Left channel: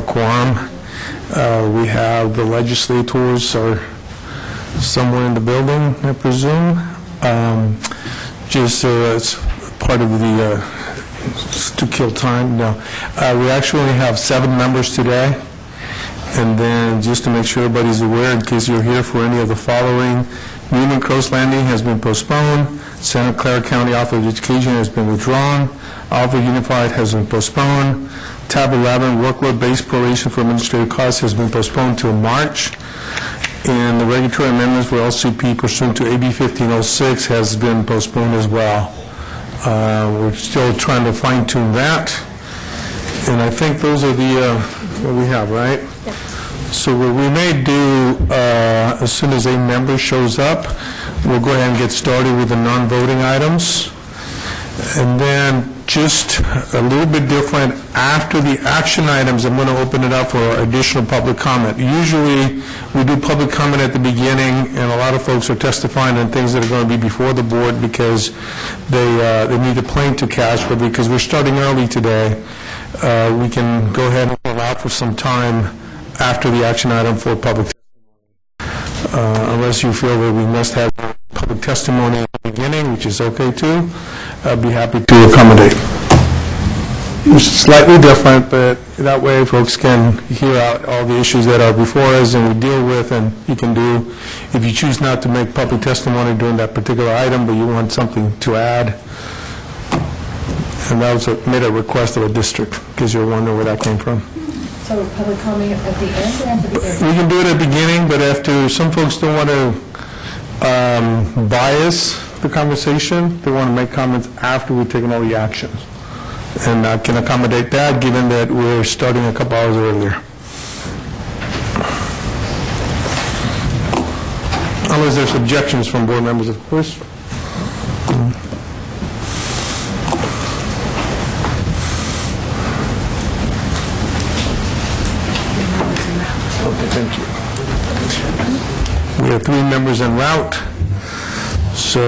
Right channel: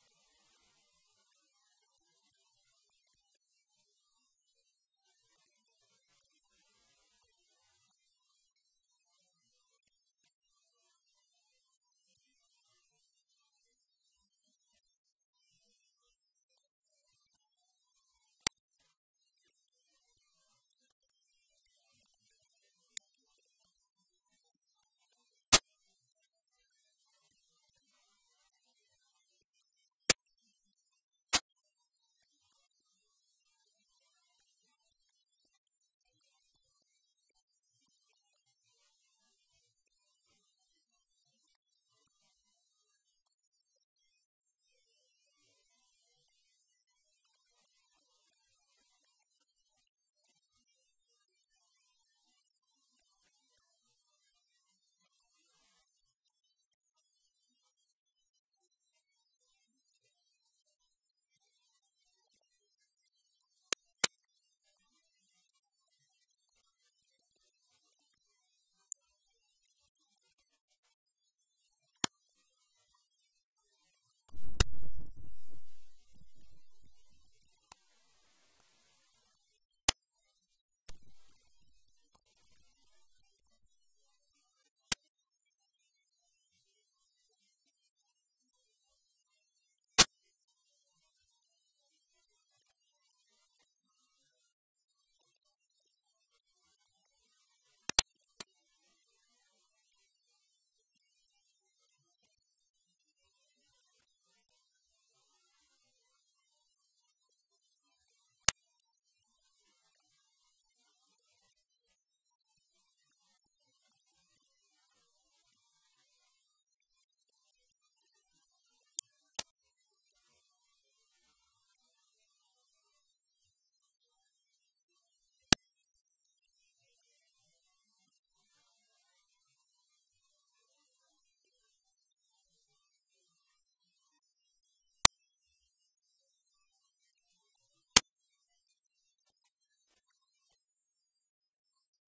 a quorum. We have the legislators are somewhere in the building, I presume. It's part of the to kill time. No, we actually only have 7 members today. And then just to make sure everybody's aware, in case you're here for any of the following, Union Coast Landing has been postponed. Santa Clara County Office of Education has been withdrawn. Alpha Unified has been postponed. Tab 11, workload-based proration for administrative costs, has been postponed till March. And the regulatory amendments for LCP pursuant to AB 1506 has been postponed as well. We're still trying to fine-tune that. And I think those are the what we have, right? Yep. So what we may do, as soon as a member shows up, we'll go ahead and get started with the non-voting items. And then just a little bit different, after the action items, I'm going to open it up for additional public comment. Usually we do public comment at the beginning, and a lot of folks are testifying on things that are going to be before the board because they need a plane to catch, but because we're starting early today, we can go ahead and allow for some time after the action item for public unless you feel that we must have public testimony at the beginning, which is okay too. I'd be happy to accommodate. It's slightly different, but that way folks can hear out all the issues that are before us and we deal with, and you can do, if you choose not to make public testimony during that particular item, but you want something to add. And that was made a request of a district, because you're wondering where that came from. So public comment at the end or at the beginning? We can do it at the beginning, but after some folks don't want to bias the conversation, they want to make comments after we've taken all the actions. And I can accommodate that given that we're starting a couple hours earlier. Unless there's objections from board members, of course. Okay, thank you. We have 3 members en route. So,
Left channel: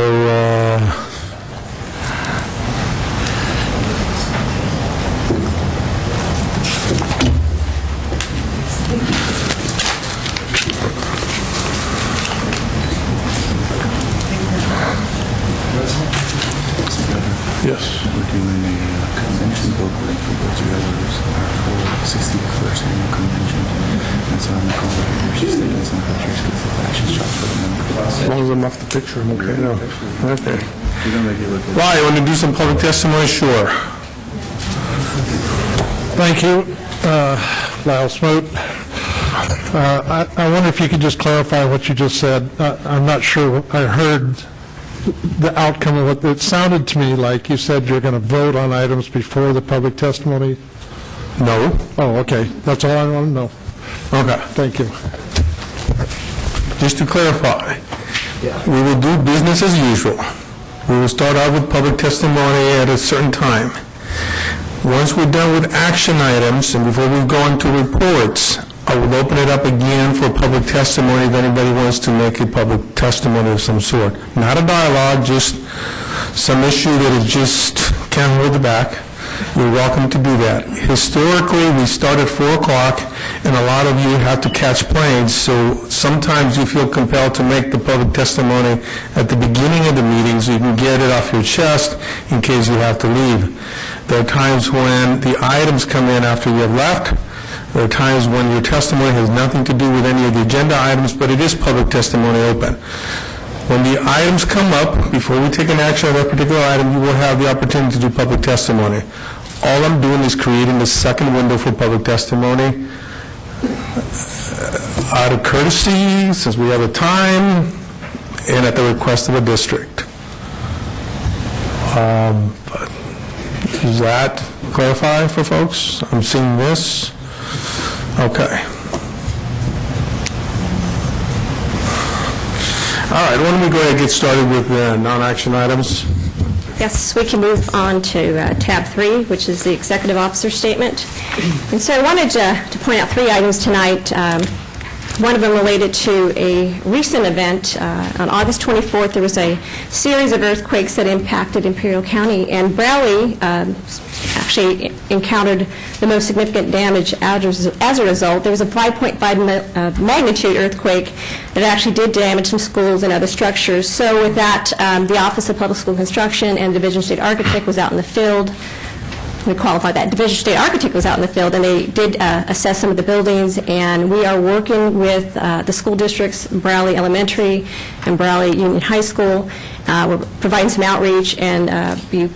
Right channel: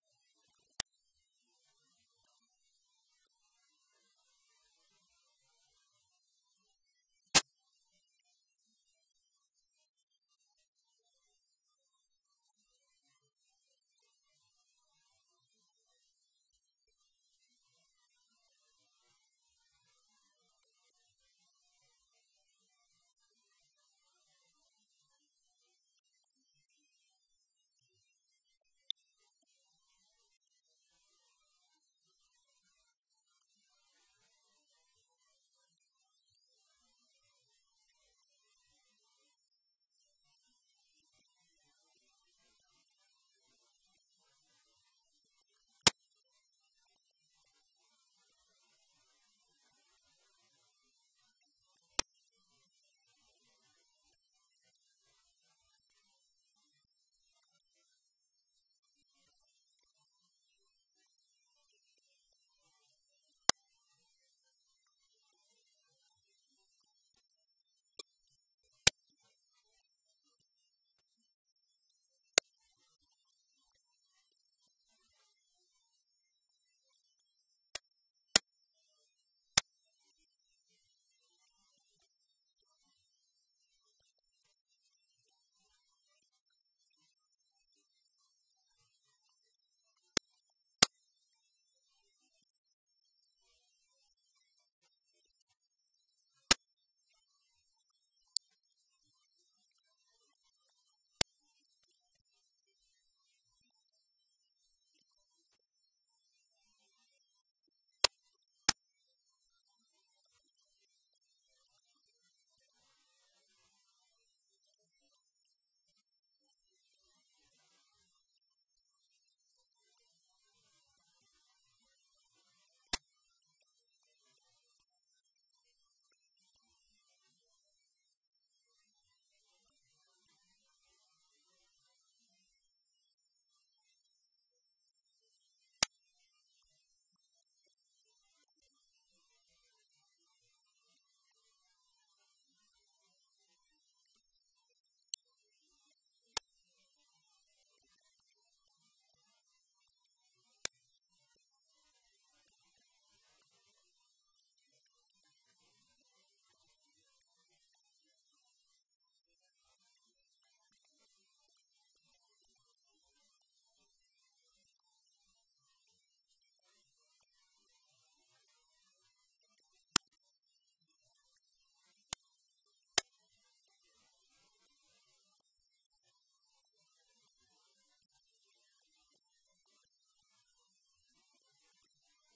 yes. We're doing a convention booklet for those who are for 61st annual convention. And so I'm calling her. She's taking some pictures because the fashion shop for the members. As long as I'm off the picture, I'm okay. No. Okay. You're going to make it look good. Why? You want to do some public testimony? Sure. Thank you, Lyle Smoot. I wonder if you could just clarify what you just said. I'm not sure I heard the outcome of it. It sounded to me like you said you're going to vote on items before the public testimony. No. Oh, okay. That's all I want to know. Okay. Thank you. Just to clarify, we will do business as usual. We will start out with public testimony at a certain time. Once we're done with action items, and before we go into reports, I will open it up again for public testimony if anybody wants to make a public testimony of some sort. Not a dialogue, just some issue that is just can't hold it back. You're welcome to do that. Historically, we start at 4 o'clock, and a lot of you have to catch planes, so sometimes you feel compelled to make the public testimony at the beginning of the meeting so you can get it off your chest in case you have to leave. There are times when the items come in after you have left. There are times when your testimony has nothing to do with any of the agenda items, but it is public testimony open. When the items come up, before we take an action on that particular item, you will have the opportunity to do public testimony. All I'm doing is creating the second window for public testimony out of courtesy, since we have the time, and at the request of a district. But does that clarify for folks? I'm seeing this. Okay. All right, why don't we go ahead and get started with the non-action items? Yes, we can move on to tab 3, which is the Executive Officer Statement. And so I wanted to point out 3 items tonight. One of them related to a recent event. On August 24th, there was a series of earthquakes that impacted Imperial County, and Brawley actually encountered the most significant damage as a result. There was a 5.5 magnitude earthquake that actually did damage some schools and other structures. So with that, the Office of Public School Construction and Division State Architect was out in the field. We qualify that. Division State Architect was out in the field, and they did assess some of the buildings, and we are working with the school districts, Brawley Elementary and Brawley Union High School. We're providing some outreach and be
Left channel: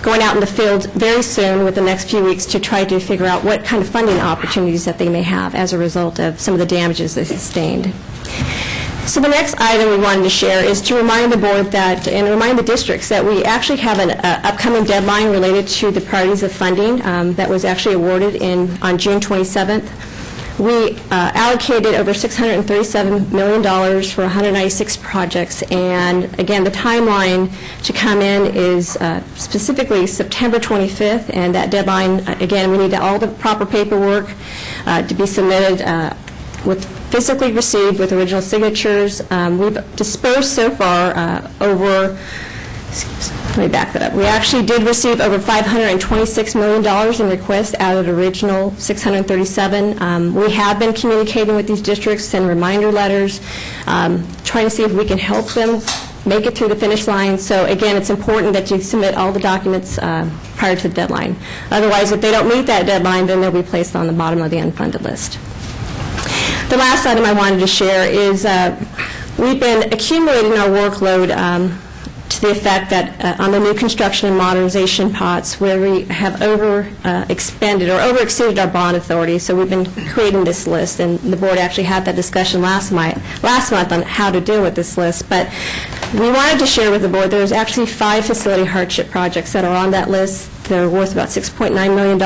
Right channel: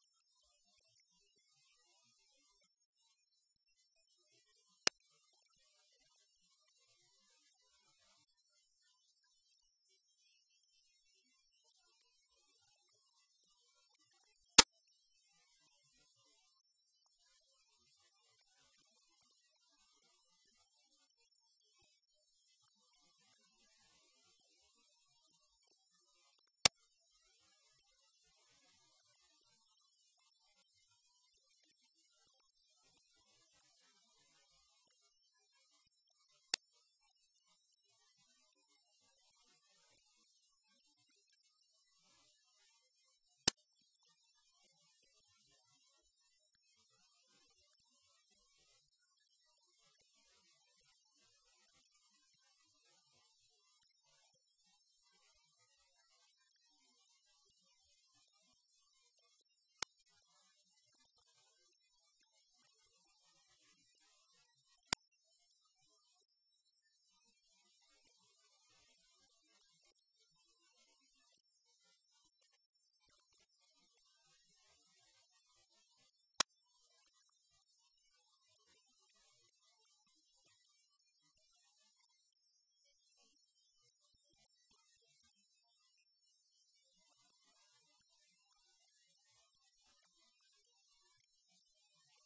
going out in the field very soon with the next few weeks to try to figure out what kind of funding opportunities that they may have as a result of some of the damages they sustained. So the next item we wanted to share is to remind the board that, and remind the districts that we actually have an upcoming deadline related to the priorities of funding that was actually awarded on June 27th. We allocated over $637 million for 196 projects, and again, the timeline to come in is specifically September 25th, and that deadline, again, we need all the proper paperwork to be submitted physically received with original signatures. We've dispersed so far let me back that up. We actually did receive over $526 million in requests out of the original 637. We have been communicating with these districts, send reminder letters, trying to see if we can help them make it through the finish line. So again, it's important that you submit all the documents prior to the deadline. Otherwise, if they don't meet that deadline, then they'll be placed on the bottom of the unfunded list. The last item I wanted to share is we've been accumulating our workload to the effect that on the new construction and modernization pots where we have expended or overexceeded our bond authority. So we've been creating this list, and the board actually had that discussion last month on how to deal with this list. But we wanted to share with the board there's actually 5 facility hardship projects that are on that list. They're worth about $6.9 million.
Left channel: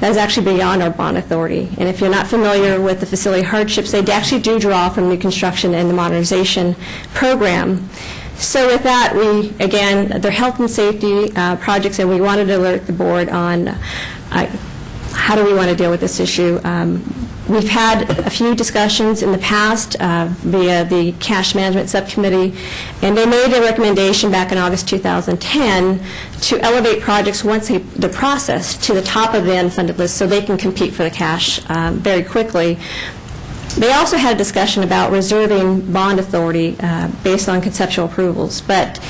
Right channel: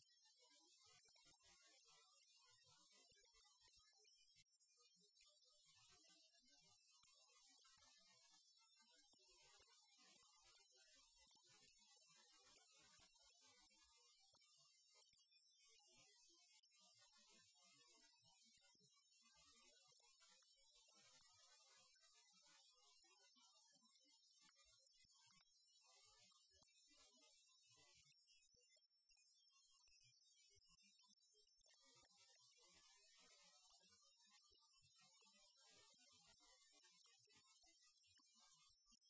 That is actually beyond our bond authority. And if you're not familiar with the facility hardships, they actually do draw from new construction and the modernization program. So with that, again, they're health and safety projects, and we wanted to alert the board on how do we want to deal with this issue. We've had a few discussions in the past via the cash management subcommittee, and they made a recommendation back in August 2010 to elevate projects once they're processed to the top of the unfunded list so they can compete for the cash very quickly. They also had a discussion about reserving bond authority based on conceptual approvals, but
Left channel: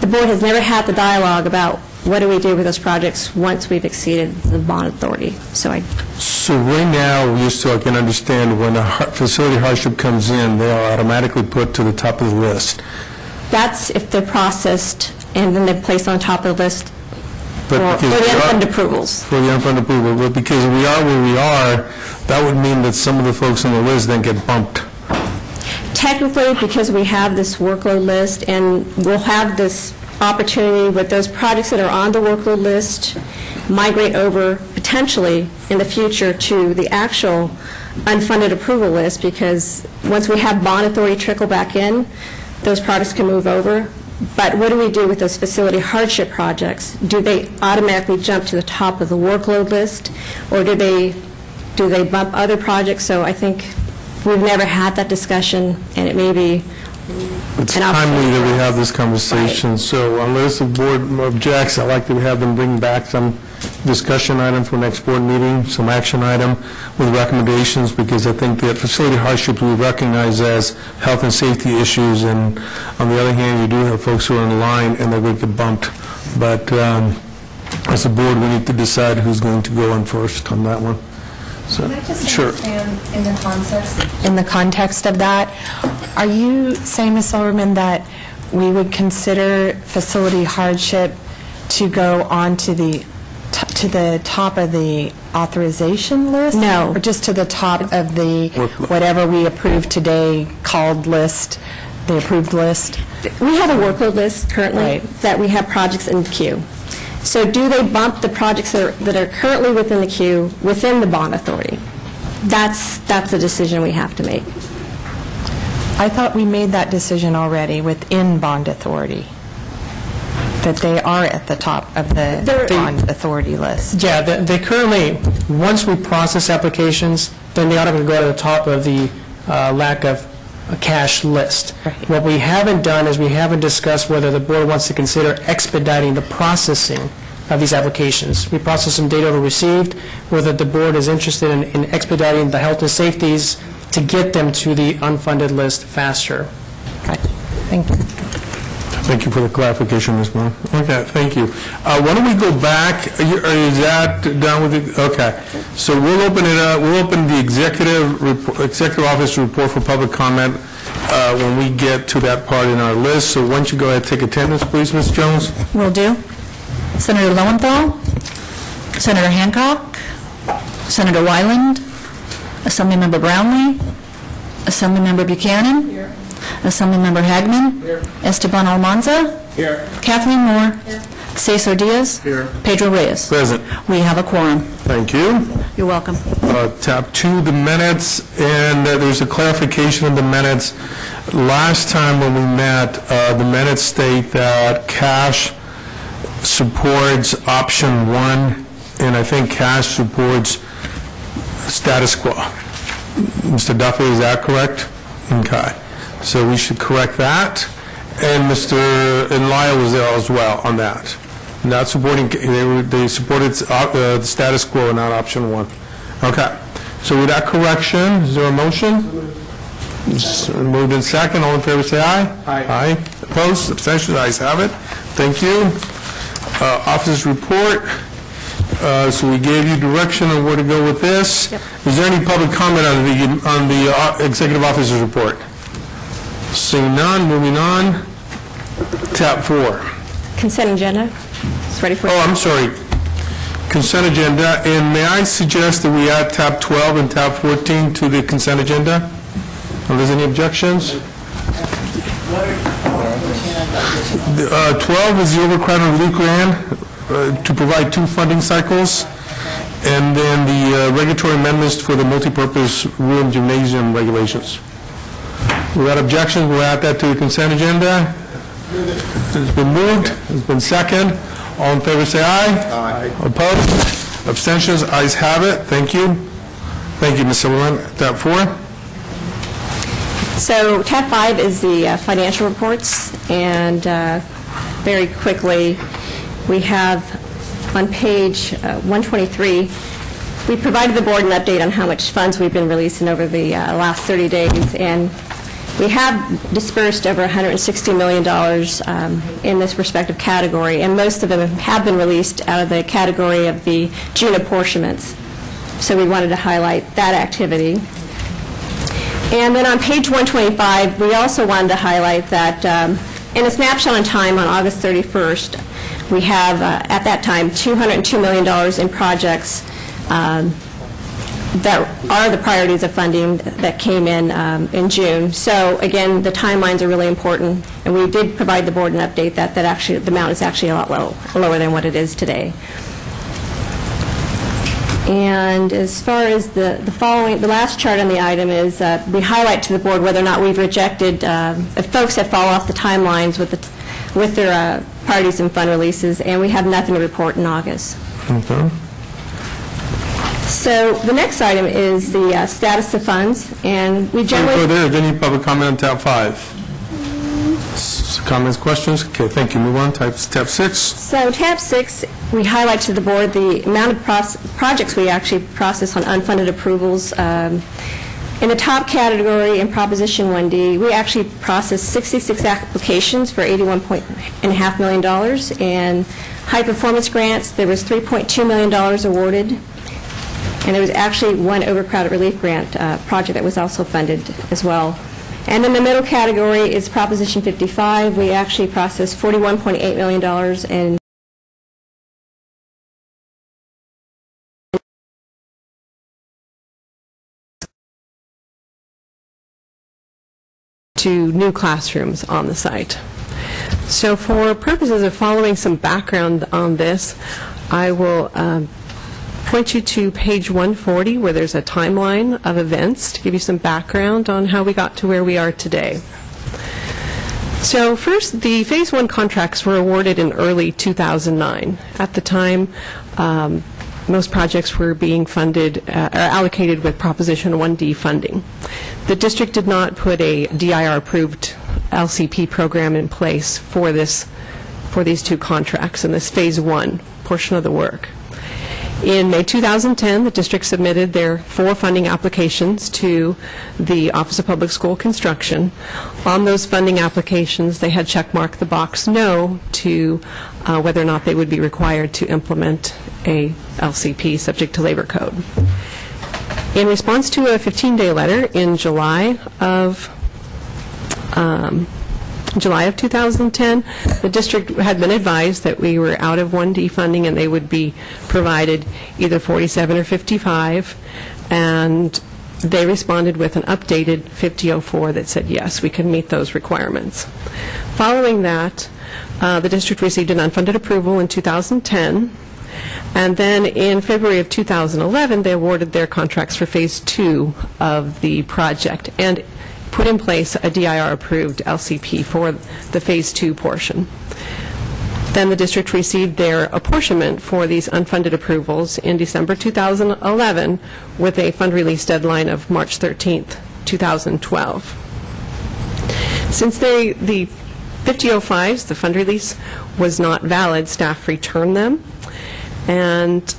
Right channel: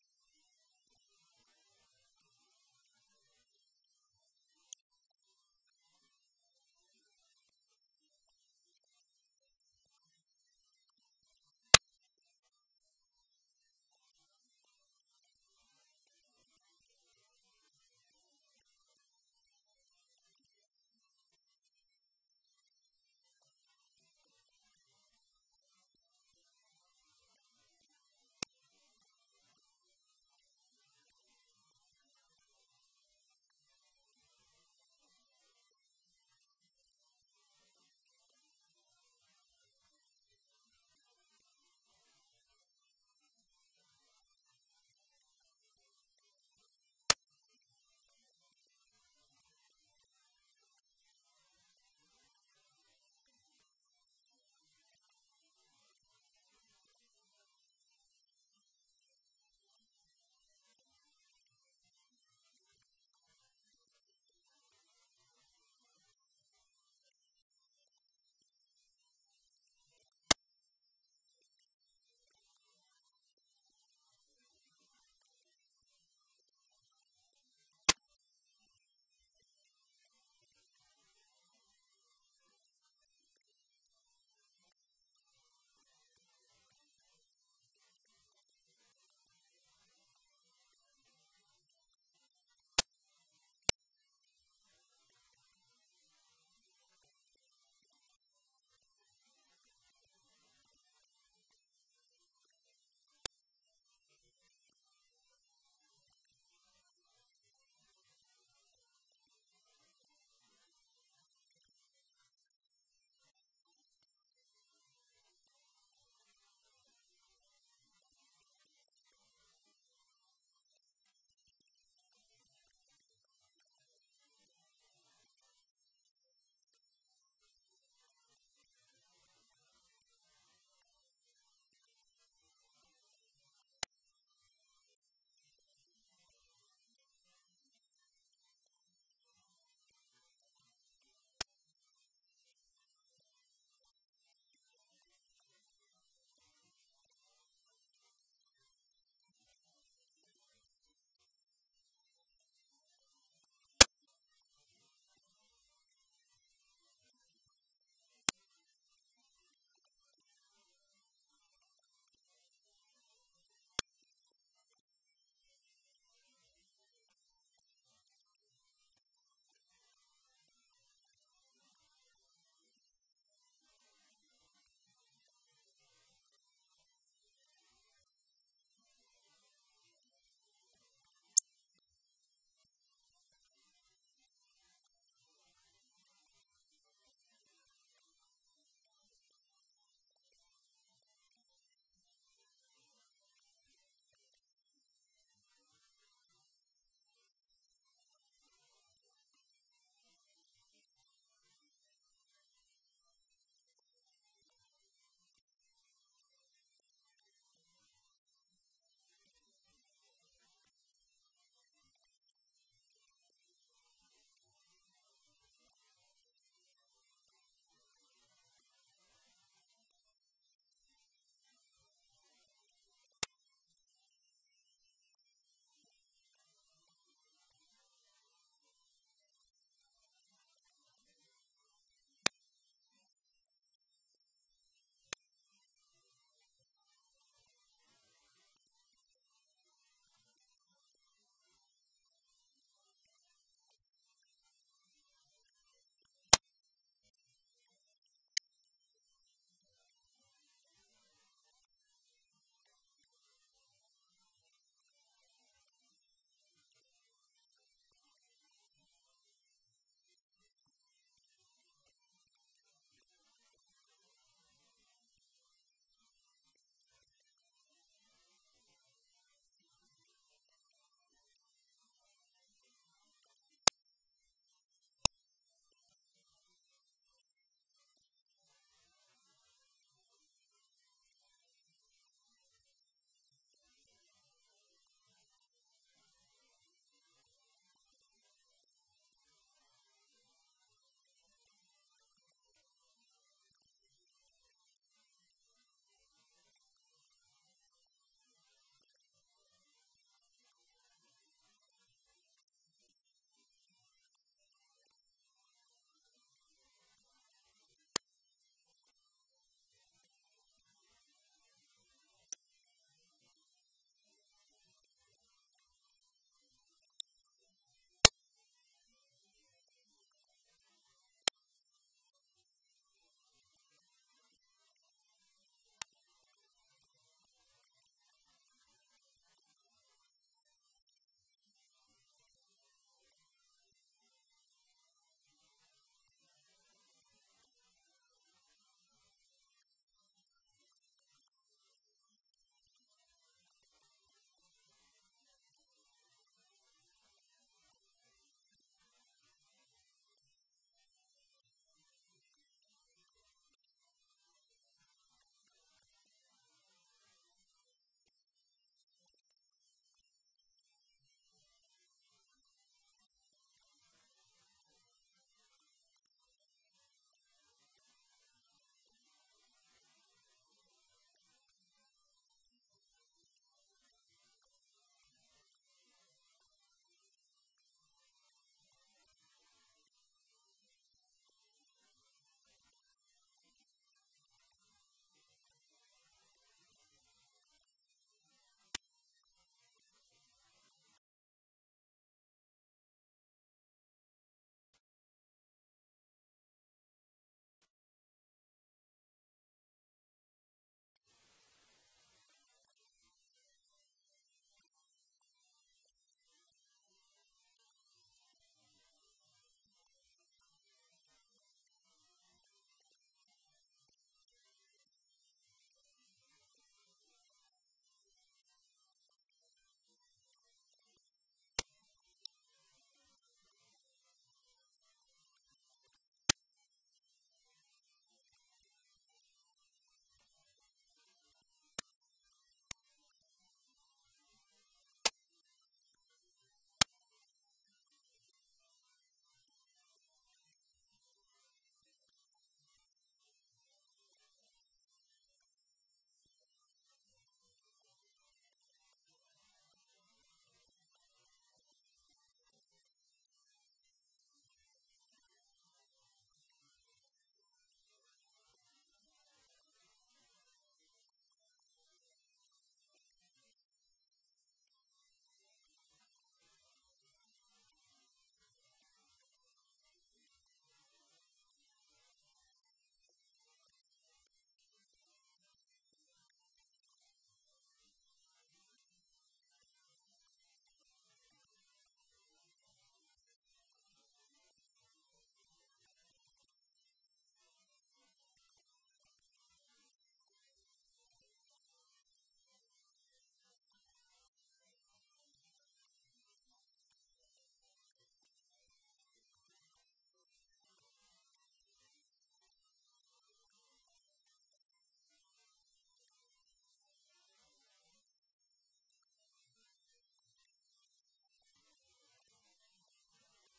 the board has never had the dialogue about what do we do with those projects once we've exceeded the bond authority. So right now, just so I can understand, when a facility hardship comes in, they are automatically put to the top of the list. That's if they're processed and then they're placed on top of the list for the unfunded approvals. For the unfunded approval, but because we are where we are, that would mean that some of the folks on the list then get bumped. Technically, because we have this workload list, and we'll have this opportunity with those projects that are on the workload list migrate over potentially in the future to the actual unfunded approval list, because once we have bond authority trickle back in, those projects can move over. But what do we do with those facility hardship projects? Do they automatically jump to the top of the workload list, or do they bump other projects? So I think we've never had that discussion, and it may be it's timely that we have this conversation. Right. So unless the board objects, I'd like to have them bring back some discussion item for next board meeting, some action item with recommendations, because I think that facility hardships we recognize as health and safety issues, and on the other hand, you do have folks who are in line and they're going to get bumped. But as a board, we need to decide who's going to go on first on that one. So, can I just sure. understand in the context of that, are you saying, Ms. Silverman, that we would consider facility hardship to go on to the top of the authorization list? No. Or just to the top of the whatever we approved today called list, the approved list? We have a workload list currently that we have projects in the queue. So do they bump the projects that are currently within the queue within the bond authority? That's a decision we have to make. I thought we made that decision already within bond authority, that they are at the top of the bond authority list. Yeah, they currently, once we process applications, then they automatically go to the top of the lack of a cash list. What we haven't done is we haven't discussed whether the board wants to consider expediting the processing of these applications. We process some data over received, whether the board is interested in expediting the health and safeties to get them to the unfunded list faster. Okay. Thank you. Thank you for the clarification, Ms. Moore. Okay, thank you. Why don't we go back? Is that done with it? Okay. So we'll open it up. We'll open the executive office report for public comment when we get to that part in our list. So why don't you go ahead and take attendance, please, Ms. Jones? Will do. Senator Lowenthal, Senator Hancock, Senator Wyland, Assemblymember Brownlee, Assemblymember Buchanan, Assemblymember Hagman, Esteban Almanza, Kathleen Moore, Cesar Diaz, Pedro Reyes. Present. We have a quorum. Thank you. You're welcome. Tab 2, the minutes, and there's a clarification of the minutes. Last time when we met, the minutes state that cash supports option 1, and I think cash supports status quo. Mr. Duffy, is that correct? Okay. So we should correct that. And Mr. Lyle was there as well on that. Not supporting, they supported the status quo, not option 1. Okay. So with that correction, is there a motion? Moved in second. All in favor say aye. Aye. Opposed? Abstentions? Ayes have it. Thank you. Officer's report. So we gave you direction on where to go with this. Yep. Is there any public comment on the executive officer's report? Seeing none, moving on. Tab 4. Consent agenda. It's ready for... Oh, I'm sorry. Consent agenda. And may I suggest that we add tab 12 and tab 14 to the consent agenda? Are there any objections? 12 is the Overcrowded Relief Grant to provide 2 funding cycles, and then the regulatory amendments for the multipurpose room gymnasium regulations. Without objections, we'll add that to the consent agenda. It's been moved. It's been seconded. All in favor say aye. Aye. Opposed? Abstentions? Ayes have it. Thank you. Thank you, Ms. Silverman. Tab 4. So tab 5 is the financial reports, and very quickly, we have on page 123, we provided the board an update on how much funds we've been releasing over the last 30 days, and we have dispersed over $160 million in this respective category, and most of them have been released out of the category of the June apportionments. So we wanted to highlight that activity. And then on page 125, we also wanted to highlight that in a snapshot in time on August 31st, we have, at that time, $202 million in projects that are the priorities of funding that came in June. So again, the timelines are really important, and we did provide the board an update that actually the amount is actually a lot lower than what it is today. And as far as the last chart on the item is we highlight to the board whether or not we've rejected, if folks have fallen off the timelines with their priorities and fund releases, and we have nothing to report in August. Okay. So the next item is the status of funds, and we generally... Before there, is any public comment on tab 5? Comments, questions? Okay, thank you. Move on. Tab 6. So tab 6, we highlight to the board the amount of projects we actually process on unfunded approvals. In the top category, in Proposition 1D, we actually processed 66 applications for $81.5 million. And high performance grants, there was $3.2 million awarded. And there was actually one overcrowded relief grant project that was also funded as well. And in the middle category is Proposition 55. We actually processed $41.8 million in to new classrooms on the site. So for purposes of following some background on this, I will point you to page 140 where there's a timeline of events to give you some background on how we got to where we are today. So first, the Phase 1 contracts were awarded in early 2009. At the time, most projects were being funded, or allocated with Proposition 1D funding. The district did not put a DIR-approved LCP program in place for these two contracts in this Phase 1 portion of the work. In May 2010, the district submitted their 4 funding applications to the Office of Public School Construction. On those funding applications, they had checkmarked the box no to whether or not they would be required to implement a LCP subject to labor code. In response to a 15-day letter in July of 2010, the district had been advised that we were out of 1D funding and they would be provided either 47 or 55, and they responded with an updated 5004 that said yes, we can meet those requirements. Following that, the district received an unfunded approval in 2010, and then in February of 2011, they awarded their contracts for Phase 2 of the project and put in place a DIR-approved LCP for the Phase 2 portion. Then the district received their apportionment for these unfunded approvals in December 2011 with a fund release deadline of March 13th, 2012. Since the 5005s, the fund release, was not valid, staff returned them, and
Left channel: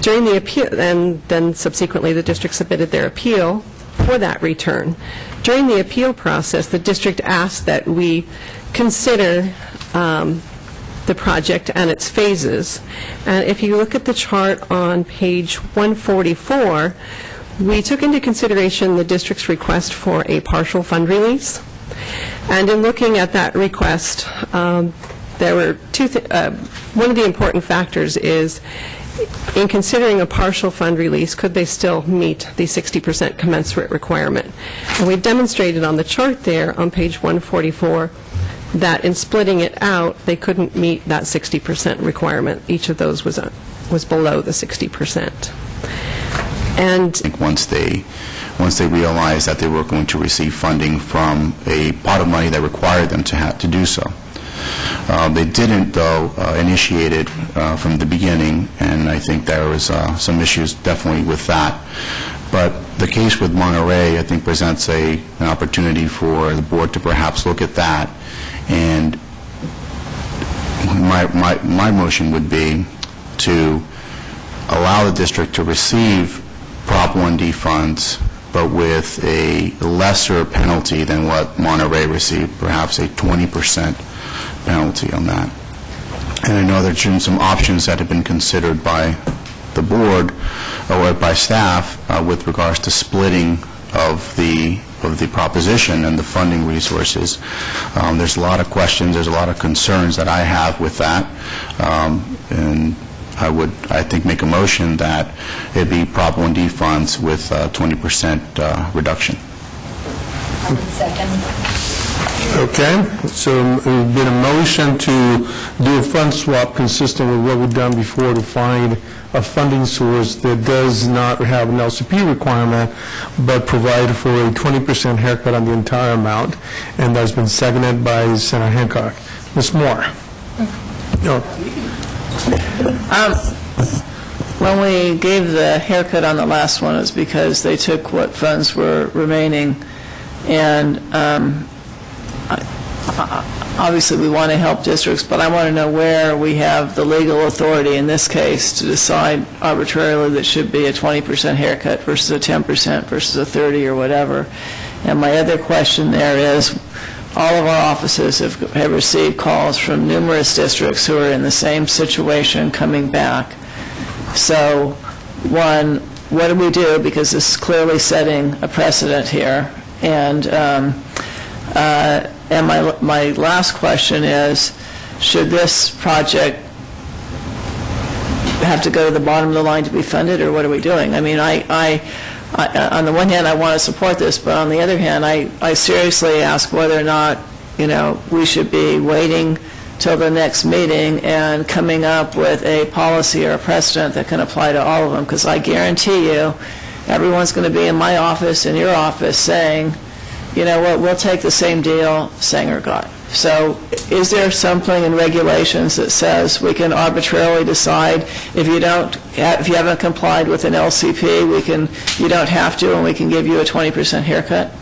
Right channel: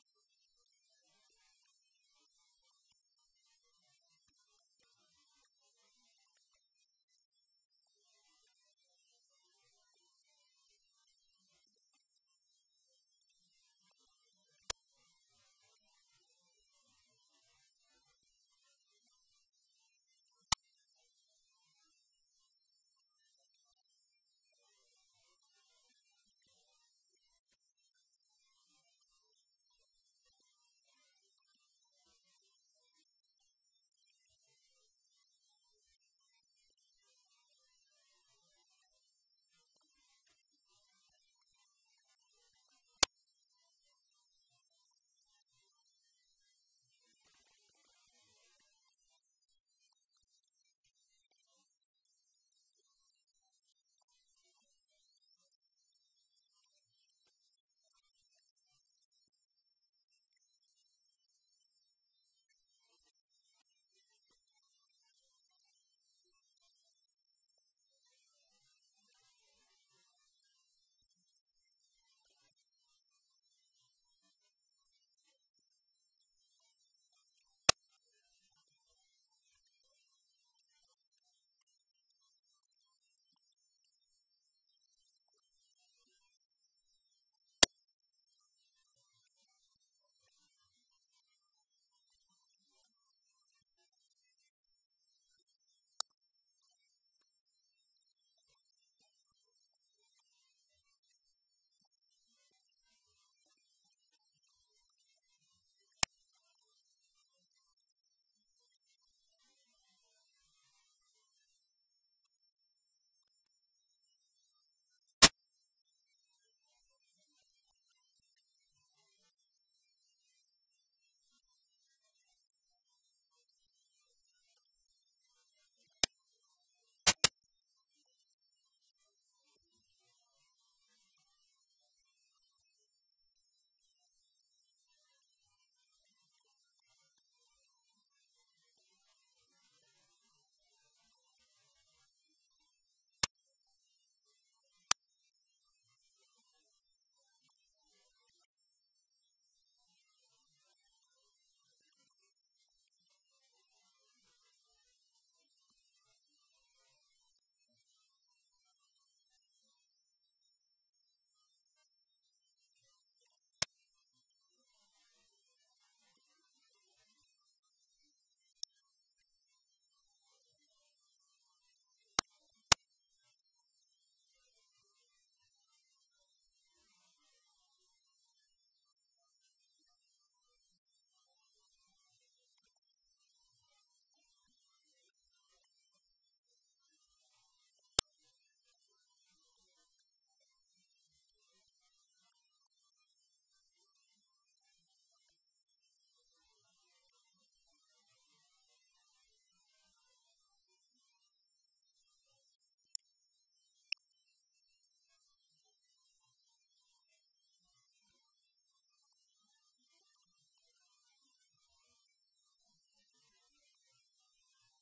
during the appeal, and then subsequently the district submitted their appeal for that return. During the appeal process, the district asked that we consider the project and its phases. And if you look at the chart on page 144, we took into consideration the district's request for a partial fund release. And in looking at that request, there were one of the important factors is, in considering a partial fund release, could they still meet the 60% commensurate requirement? And we've demonstrated on the chart there on page 144 that in splitting it out, they couldn't meet that 60% requirement. Each of those was below the 60%. And I think once they realized that they were going to receive funding from a pot of money that required them to have to do so. They didn't, though, initiate it from the beginning, and I think there was some issues definitely with that. But the case with Monterey, I think, presents an opportunity for the board to perhaps look at that. And my motion would be to allow the district to receive Prop 1D funds, but with a lesser penalty than what Monterey received, perhaps a 20% penalty on that. And I know there's been some options that have been considered by the board or by staff with regards to splitting of the proposition and the funding resources. There's a lot of questions, there's a lot of concerns that I have with that, and I would, I think, make a motion that it be Prop 1D funds with 20% reduction. I would second. Okay, so there's been a motion to do a fund swap consistent with what we've done before to find a funding source that does not have an LCP requirement, but provide for a 20% haircut on the entire amount, and that's been seconded by Senator Hancock. Ms. Moore. No. When we gave the haircut on the last one, it was because they took what funds were remaining, and obviously we want to help districts, but I want to know where we have the legal authority in this case to decide arbitrarily that should be a 20% haircut versus a 10% versus a 30 or whatever. And my other question there is, all of our offices have received calls from numerous districts who are in the same situation coming back. So, one, what do we do? Because this is clearly setting a precedent here. And my last question is, should this project have to go to the bottom of the line to be funded, or what are we doing? I mean, I on the one hand, I want to support this, but on the other hand, I seriously ask whether or not, we should be waiting till the next meeting and coming up with a policy or a precedent that can apply to all of them, because I guarantee you, everyone's going to be in my office, in your office, saying, you know what, we'll take the same deal, Sanger got. So is there something in regulations that says we can arbitrarily decide if you haven't complied with an LCP, you don't have to, and we can give you a 20% haircut?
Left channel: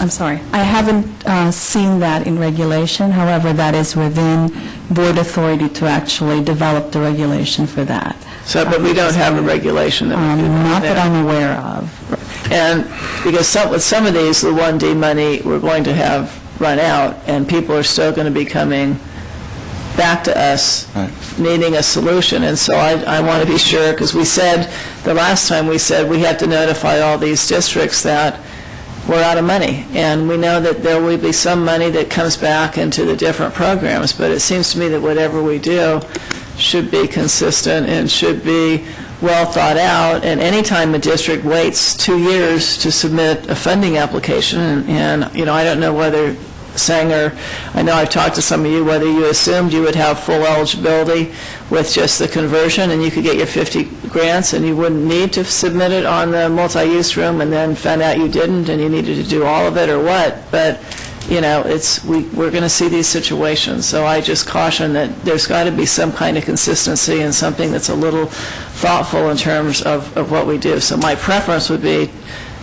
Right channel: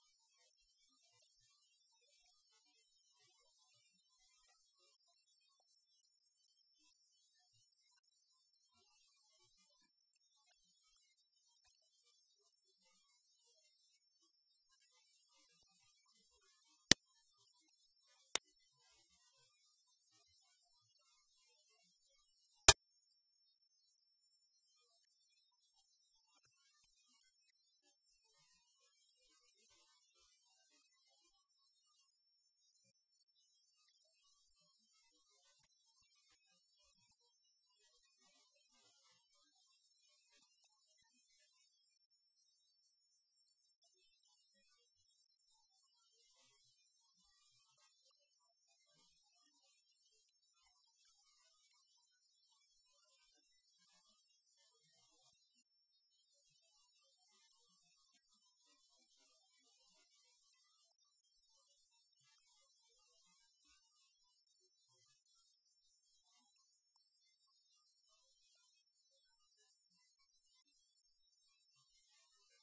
I'm sorry. I haven't seen that in regulation. However, that is within board authority to actually develop the regulation for that. So, but we don't have a regulation that we do Not that. that I'm aware of. And because with some of these, the 1D money, we're going to have run out, and people are still going to be coming back to us needing a solution. And so I want to be sure, because we said, the last time we said we had to notify all these districts that we're out of money. And we know that there will be some money that comes back into the different programs, but it seems to me that whatever we do should be consistent and should be well thought out. And anytime a district waits 2 years to submit a funding application, and you know, I don't know whether Sanger, I know I've talked to some of you, whether you assumed you would have full eligibility with just the conversion and you could get your 50 grants and you wouldn't need to submit it on the multi-use room, and then found out you didn't and you needed to do all of it, or what. But you know, we're going to see these situations. So I just caution that there's got to be some kind of consistency and something that's a little thoughtful in terms of what we do. So my preference would be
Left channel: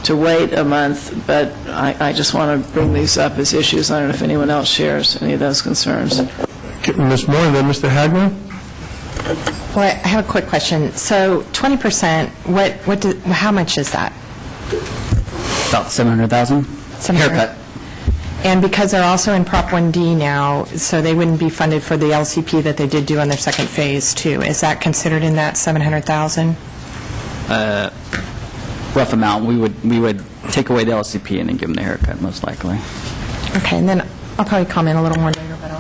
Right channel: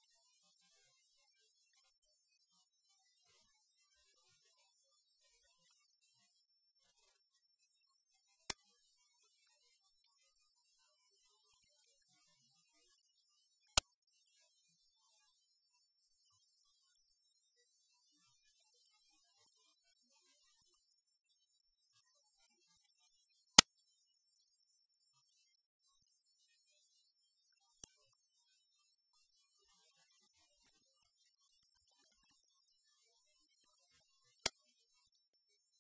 to wait a month, but I just want to bring these up as issues. I don't know if anyone else shares any of those concerns. Ms. Moore, and then Mr. Hagman? Well, I have a quick question. So 20%, how much is that? About 700,000 haircut. And because they're also in Prop 1D now, so they wouldn't be funded for the LCP that they did do on their second phase, too. Is that considered in that 700,000? Rough amount. We would take away the LCP and then give them the haircut, most likely. Okay, and then I'll probably comment a little more later, but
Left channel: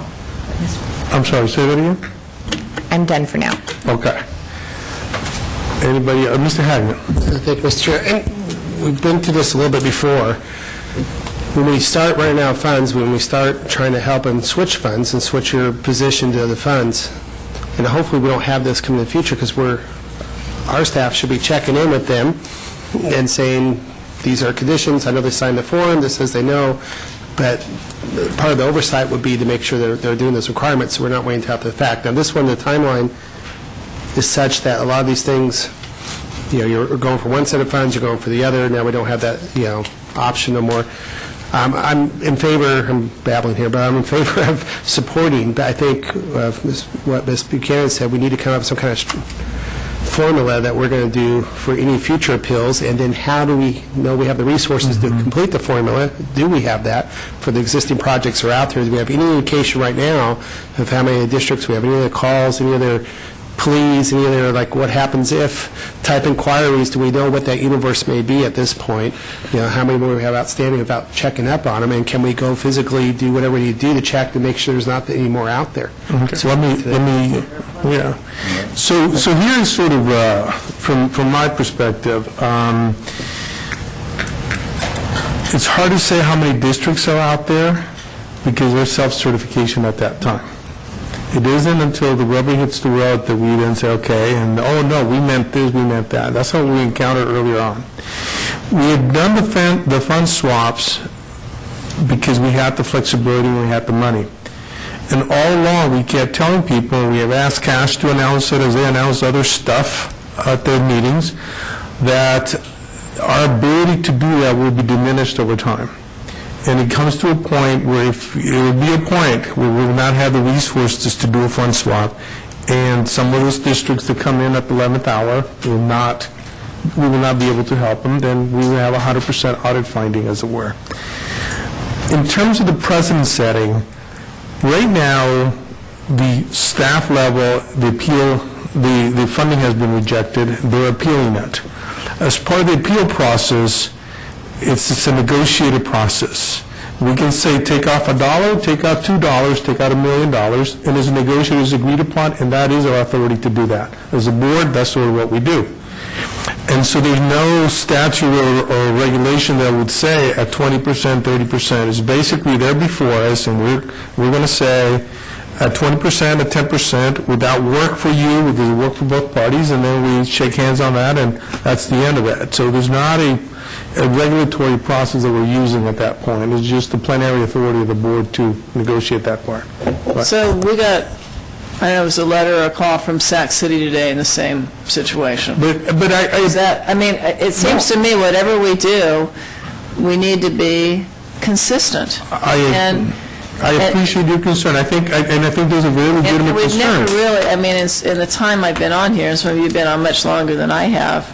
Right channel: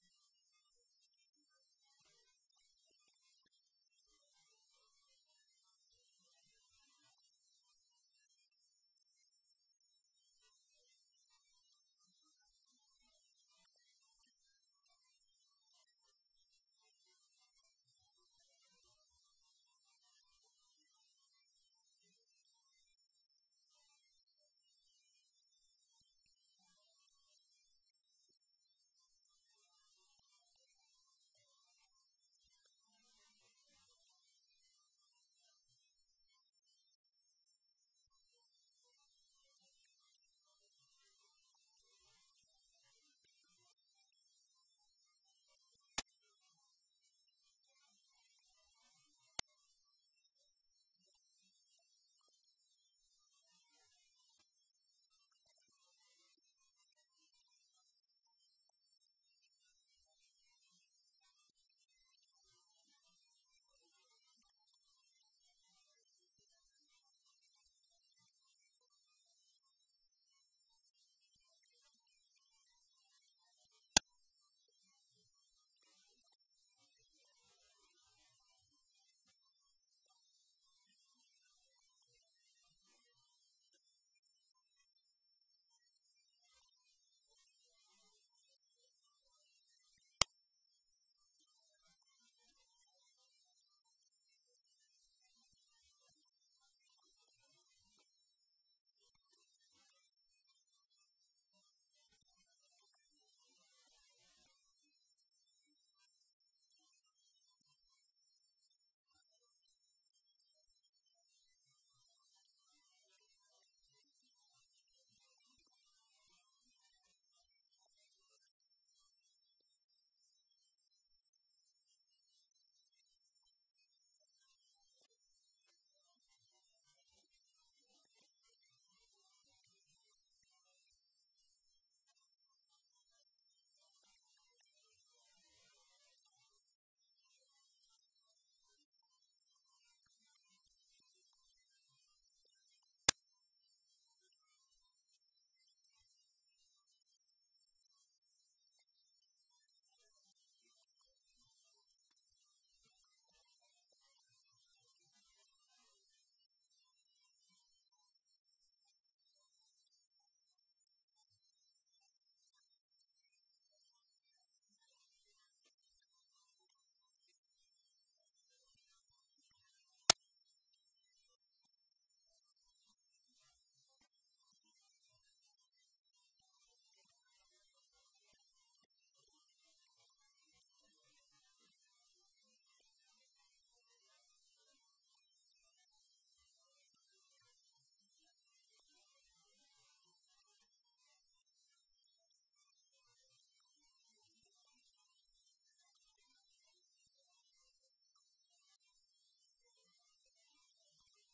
I'm sorry, say that again? I'm done for now. Okay. Anybody, Mr. Hagman? Thank you, Mr. Chair. And we've been through this a little bit before. When we start running out of funds, when we start trying to help them switch funds and switch your position to other funds, and hopefully we don't have this come in the future, because our staff should be checking in with them and saying, these are conditions, I know they signed the form, this says they know, but part of the oversight would be to make sure they're doing those requirements, so we're not waiting until after the fact. Now, this one, the timeline is such that a lot of these things, you know, you're going for one set of funds, you're going for the other, now we don't have that, you know, option no more. I'm in favor, I'm babbling here, but I'm in favor of supporting, but I think what Ms. Buchanan said, we need to come up with some kind of formula that we're going to do for any future appeals, and then how do we know we have the resources to complete the formula? Do we have that for the existing projects that are out there? Do we have any indication right now of how many districts we have, any other calls, any other pleas, any other, like, what happens if type inquiries? Do we know what that universe may be at this point? You know, how many more we have outstanding without checking up on them, and can we go physically do whatever we need to do to check to make sure there's not any more out there? Okay. So let me, yeah. So here's sort of, from my perspective, it's hard to say how many districts are out there because there's self-certification at that time. It isn't until the rubber hits the road that we then say, okay, and oh no, we meant this, we meant that. That's what we encountered earlier on. We had done the fund swaps because we had the flexibility and we had the money. And all along, we kept telling people, and we have asked Cash to announce it as they announce other stuff at their meetings, that our ability to do that will be diminished over time. And it comes to a point where it will be a point where we will not have the resources to do a fund swap, and some of those districts that come in at the 11th hour we will not be able to help them. Then we will have 100% audit finding, as it were. In terms of the precedent setting, right now, the staff level, the funding has been rejected. They're appealing it. As part of the appeal process, it's a negotiated process. We can say take off $1, take out $2, take out $1 million, and as negotiators agreed upon, and that is our authority to do that. As a board, that's sort of what we do. And so there's no statute or regulation that would say at 20%, 30%. It's basically there before us, and we're going to say, at 20%, at 10%, without work for you, with the work for both parties, and then we shake hands on that, and that's the end of it. So there's not a regulatory process that we're using at that point. It's just the plenary authority of the board to negotiate that part. But- So we got, I know it was a letter or a call from Sac City today in the same situation. But Is that, I mean, it seems to me whatever we do, we need to be consistent. And I appreciate your concern. I think there's a very legitimate we've concern. never really, I mean, in the time I've been on here, and some of you have been on much longer than I have,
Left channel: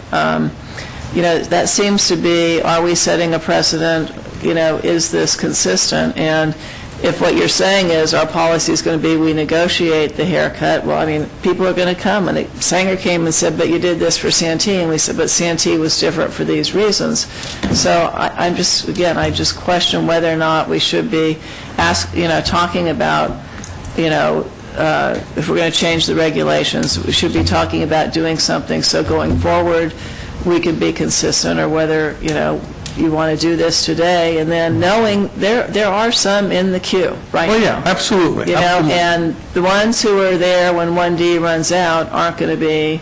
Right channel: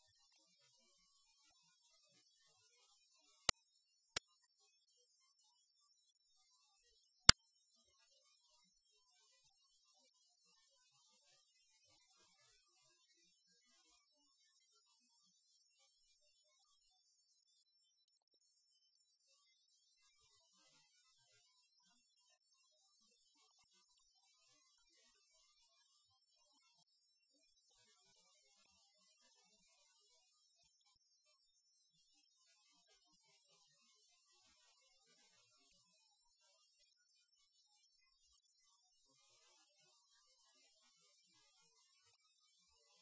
that seems to be, are we setting a precedent? Is this consistent? And if what you're saying is our policy is going to be we negotiate the haircut, well, I mean, people are going to come. And Sanger came and said, but you did this for Santee. And we said, but Santee was different for these reasons. So I just question whether or not we should be talking about, if we're going to change the regulations, we should be talking about doing something so going forward we can be consistent, or whether, you want to do this today, and then knowing there are some in the queue, right? Oh, yeah, absolutely. Absolutely. And the ones who are there when 1D runs out aren't going to be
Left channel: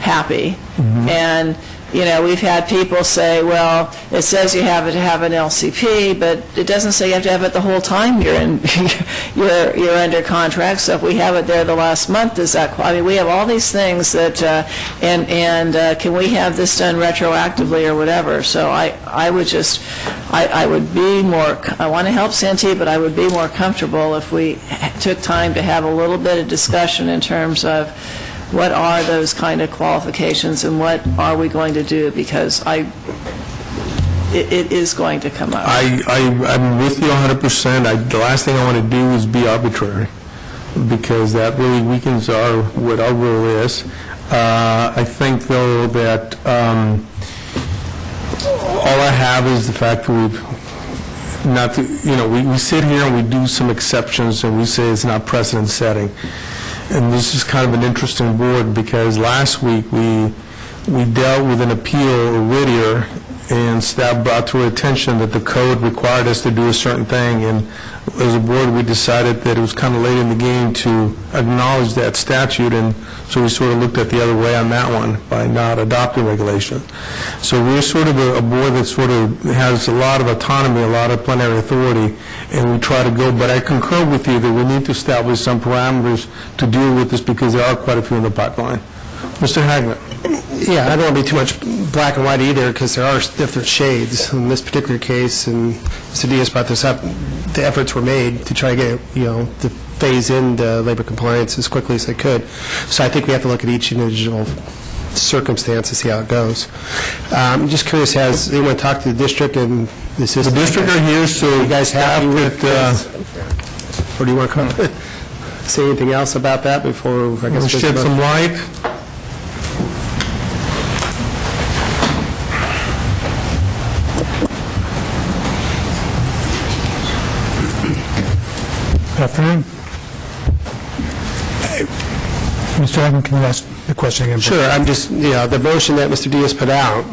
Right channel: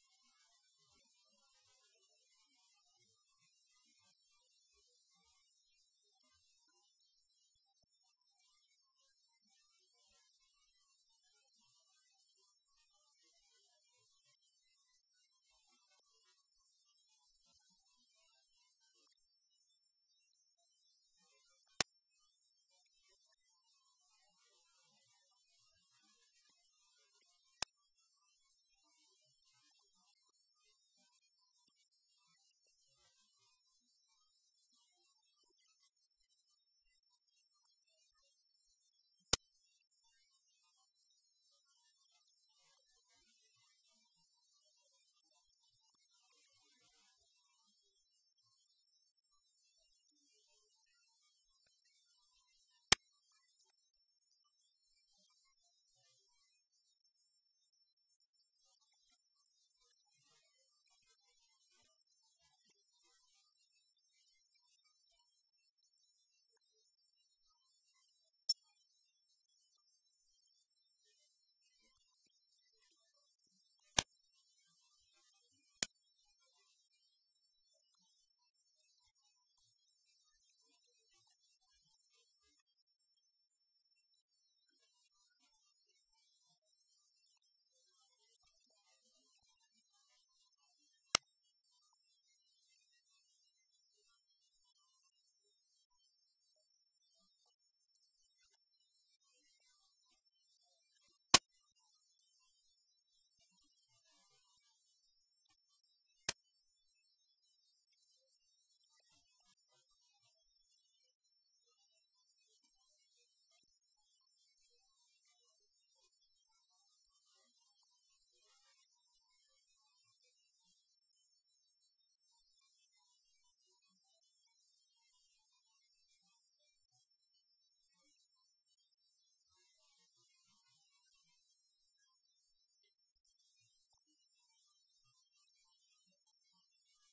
happy. Mm-hmm. And, we've had people say, well, it says you have to have an LCP, but it doesn't say you have to have it the whole time you're in, you're under contract. So if we have it there the last month, does that, I mean, we have all these things that, and can we have this done retroactively or whatever? So I would be more, I want to help Santee, but I would be more comfortable if we took time to have a little bit of discussion in terms of what are those kind of qualifications and what are we going to do, because it is going to come up. I'm with you 100%. The last thing I want to do is be arbitrary, because that really weakens what our role is. I think, though, that all I have is the fact that we sit here and we do some exceptions and we say it's not precedent setting. And this is kind of an interesting board, because last week we dealt with an appeal, a Whittier, and staff brought to our attention that the code required us to do a certain thing, and as a board we decided that it was kind of late in the game to acknowledge that statute, and so we sort of looked at the other way on that one by not adopting regulation. So we're sort of a board that sort of has a lot of autonomy, a lot of plenary authority, and we try to go, but I concur with you that we need to establish some parameters to deal with this, because there are quite a few in the pipeline. Mr. Hagman. Yeah, I don't want to be too much black and white either, because there are different shades. In this particular case, and Mr. Diaz brought this up, the efforts were made to try to get, to phase in the labor compliance as quickly as they could. So I think we have to look at each individual circumstance to see how it goes. I'm just curious, has anyone talked to the district and the system? The district are here, so you guys happy with or do you want to say anything else about that before I guess shed some light? Good afternoon. Mr. Hagman, can you ask the question again? Sure. I'm just, the motion that Mr. Diaz put out,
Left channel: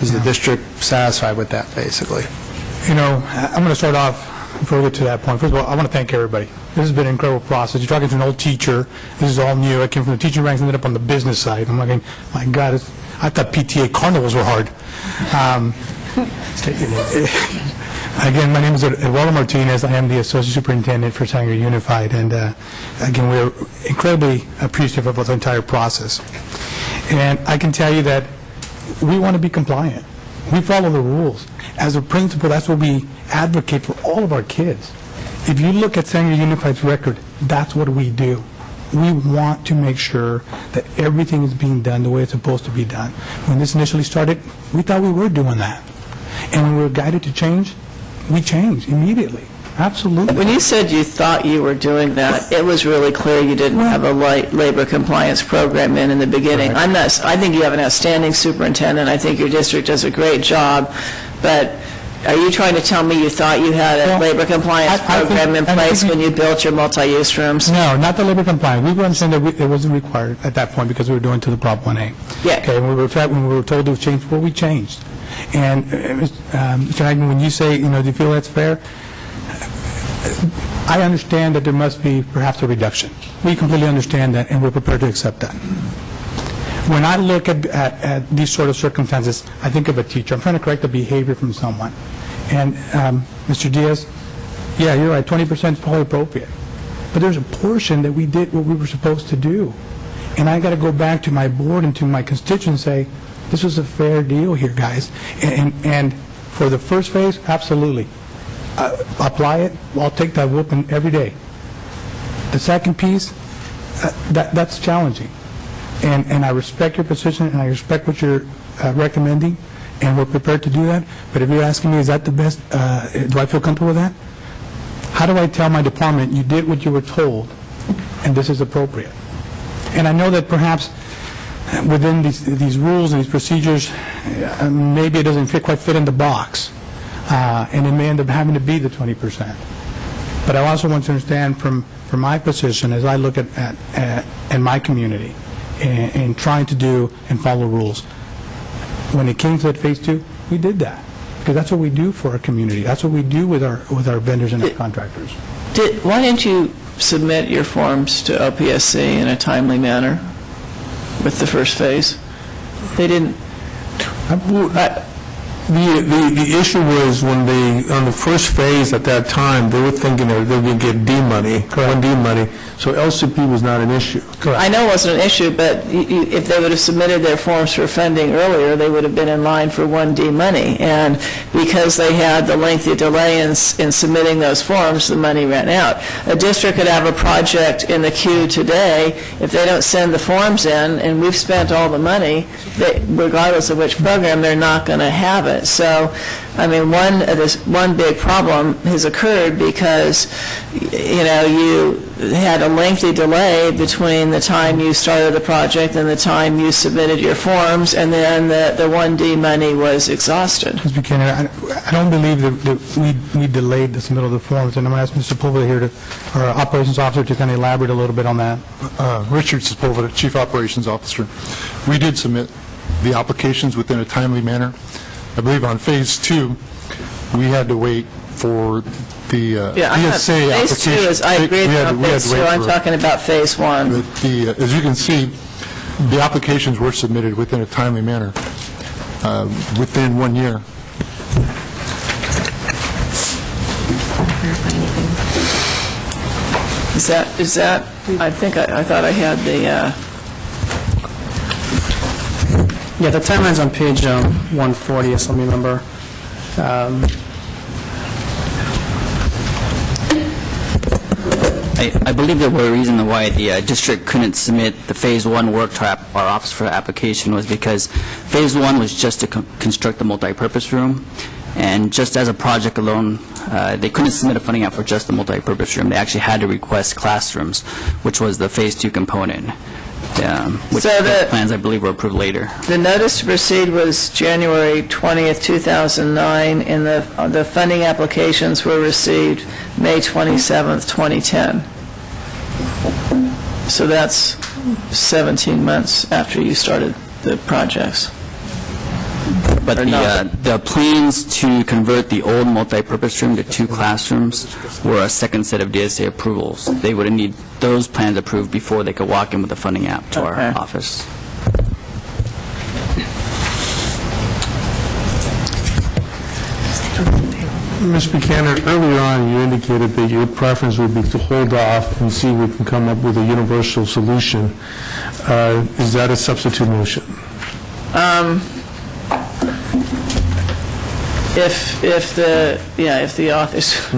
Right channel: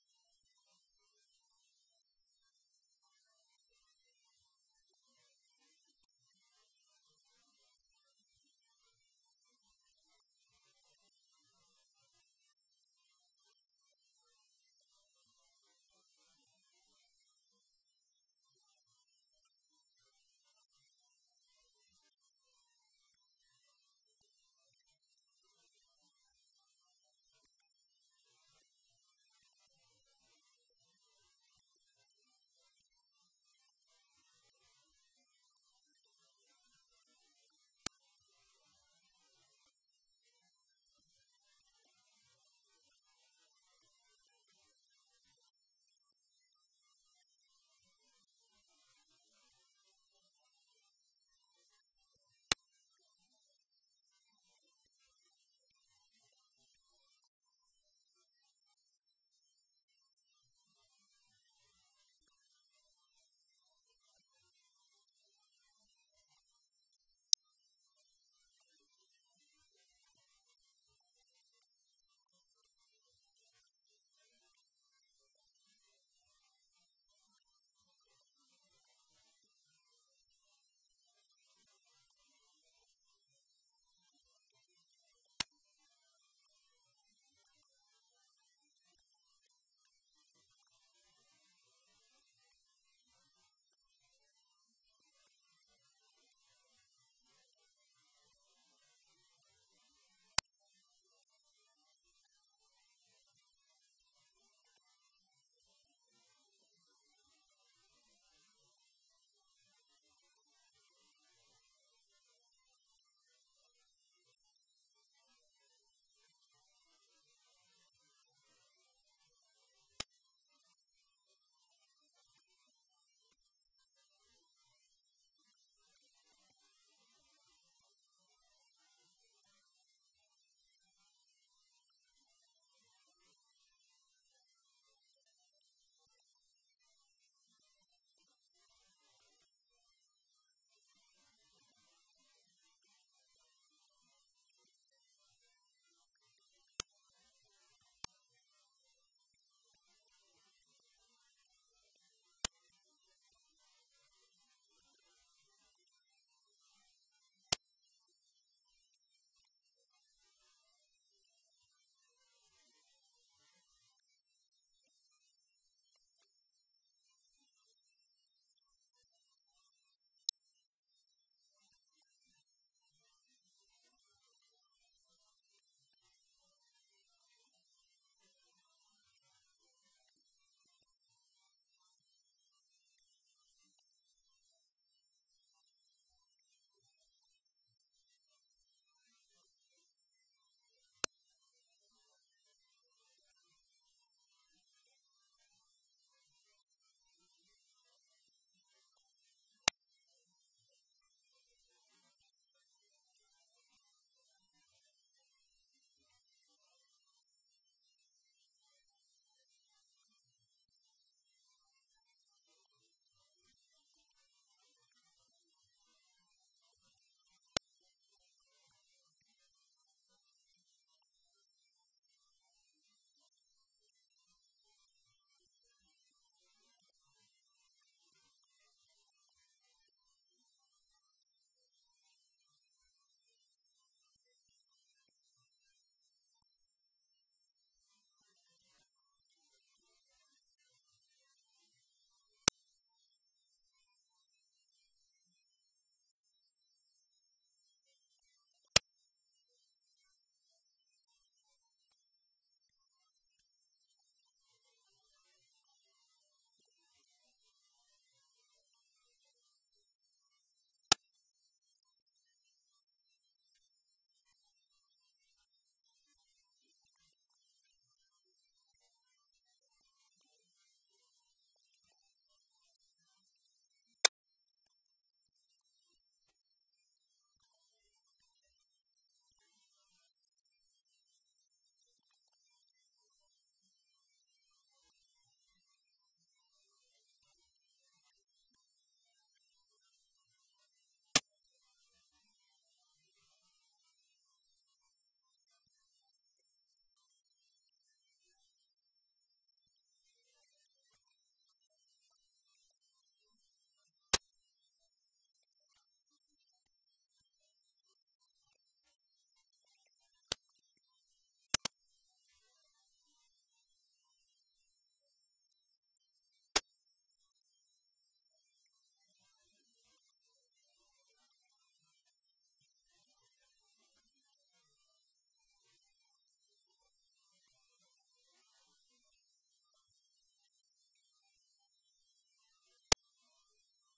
is the district satisfied with that, basically? I'm going to start off before we get to that point. First of all, I want to thank everybody. This has been an incredible process. You're talking to an old teacher. This is all new. I came from the teaching ranks, ended up on the business side. I'm like, my God, I thought PTA carnivals were hard. Again, my name is Eduardo Martinez. I am the Associate Superintendent for Sanger Unified, and again, we're incredibly appreciative of the entire process. And I can tell you that we want to be compliant. We follow the rules. As a principal, that's what we advocate for all of our kids. If you look at Sanger Unified's record, that's what we do. We want to make sure that everything is being done the way it's supposed to be done. When this initially started, we thought we were doing that. And when we were guided to change, we changed immediately. Absolutely. When you said you thought you were doing that, it was really clear you didn't have a labor compliance program in the beginning. Right. I think you have an outstanding superintendent. I think your district does a great job. But are you trying to tell me you thought you had a labor compliance program in place when you built your multi-use rooms? No, not the labor compliance. We were understanding that it wasn't required at that point because we were doing to the Prop 1A. Yeah. Okay, when we were told to change, well, we changed. And Mr. Hagman, when you say, do you feel that's fair? I understand that there must be perhaps a reduction. We completely understand that, and we're prepared to accept that. When I look at these sort of circumstances, I think of a teacher. I'm trying to correct a behavior from someone. And Mr. Diaz, yeah, you're right, 20% is probably appropriate. But there's a portion that we did what we were supposed to do. And I got to go back to my board and to my constituents and say, this was a fair deal here, guys. And for the first phase, absolutely. Apply it. I'll take that whooping every day. The second piece, that's challenging. And I respect your position, and I respect what you're recommending, and we're prepared to do that. But if you're asking me, is that the best, do I feel comfortable with that? How do I tell my department, you did what you were told, and this is appropriate? And I know that perhaps within these rules and these procedures, maybe it doesn't quite fit in the box, and it may end up having to be the 20%. But I also want to understand from my position as I look at my community and trying to do and follow rules. When it came to that phase 2, we did that because that's what we do for our community. That's what we do with our vendors and our contractors. Why didn't you submit your forms to OPSC in a timely manner with the first phase? They didn't. The issue was when on the first phase at that time, they were thinking they were going to get D money, 1D money, so LCP was not an issue. I know it wasn't an issue, but if they would have submitted their forms for funding earlier, they would have been in line for 1D money. And because they had the lengthy delay in submitting those forms, the money ran out. A district could have a project in the queue today. If they don't send the forms in, and we've spent all the money, regardless of which program, they're not going to have it. So, I mean, one big problem has occurred because, you know, you had a lengthy delay between the time you started the project and the time you submitted your forms, and then the 1D money was exhausted. Mr. Buchanan, I don't believe that we delayed the submittal of the forms, and I'm going to ask Mr. Sepulveda here, our operations officer, to kind of elaborate a little bit on that. Richard Sepulveda, Chief Operations Officer. We did submit the applications within a timely manner. I believe on phase 2, we had to wait for the ESA application. Phase 2 is, I agree with phase 2. I'm talking about phase 1. As you can see, the applications were submitted within a timely manner, within 1 year. Is that? I thought I had the. Yeah, the timeline's on page 140, if I remember. I believe there were a reason why the district couldn't submit the Phase 1 work to our office for application was because Phase 1 was just to construct the multi-purpose room, and just as a project alone, they couldn't submit a funding app for just the multi-purpose room. They actually had to request classrooms, which was the Phase 2 component. Which the plans, I believe, were approved later. The notice to proceed was January 20th, 2009, and the funding applications were received May 27th, 2010. So that's 17 months after you started the projects. But the plans to convert the old multi-purpose room to 2 classrooms were a second set of DSA approvals. They would need those plans approved before they could walk in with the funding app to our office. Ms. Buchanan, earlier on you indicated that your preference would be to hold off and see if we can come up with a universal solution. Is that a substitute motion? If the office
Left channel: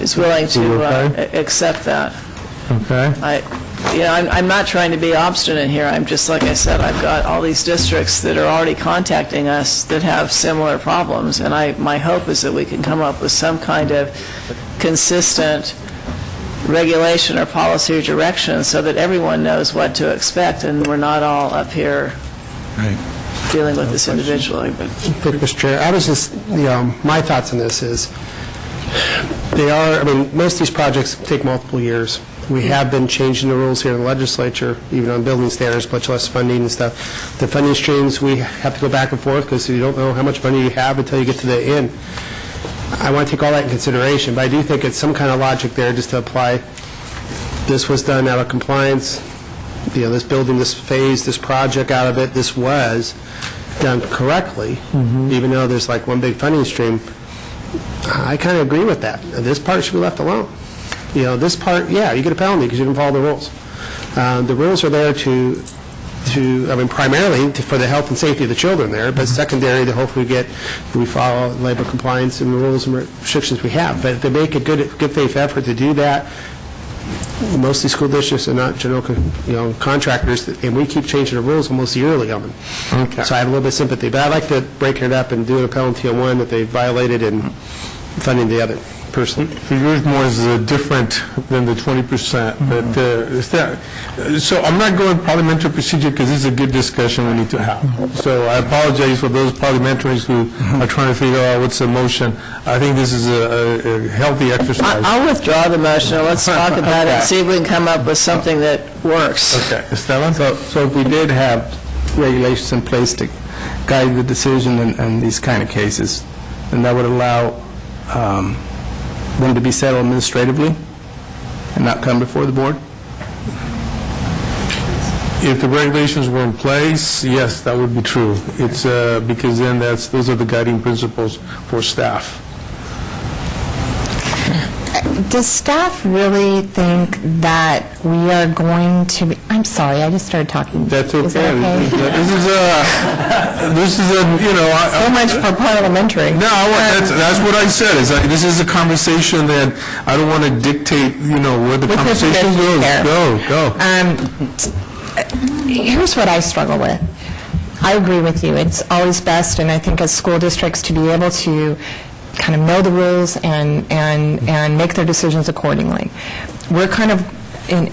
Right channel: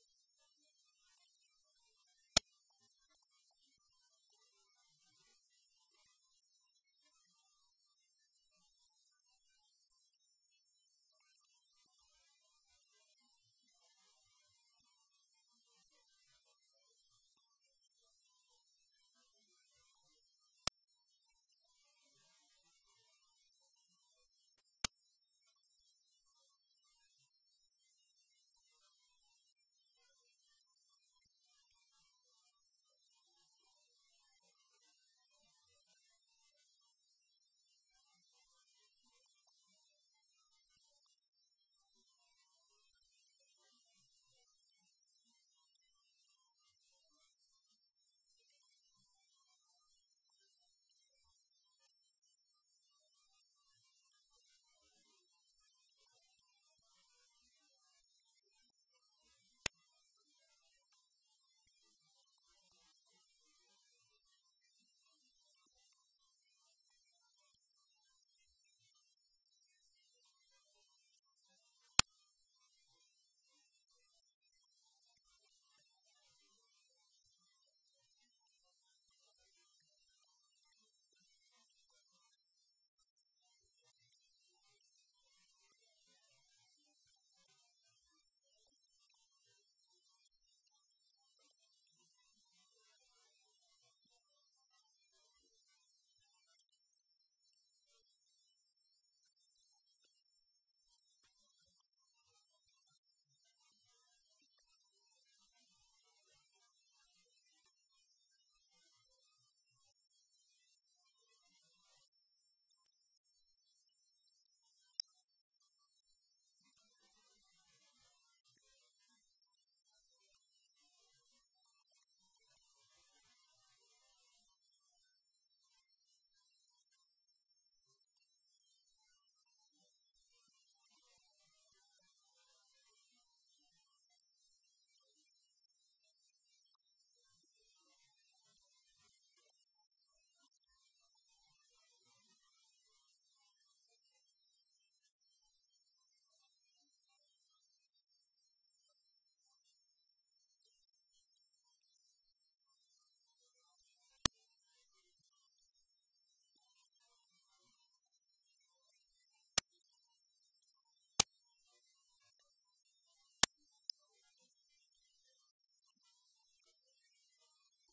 is willing to accept that. Okay. I'm not trying to be obstinate here. I'm just, like I said, I've got all these districts that are already contacting us that have similar problems, and my hope is that we can come up with some kind of consistent regulation or policy or direction so that everyone knows what to expect and we're not all up here dealing with this individually. Mr. Chair, I was just, my thoughts on this is, most of these projects take multiple years. We have been changing the rules here in the legislature, even on building standards, much less funding and stuff. The funding streams, we have to go back and forth because you don't know how much money you have until you get to the end. I want to take all that in consideration, but I do think it's some kind of logic there just to apply, this was done out of compliance, this building, this phase, this project out of it, this was done correctly, even though there's like one big funding stream. I kind of agree with that. This part should be left alone. This part, yeah, you get a penalty because you didn't follow the rules. The rules are there primarily for the health and safety of the children there, but secondary to hopefully we follow labor compliance and the rules and restrictions we have. But if they make a good faith effort to do that, mostly school districts are not general contractors, and we keep changing the rules almost yearly on them. Okay. So I have a little bit of sympathy, but I'd like to break it up and do a penalty on one that they violated and funding the other person. Yours more is different than the 20%, but is that, so I'm not going parliamentary procedure because this is a good discussion we need to have. So I apologize for those parliamentarians who are trying to figure out what's the motion. I think this is a healthy exercise. I'll withdraw the motion. Let's talk about it and see if we can come up with something that works. Okay. Esteban? So if we did have regulations in place to guide the decision in these kind of cases, then that would allow them to be settled administratively and not come before the board? If the regulations were in place, yes, that would be true. It's because then those are the guiding principles for staff. Does staff really think that we are going to be, I'm sorry, I just started talking. That's okay. Is that okay? This is a, So much for parliamentary. No, that's what I said. Is this is a conversation that I don't want to dictate, where the conversation goes. Go. Here's what I struggle with. I agree with you. It's always best, and I think as school districts, to be able to kind of know the rules and make their decisions accordingly. We're kind of in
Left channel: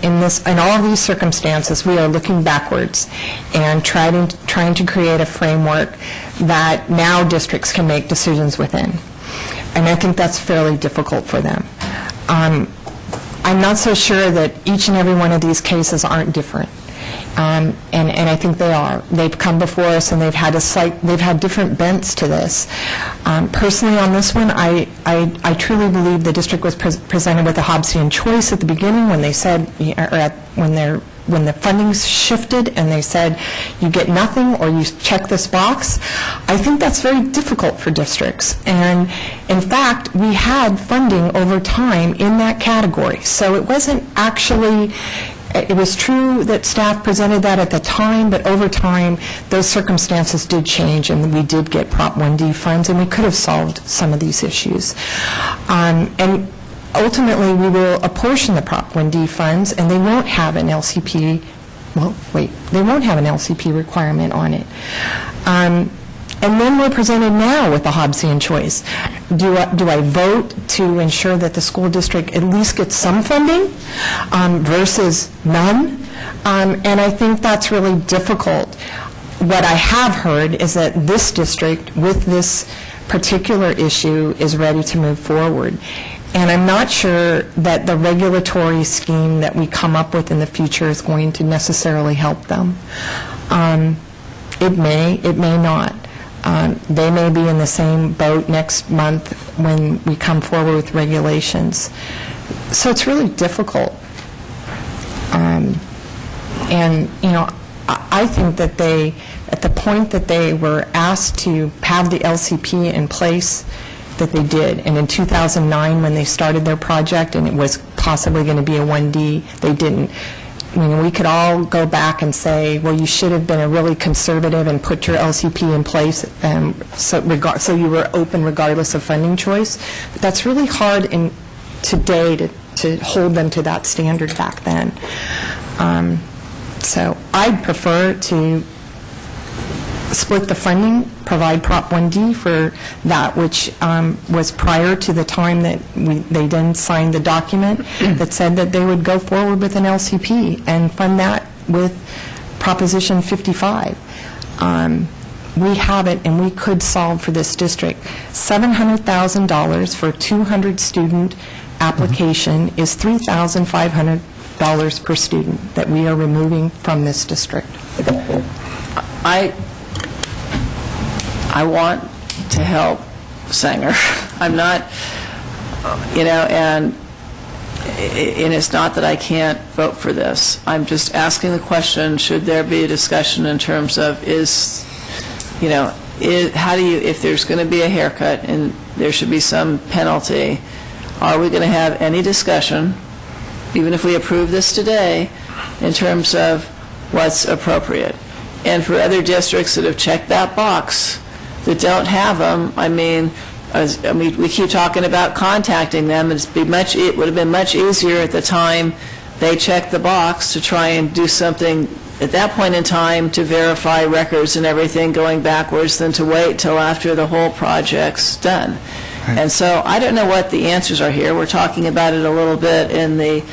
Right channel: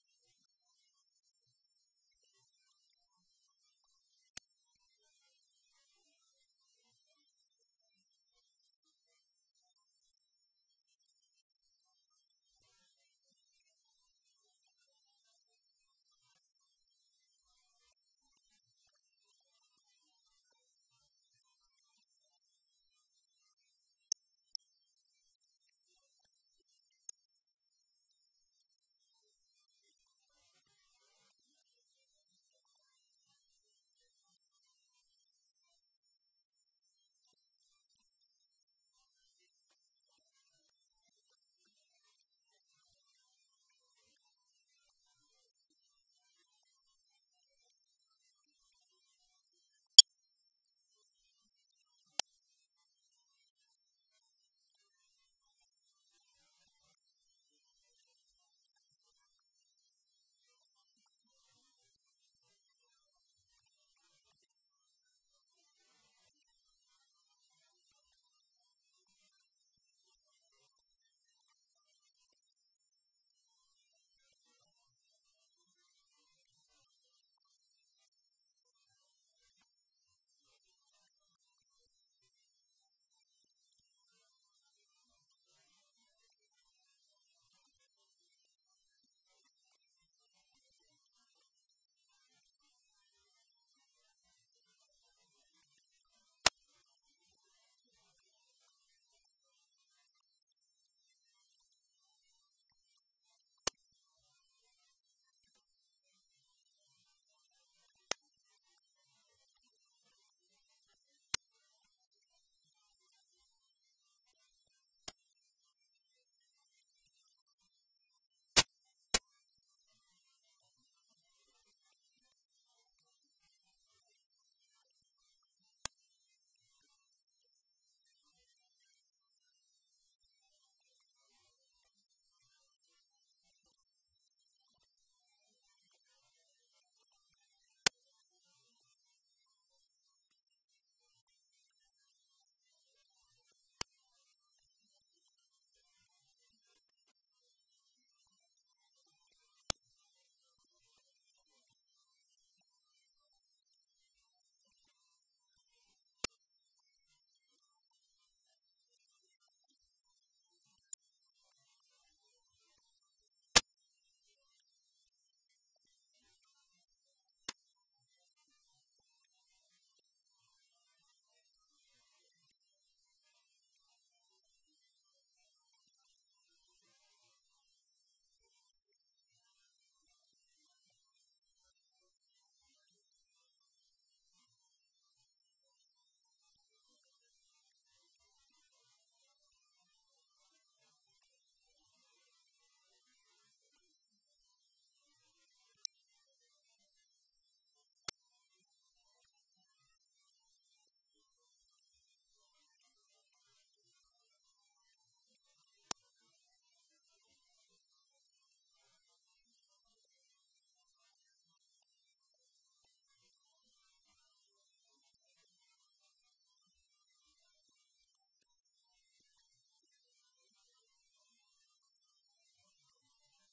all of these circumstances, we are looking backwards and trying to create a framework that now districts can make decisions within. And I think that's fairly difficult for them. I'm not so sure that each and every one of these cases aren't different. And I think they are. They've come before us, and they've had different bents to this. Personally, on this one, I truly believe the district was presented with a Hobbesian choice at the beginning when they said, when the funding shifted and they said, you get nothing or you check this box. I think that's very difficult for districts. And in fact, we had funding over time in that category. So it wasn't actually. It was true that staff presented that at the time, but over time, those circumstances did change, and we did get Prop 1D funds, and we could have solved some of these issues. And ultimately, we will apportion the Prop 1D funds, and they won't have an LCP, they won't have an LCP requirement on it. And then we're presented now with the Hobbesian choice. Do I vote to ensure that the school district at least gets some funding versus none? And I think that's really difficult. What I have heard is that this district, with this particular issue, is ready to move forward. And I'm not sure that the regulatory scheme that we come up with in the future is going to necessarily help them. It may not. They may be in the same boat next month when we come forward with regulations. So it's really difficult. And, I think that at the point that they were asked to have the LCP in place, that they did. And in 2009, when they started their project and it was possibly going to be a 1D, they didn't. We could all go back and say, well, you should have been a really conservative and put your LCP in place so you were open regardless of funding choice. But that's really hard today to hold them to that standard back then. So I'd prefer to split the funding, provide Prop 1D for that which was prior to the time that they then signed the document that said that they would go forward with an LCP and fund that with Proposition 55. We have it, and we could solve for this district. $700,000 for a 200-student application is $3,500 per student that we are removing from this district. I want to help Sanger. I'm not, and it's not that I can't vote for this. I'm just asking the question, should there be a discussion in terms of how do you, if there's going to be a haircut and there should be some penalty, are we going to have any discussion, even if we approve this today, in terms of what's appropriate? And for other districts that have checked that box, that don't have them, we keep talking about contacting them. It would have been much easier at the time they checked the box to try and do something at that point in time to verify records and everything going backwards than to wait till after the whole project's done. Right. And so I don't know what the answers are here. We're talking about it a little bit in the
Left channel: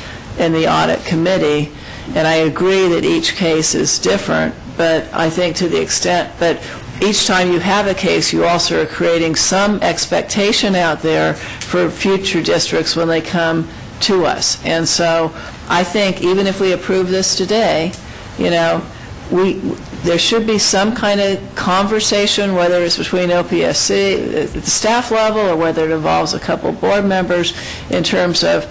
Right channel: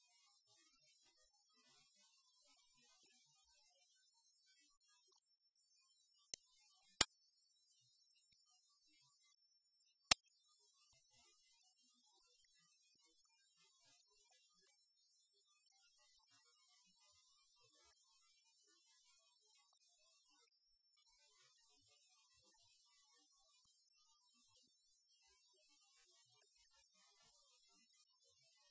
audit committee, and I agree that each case is different, but I think to the extent that each time you have a case, you also are creating some expectation out there for future districts when they come to us. And so I think even if we approve this today, there should be some kind of conversation, whether it's between OPSC at the staff level or whether it involves a couple board members, in terms of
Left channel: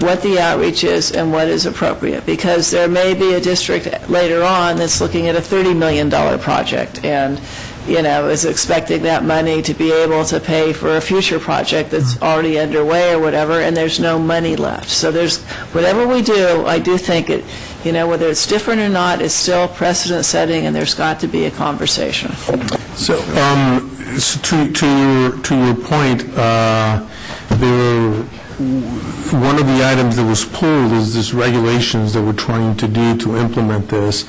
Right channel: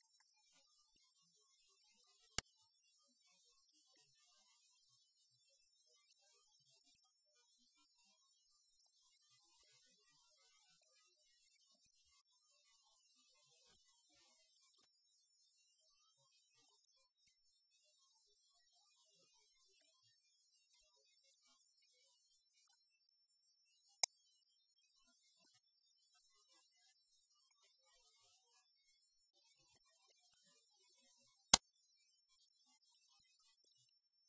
what the outreach is and what is appropriate. Because there may be a district later on that's looking at a $30 million project and is expecting that money to be able to pay for a future project that's already underway or whatever, and there's no money left. So there's, whatever we do, I do think it, whether it's different or not, it's still precedent setting, and there's got to be a conversation. So, to your point, one of the items that was pulled is this regulations that we're trying to do to implement this,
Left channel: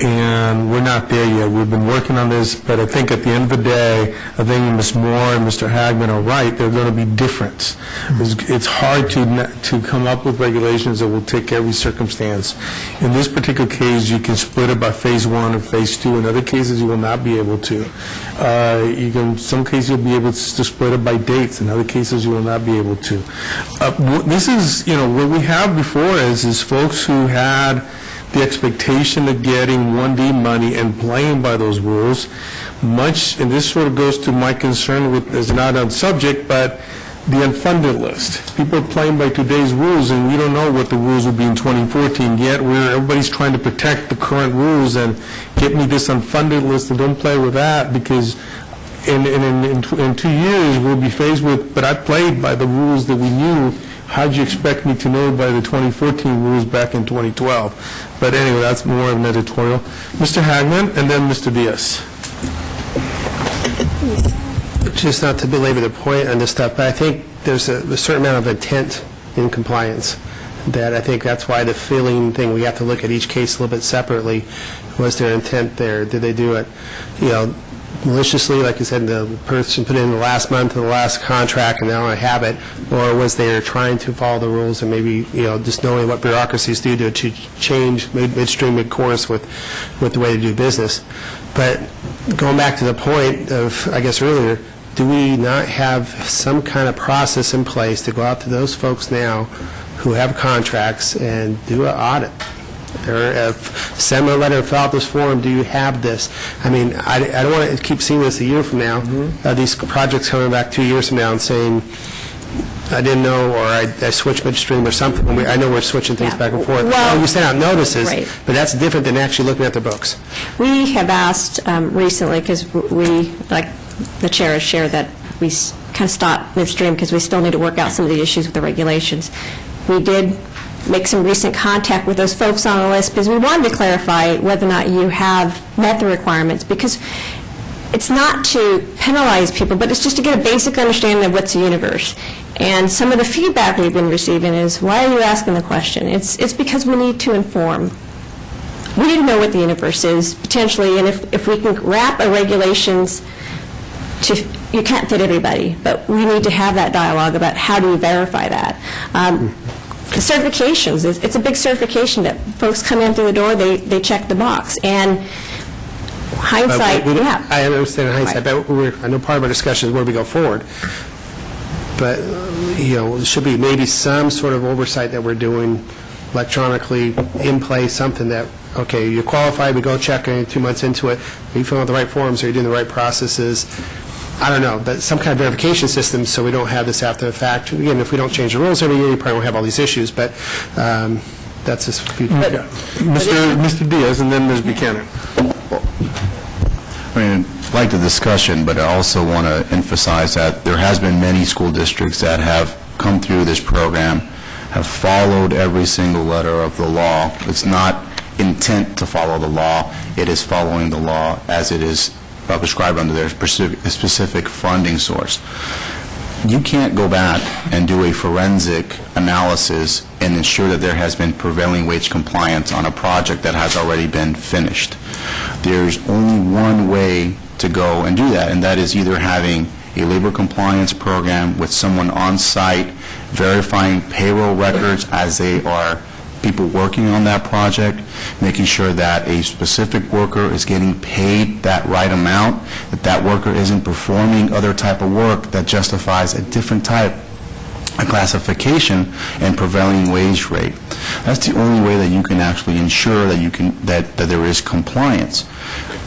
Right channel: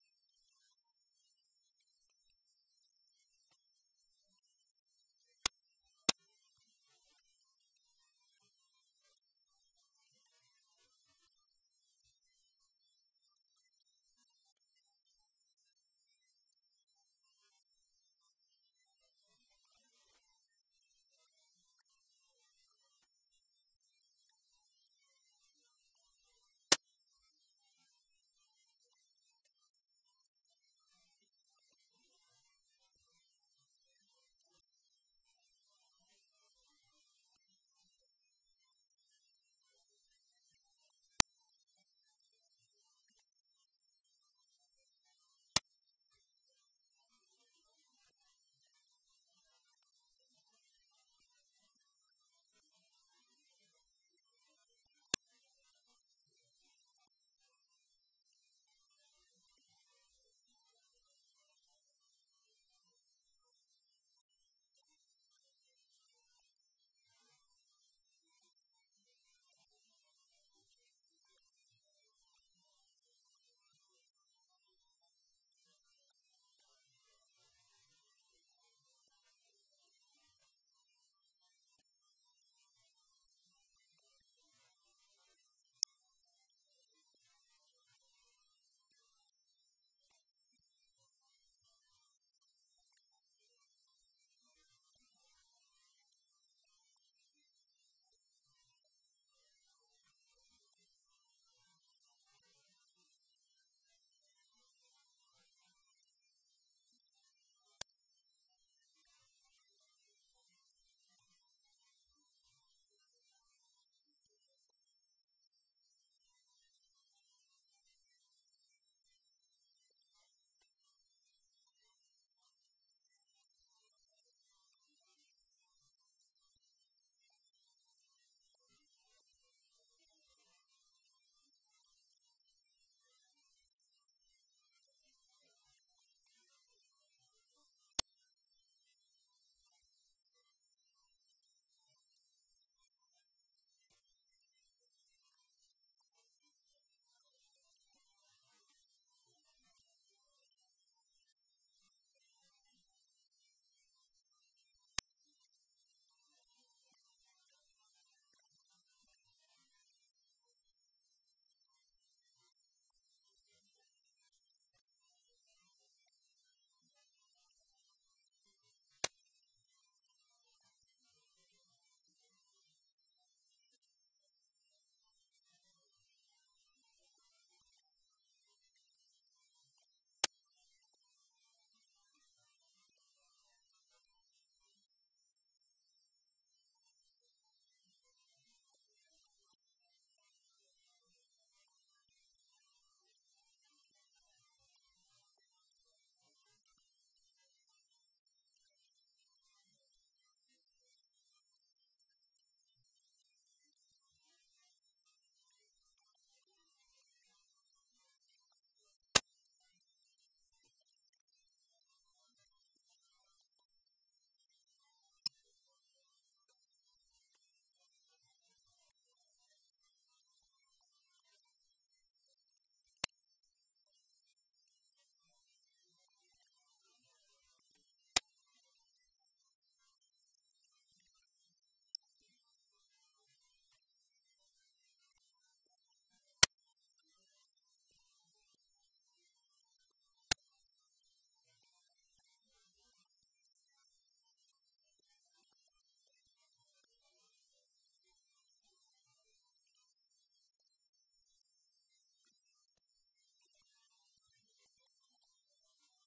and we're not there yet. We've been working on this, but I think at the end of the day, I think Ms. Moore and Mr. Hagman are right. They're going to be different. It's hard to come up with regulations that will take every circumstance. In this particular case, you can split it by phase 1 or phase 2. In other cases, you will not be able to. Some cases you'll be able to split it by dates. In other cases, you will not be able to. This is, what we have before is folks who had the expectation of getting 1D money and playing by those rules. And this sort of goes to my concern with, is not on subject, but the unfunded list. People are playing by today's rules, and we don't know what the rules will be in 2014 yet. Everybody's trying to protect the current rules and get me this unfunded list, and don't play with that, because in 2 years we'll be faced with, but I played by the rules that we knew. How'd you expect me to know by the 2014 rules back in 2012? But anyway, that's more of an editorial. Mr. Hagman, and then Mr. Diaz. Just not to belabor the point on this stuff, but I think there's a certain amount of intent in compliance, that I think that's why the filling thing, we have to look at each case a little bit separately. Was there intent there? Did they do it, maliciously, like you said, the person put in the last month of the last contract and now I have it, or was they trying to follow the rules and maybe, just knowing what bureaucracies do to change midstream, mid-course with the way to do business. But going back to the point of, I guess, earlier, do we not have some kind of process in place to go out to those folks now who have contracts and do an audit? Or send them a letter, fill out this form, do you have this? I don't want to keep seeing this a year from now, these projects coming back 2 years from now and saying, I didn't know, or I switched midstream or something. I know we're switching things back and forth. Well, you send out notices, right. But that's different than actually looking at the books. We have asked recently, because we, like the chair has shared, that we kind of stop midstream because we still need to work out some of the issues with the regulations. We did make some recent contact with those folks on the list because we wanted to clarify whether or not you have met the requirements, because it's not to penalize people, but it's just to get a basic understanding of what's the universe. And some of the feedback we've been receiving is, why are you asking the question? It's because we need to inform. We need to know what the universe is, potentially, and if we can wrap our regulations to, you can't fit everybody, but we need to have that dialogue about how do we verify that. Certifications, it's a big certification that folks come in through the door, they check the box. And hindsight, yeah. I understand hindsight, Right. but I know part of our discussion is where we go forward. But, there should be maybe some sort of oversight that we're doing electronically in place, something that, okay, you're qualified, we go check 2 months into it, are you filling out the right forms, are you doing the right processes? I don't know, some kind of verification system so we don't have this after the fact. Again, if we don't change the rules every year, you probably won't have all these issues, but that's just future. Mr. Diaz, and then Ms. Buchanan. I mean, I like the discussion, but I also want to emphasize that there has been many school districts that have come through this program, have followed every single letter of the law. It's not intent to follow the law. It is following the law as it is prescribed under their specific funding source. You can't go back and do a forensic analysis and ensure that there has been prevailing wage compliance on a project that has already been finished. There's only one way to go and do that, and that is either having a labor compliance program with someone on site verifying payroll records as they are people working on that project, making sure that a specific worker is getting paid that right amount, that that worker isn't performing other type of work that justifies a different type of classification and prevailing wage rate. That's the only way that you can actually ensure that that there is compliance.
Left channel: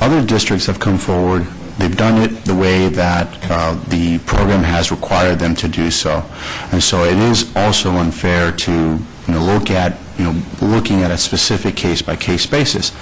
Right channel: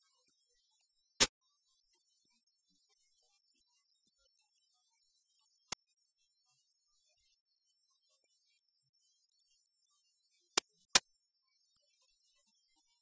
Other districts have come forward. They've done it the way that the program has required them to do so, and so it is also unfair to looking at a specific case-by-case basis.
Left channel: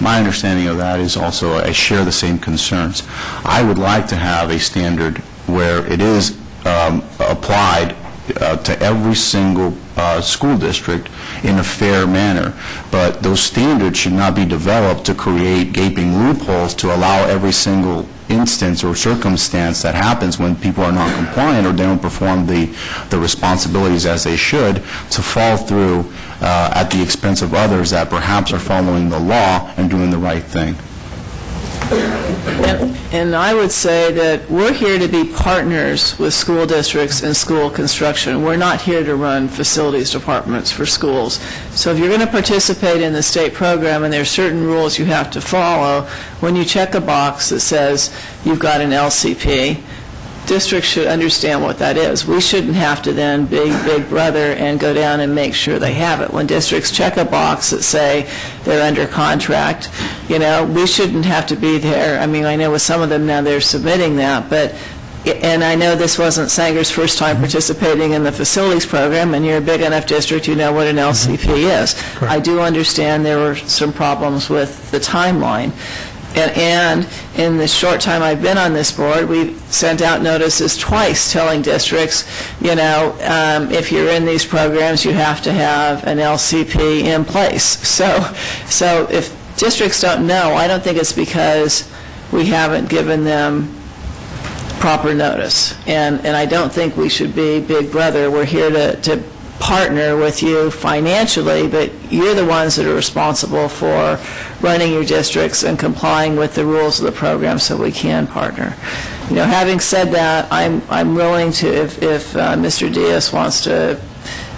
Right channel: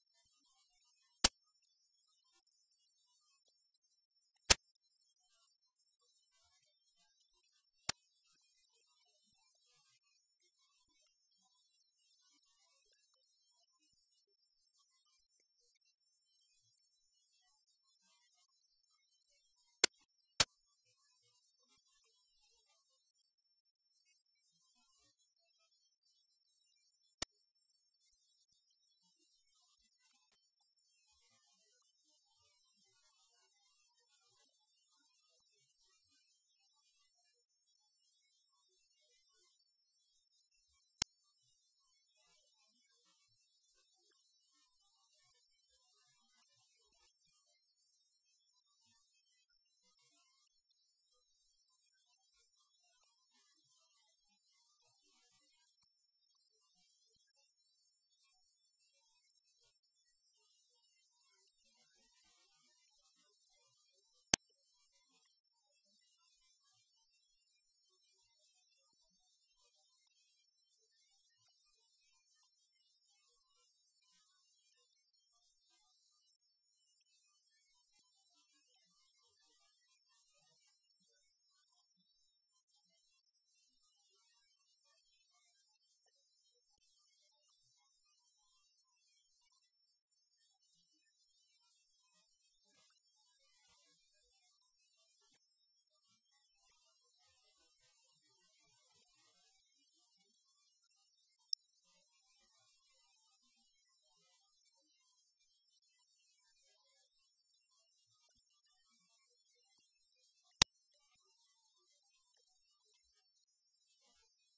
My understanding of that is also I share the same concerns. I would like to have a standard where it is applied to every single school district in a fair manner, but those standards should not be developed to create gaping loopholes to allow every single instance or circumstance that happens when people are not compliant or they don't perform the responsibilities as they should to fall through at the expense of others that perhaps are following the law and doing the right thing. And I would say that we're here to be partners with school districts in school construction. We're not here to run facilities departments for schools. So if you're going to participate in the state program and there are certain rules you have to follow, when you check a box that says you've got an LCP, districts should understand what that is. We shouldn't have to then be big brother and go down and make sure they have it. When districts check a box that say they're under contract, we shouldn't have to be there. I mean, I know with some of them now they're submitting that, and I know this wasn't Sanger's first time participating in the facilities program, and you're a big enough district, you know what an LCP is. Correct. I do understand there were some problems with the timeline. And in the short time I've been on this board, we've sent out notices twice telling districts, if you're in these programs, you have to have an LCP in place. So if districts don't know, I don't think it's because we haven't given them proper notice. And I don't think we should be big brother. We're here to partner with you financially, but you're the ones that are responsible for running your districts and complying with the rules of the program, so we can partner. Having said that, I'm willing to, if Mr. Diaz wants to,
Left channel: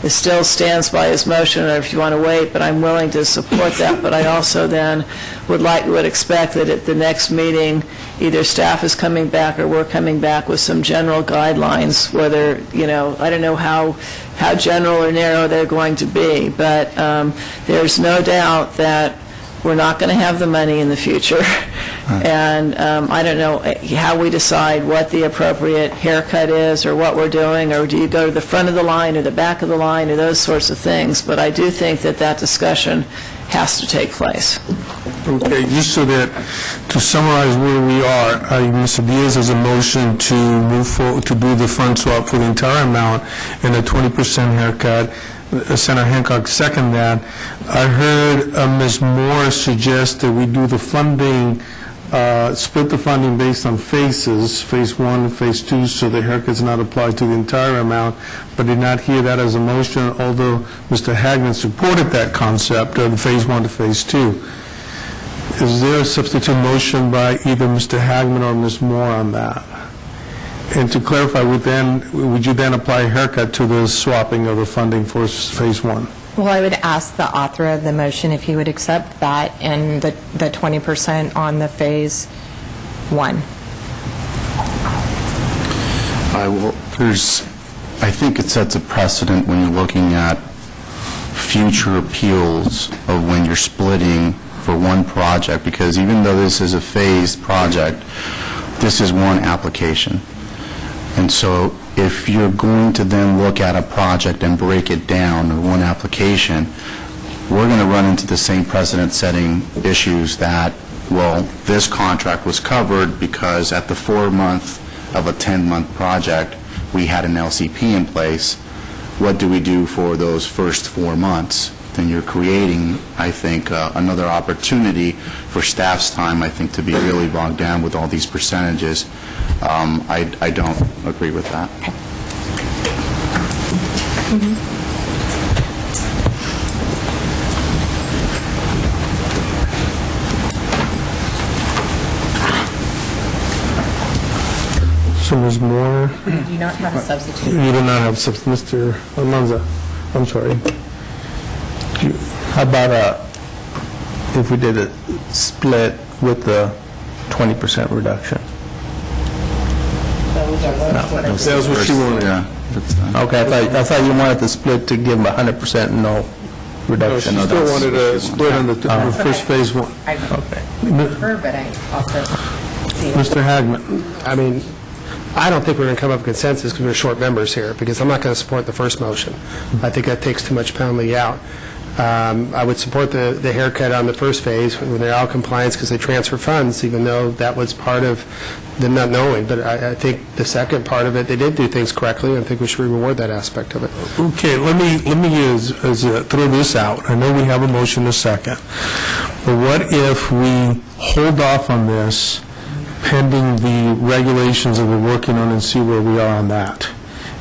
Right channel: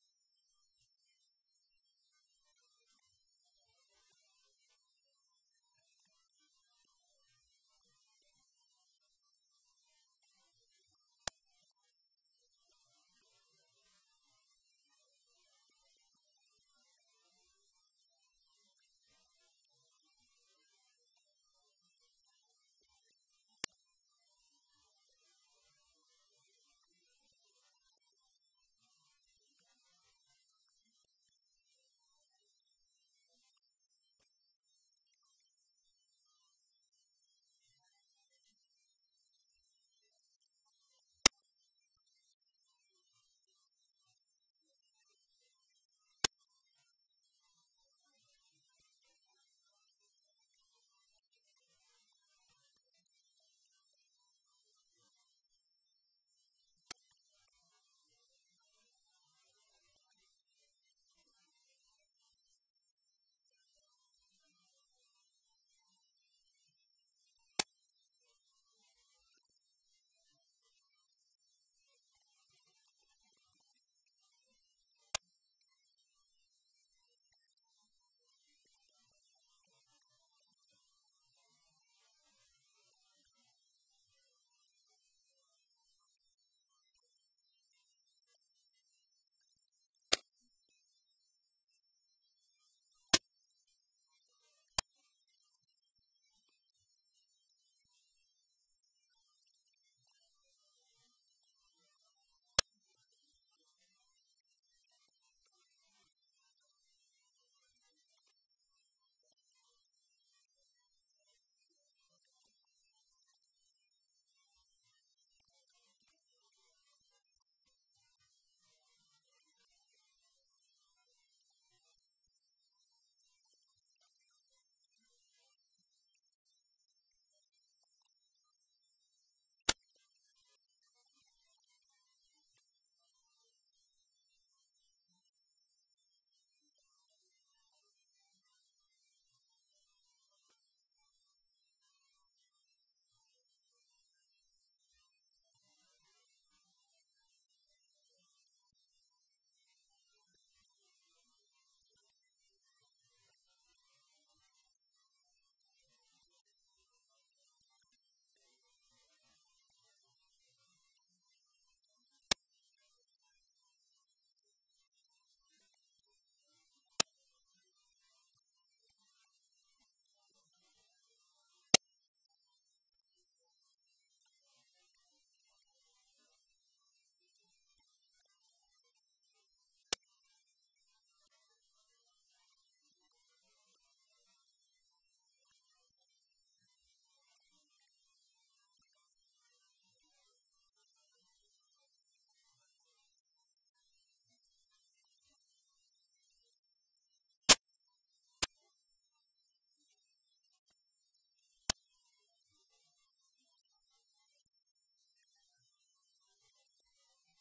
still stands by his motion, or if you want to wait, but I'm willing to support that. But I also then would expect that at the next meeting, either staff is coming back or we're coming back with some general guidelines, whether, I don't know how general or narrow they're going to be, but there's no doubt that we're not going to have the money in the future. And I don't know how we decide what the appropriate haircut is or what we're doing, or do you go to the front of the line or the back of the line or those sorts of things. But I do think that discussion has to take place. Okay, just so that, to summarize where we are, Mr. Diaz has a motion to move forward, to do the fund swap for the entire amount and a 20% haircut. Senator Hancock second that. I heard Ms. Moore suggest that we do the funding, split the funding based on phases, phase 1 and phase 2, so the haircut's not applied to the entire amount, but did not hear that as a motion, although Mr. Hagman supported that concept of phase 1 to phase 2. Is there a substitute motion by either Mr. Hagman or Ms. Moore on that? And to clarify, would you then apply a haircut to the swapping of the funding for phase 1? Well, I would ask the author of the motion if he would accept that and the 20% on the phase 1. I think it sets a precedent when you're looking at future appeals of when you're splitting for one project, because even though this is a phased project, this is one application. And so if you're going to then look at a project and break it down to one application, we're going to run into the same precedent-setting issues that, well, this contract was covered because at the 4-month of a 10-month project, we had an LCP in place. What do we do for those first 4 months? Then you're creating, I think, another opportunity for staff's time, I think, to be really bogged down with all these percentages. I don't agree with that. So Ms. Moore, Do you not have a substitute? you do not have Mr. Almanza. I'm sorry. How about if we did a split with the 20% reduction? That was what she wanted. Yeah. Okay, I thought you wanted the split to give them 100% and no reduction. She still wanted a split on the first phase one. I prefer, but I also see. Mr. Hagman. I mean, I don't think we're going to come up with consensus because we're short members here, because I'm not going to support the first motion. I think that takes too much penalty out. I would support the haircut on the first phase when they're out of compliance because they transfer funds, even though that was part of them not knowing. But I think the second part of it, they did do things correctly, and I think we should reward that aspect of it. Okay, let me throw this out. I know we have a motion in a second, but what if we hold off on this pending the regulations that we're working on and see where we are on that?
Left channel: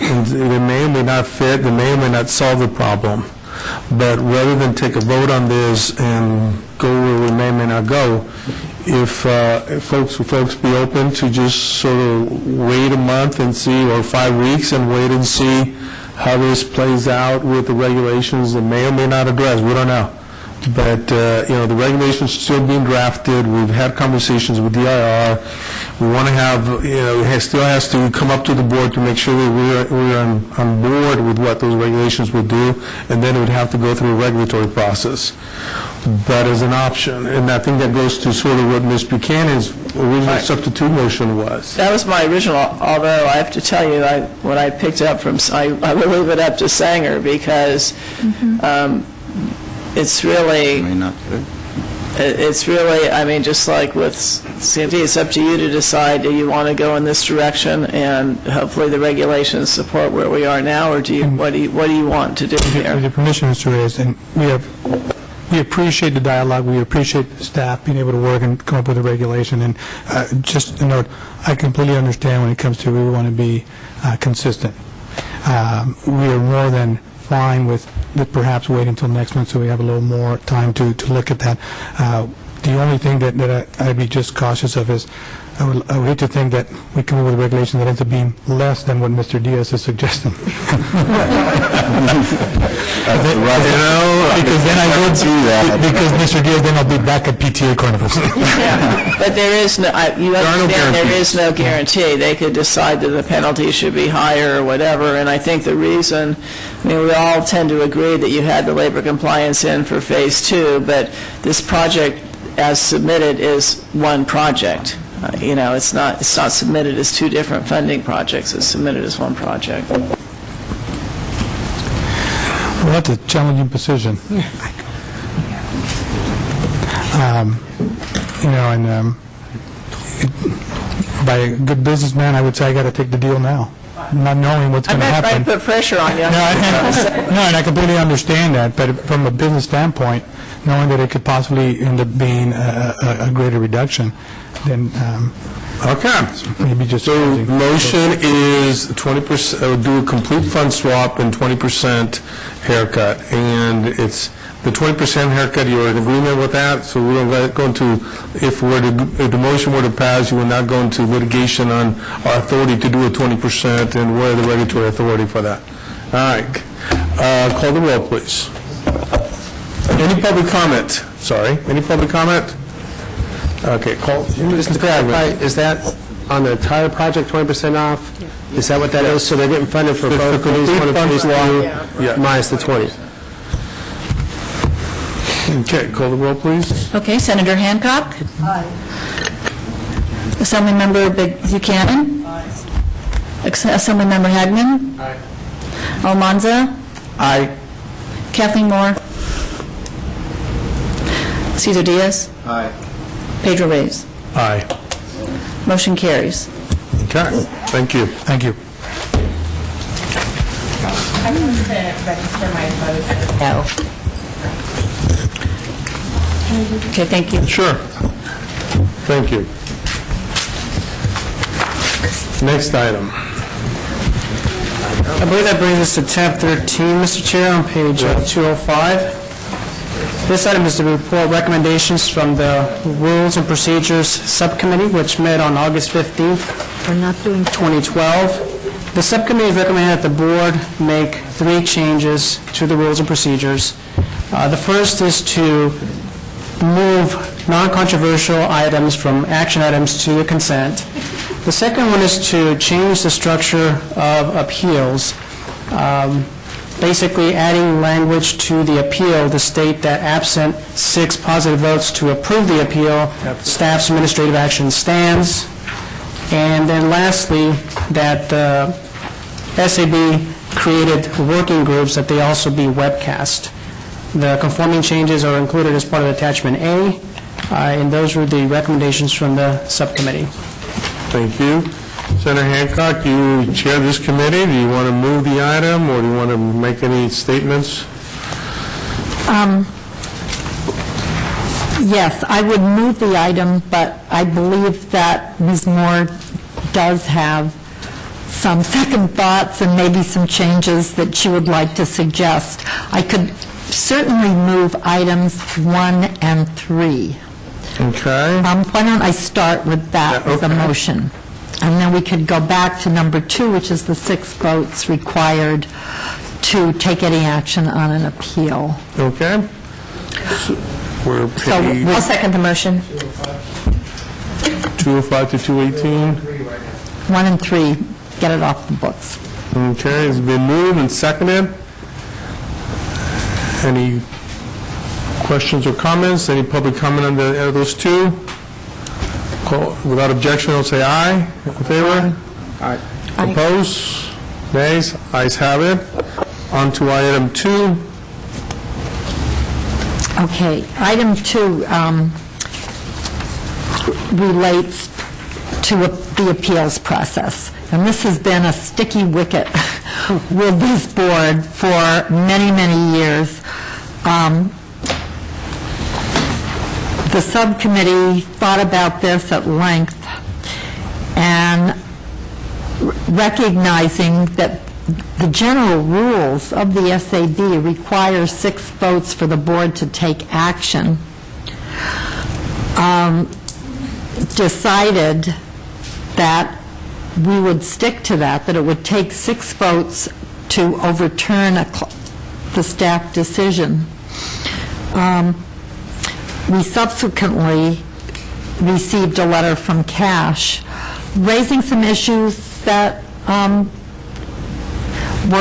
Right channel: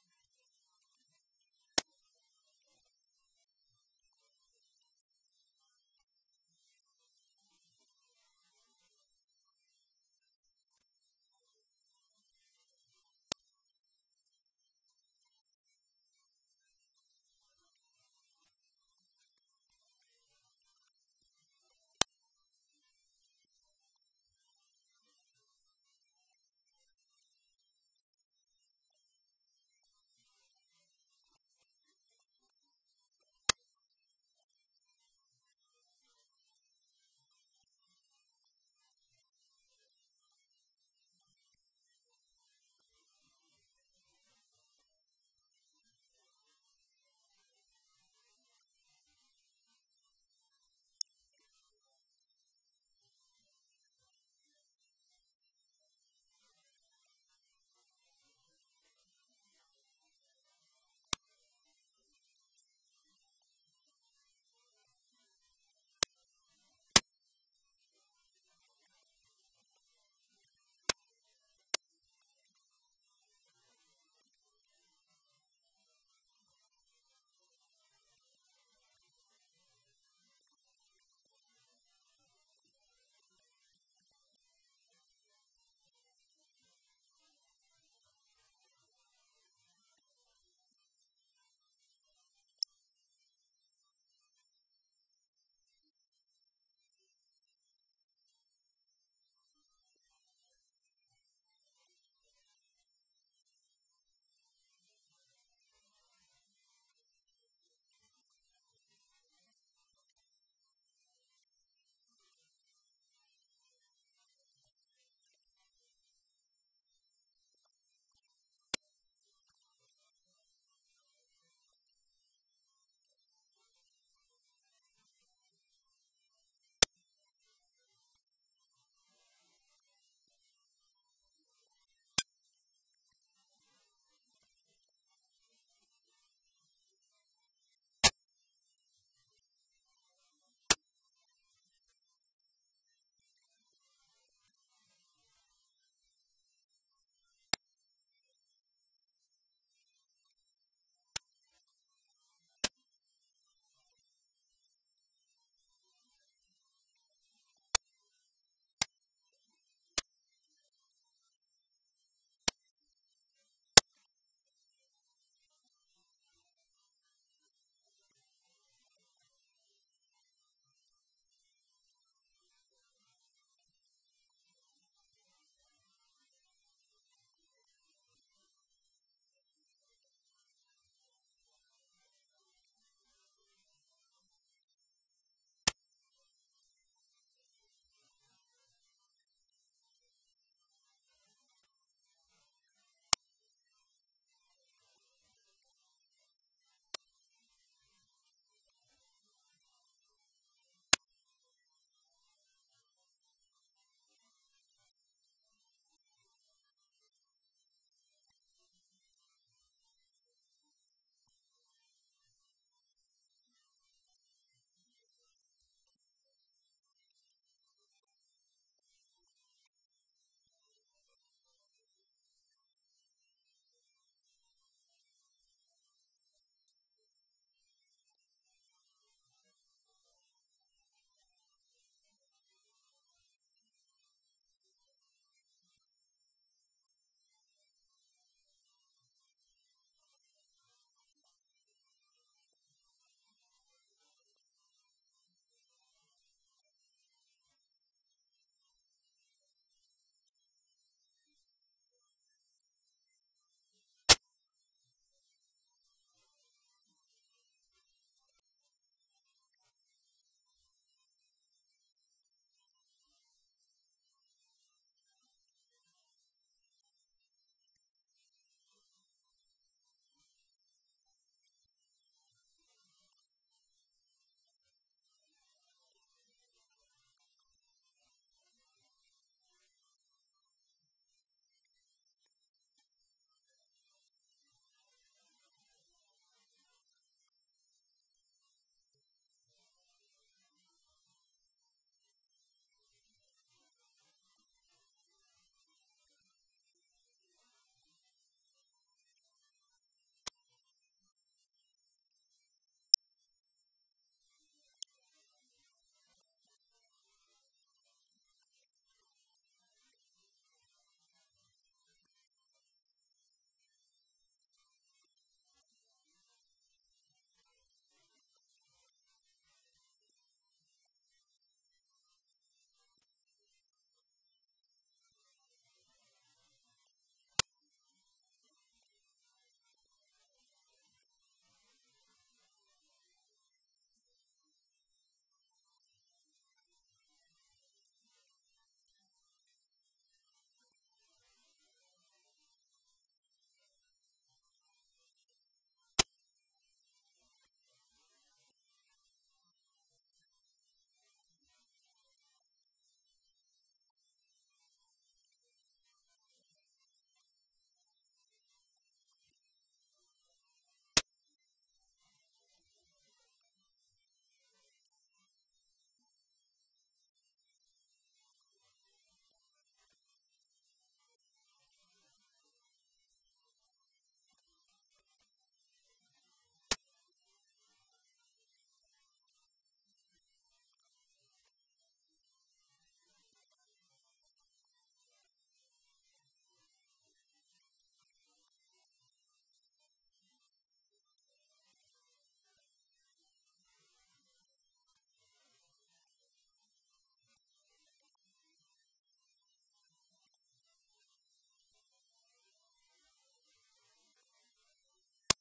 And they may or may not fit, they may or may not solve the problem, but rather than take a vote on this and go where we may or may not go, if folks be open to just sort of wait a month and see, or 5 weeks and wait and see how this plays out with the regulations that may or may not address, we don't know. But, the regulations are still being drafted. We've had conversations with DIR. We want to have, it still has to come up to the board to make sure that we're on board with what those regulations would do, and then it would have to go through a regulatory process. That is an option, and I think that goes to sort of what Ms. Buchanan's original substitute motion was. That was my original, although I have to tell you, what I picked up from, I will leave it up to Sanger, because it's really, I mean, just like with CMT, it's up to you to decide, do you want to go in this direction, and hopefully the regulations support where we are now, or do you, what do you want to do here? With your permission, Mr. Reyes, and we appreciate the dialogue, we appreciate the staff being able to work and come up with a regulation, and just a note, I completely understand when it comes to we want to be consistent. We are more than fine with perhaps waiting until next month so we have a little more time to look at that. The only thing that I'd be just cautious of is I would hate to think that we come up with a regulation that ends up being less than what Mr. Diaz is suggesting. Because then I would do that. Because Mr. Diaz, then I'll be back at PTA Carnivals. But there is no, you understand, there is no guarantee. They could decide that the penalty should be higher or whatever, and I think the reason, I mean, we all tend to agree that you had the labor compliance in for phase 2, but this project as submitted is one project. It's not submitted as two different funding projects. It's submitted as one project. Well, that's a challenging position. By a good businessman, I would say I got to take the deal now, not knowing what's going to happen. I'm not trying to put pressure on you. No, and I completely understand that, but from a business standpoint, knowing that it could possibly end up being a greater reduction, then Okay. maybe just... So motion is 20%, do a complete fund swap and 20% haircut. And it's the 20% haircut, you're in agreement with that? So we don't go into, if the motion were to pass, you will not go into litigation on our authority to do a 20% and where the regulatory authority for that. All right. Call the roll, please. Any public comment? Sorry, any public comment? Okay, call. Just to clarify, is that on the entire project 20% off? Is that what that is? So they're getting funded for both phase 1 and phase 2 minus the 20? Okay, call the roll, please. Okay, Senator Hancock? Aye. Assemblymember Buchanan? Assemblymember Hagman? Almanza? Aye. Kathleen Moore? Cesar Diaz? Aye. Pedro Reyes? Aye. Motion carries. Okay, thank you. Thank you. I want to register my vote. No. Okay, thank you. Sure. Thank you. Next item. I believe that brings us to tab 13, Mr. Chair, on page 205. This item is the report recommendations from the Rules and Procedures Subcommittee, which met on August 15th, We're not doing 2012. The subcommittee is recommending that the board make 3 changes to the rules and procedures. The first is to move non-controversial items from action items to the consent. The second one is to change the structure of appeals, basically adding language to the appeal to state that absent 6 positive votes to approve the appeal, staff's administrative action stands. And then lastly, that the SAB created working groups, that they also be webcast. The conforming changes are included as part of Attachment A, and those were the recommendations from the subcommittee. Thank you. Senator Hancock, you chair this committee. Do you want to move the item, or do you want to make any statements? Yes, I would move the item, but I believe that Ms. Moore does have some second thoughts and maybe some changes that she would like to suggest. I could certainly move items 1 and 3. Okay. Why don't I start with that as a motion? And then we could go back to number 2, which is the 6 votes required to take any action on an appeal. Okay. We're page I'll second the motion. 205 to 218. 1 and 3, get it off the books. Okay, it's been moved and seconded. Any questions or comments? Any public comment on those 2? Without objection, I'll say aye. In favor? Aye. Opposed? Nays? Ayes have it. On to item 2. Okay, item 2 relates to the appeals process. And this has been a sticky wicket with this board for many, many years. The subcommittee thought about this at length, and recognizing that the general rules of the SAB require 6 votes for the board to take action, decided that we would stick to that it would take 6 votes to overturn the staff decision. We subsequently received a letter from Cash raising some issues that were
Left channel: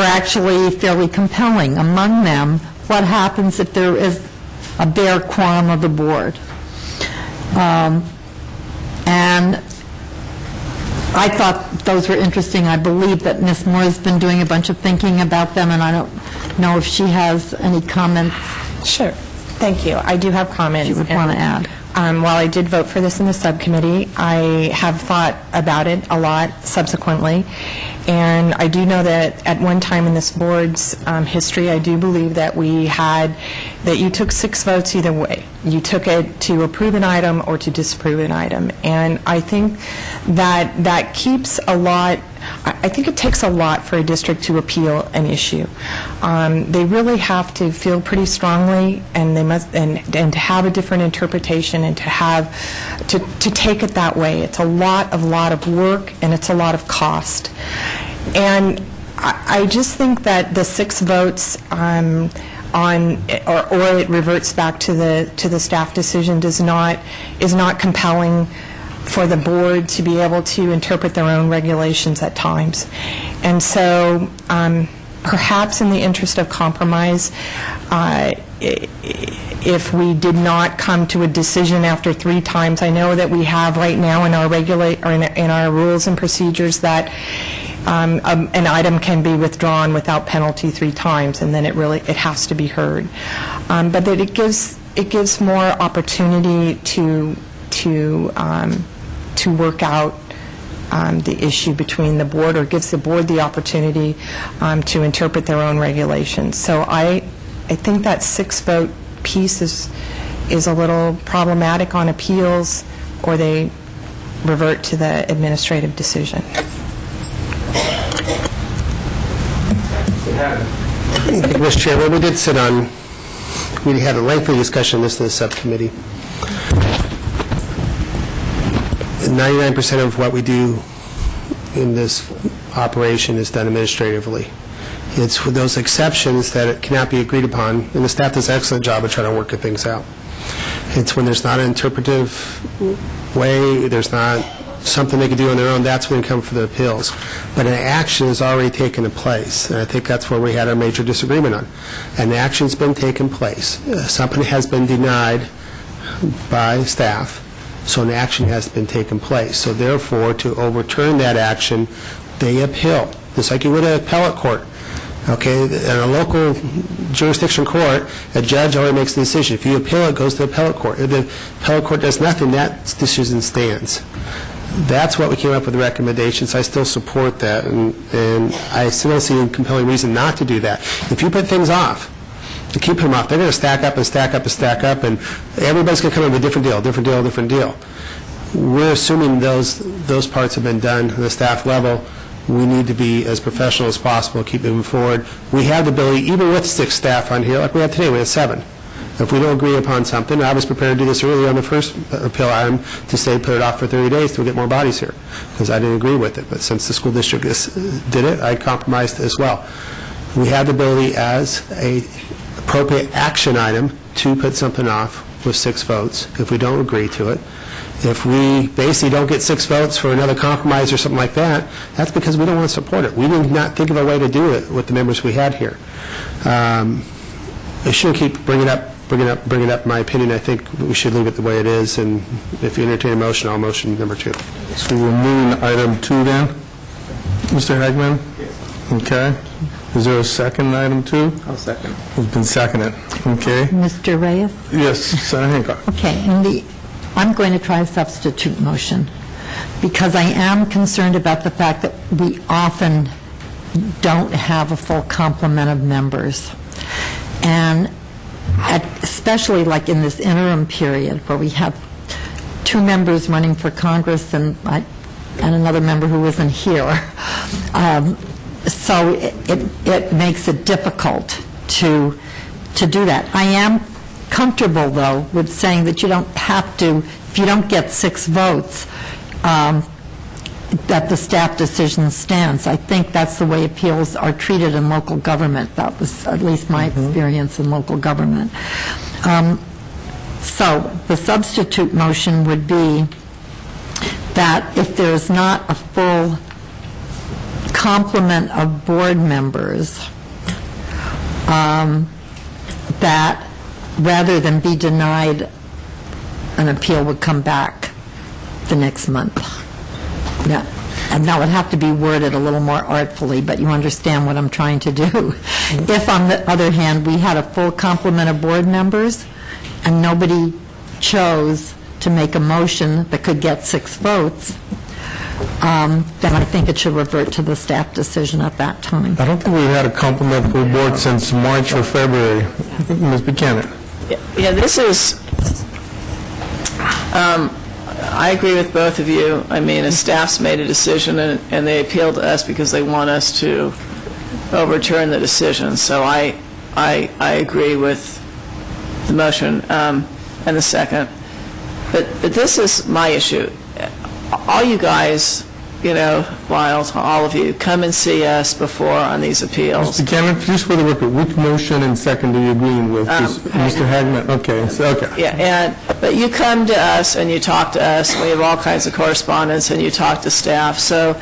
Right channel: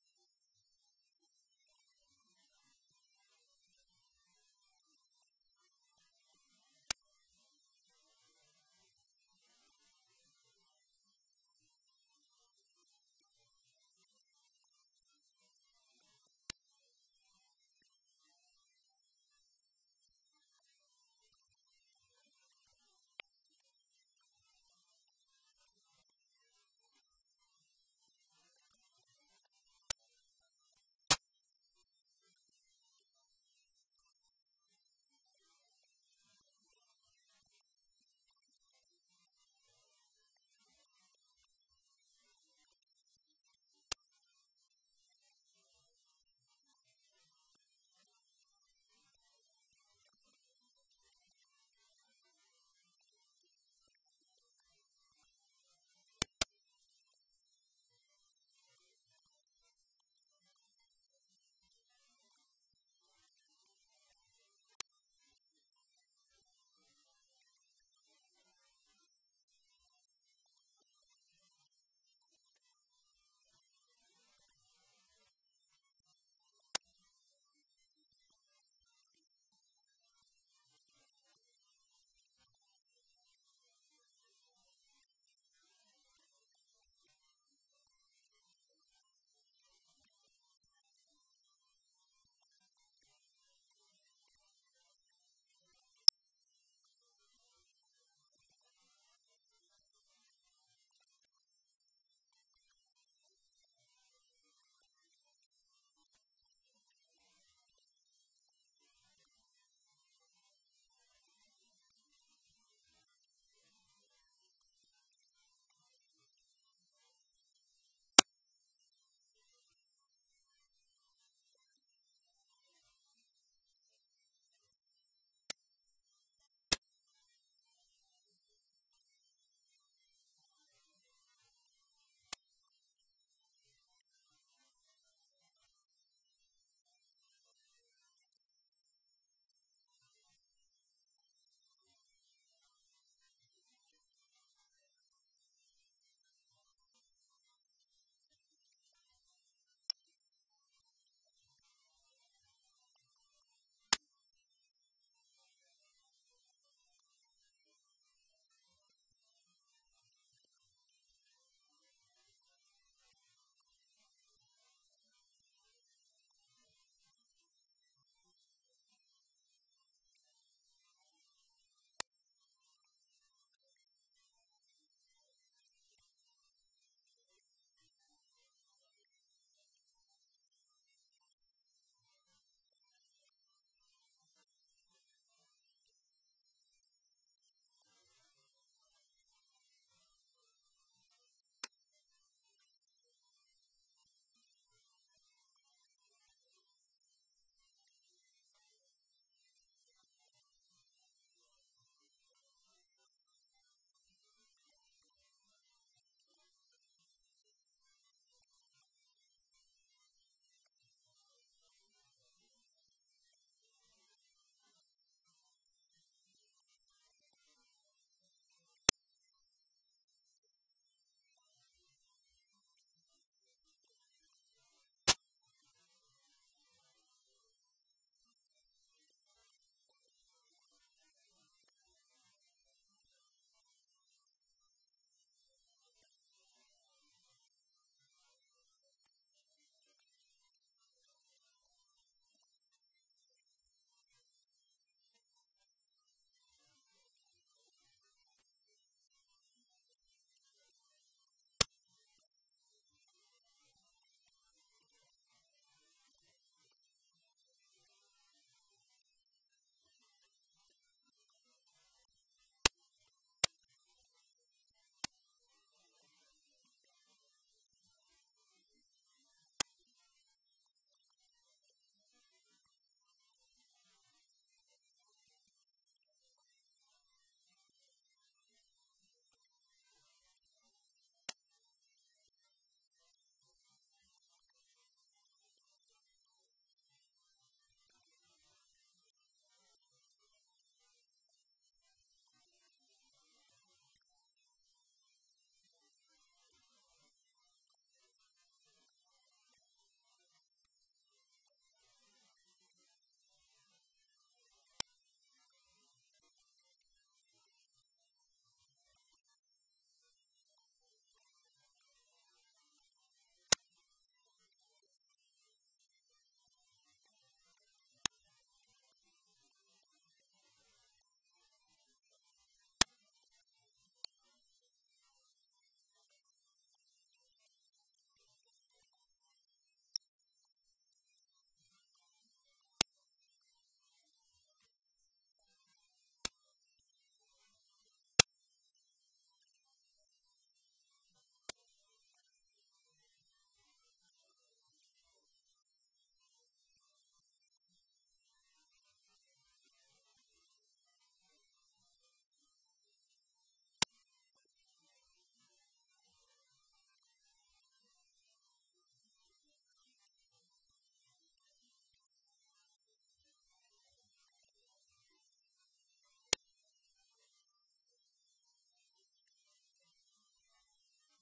actually fairly compelling. Among them, what happens if there is a bare quorum of the board? And I thought those were interesting. I believe that Ms. Moore has been doing a bunch of thinking about them, and I don't know if she has any comments. Sure. Thank you. I do have comments. You would want to add. While I did vote for this in the subcommittee, I have thought about it a lot subsequently, and I do know that at one time in this board's history, I do believe that you took 6 votes either way. You took it to approve an item or to disapprove an item, and I think that keeps a lot. I think it takes a lot for a district to appeal an issue. They really have to feel pretty strongly, and they must, and to have a different interpretation, and to take it that way. It's a lot of work, and it's a lot of cost. And I just think that the 6 votes or it reverts back to the staff decision is not compelling for the board to be able to interpret their own regulations at times. And so perhaps in the interest of compromise, if we did not come to a decision after 3 times. I know that we have right now in our in our rules and procedures that an item can be withdrawn without penalty 3 times, and then it has to be heard. But that it gives more opportunity to work out the issue between the board, or gives the board the opportunity to interpret their own regulations. So I think that 6-vote piece is a little problematic on appeals, or they revert to the administrative decision. Mr. Chairman, we had a lengthy discussion on this in the subcommittee. 99% of what we do in this operation is done administratively. It's for those exceptions that it cannot be agreed upon, and the staff does an excellent job of trying to work things out. It's when there's not an interpretive way, there's not something they can do on their own, that's when we come for the appeals. But an action has already taken place, and I think that's where we had our major disagreement on. An action's been taken place. Something has been denied by staff, so an action has been taken place. So therefore, to overturn that action, they appeal, just like you would at appellate court. Okay, in a local jurisdiction court, a judge already makes the decision. If you appeal, it goes to the appellate court. If the appellate court does nothing, that decision stands. That's what we came up with the recommendations. I still support that, and I still don't see a compelling reason not to do that. If you put things off, to keep them off, they're going to stack up and stack up and stack up, and everybody's going to come up with a different deal, different deal, different deal. We're assuming those parts have been done at the staff level. We need to be as professional as possible, keep moving forward. We have the ability, even with 6 staff on here, like we have today, we have 7. If we don't agree upon something, I was prepared to do this earlier on the first appeal item to say put it off for 30 days to get more bodies here, because I didn't agree with it. But since the school district did it, I compromised as well. We have the ability as a appropriate action item to put something off with 6 votes if we don't agree to it. If we basically don't get 6 votes for another compromise or something like that, that's because we don't want to support it. We did not think of a way to do it with the members we had here. I shouldn't keep bringing up, in my opinion. I think we should leave it the way it is, and if you entertain a motion, I'll motion number 2. So we're moving to item 2 then? Mr. Hagman? Okay. Is there a second item 2? I'll second. It's been seconded. Okay. Mr. Reyes? Yes, Senator Hancock. Okay, I'm going to try a substitute motion, because I am concerned about the fact that we often don't have a full complement of members. And especially like in this interim period where we have 2 members running for Congress and another member who isn't here. So it makes it difficult to do that. I am comfortable, though, with saying that you don't have to, if you don't get 6 votes, that the staff decision stands. I think that's the way appeals are treated in local government. That was at least my experience in local government. So the substitute motion would be that if there's not a full complement of board members, that rather than be denied, an appeal would come back the next month. Yeah. And that would have to be worded a little more artfully, but you understand what I'm trying to do. If, on the other hand, we had a full complement of board members and nobody chose to make a motion that could get 6 votes, then I think it should revert to the staff decision at that time. I don't think we've had a complement full board since March or February. Ms. Buchanan. Yeah, this is, I agree with both of you. I mean, the staff's made a decision, and they appealed to us because they want us to overturn the decision. So I agree with the motion and the second. But this is my issue. All you guys, you know, Lyle, all of you, come and see us before on these appeals. Mr. Buchanan, just for the record, which motion and second are you agreeing with? Mr. Hagman? Okay. So, okay. Yeah, but you come to us and you talk to us, and we have all kinds of correspondence, and you talk to staff. So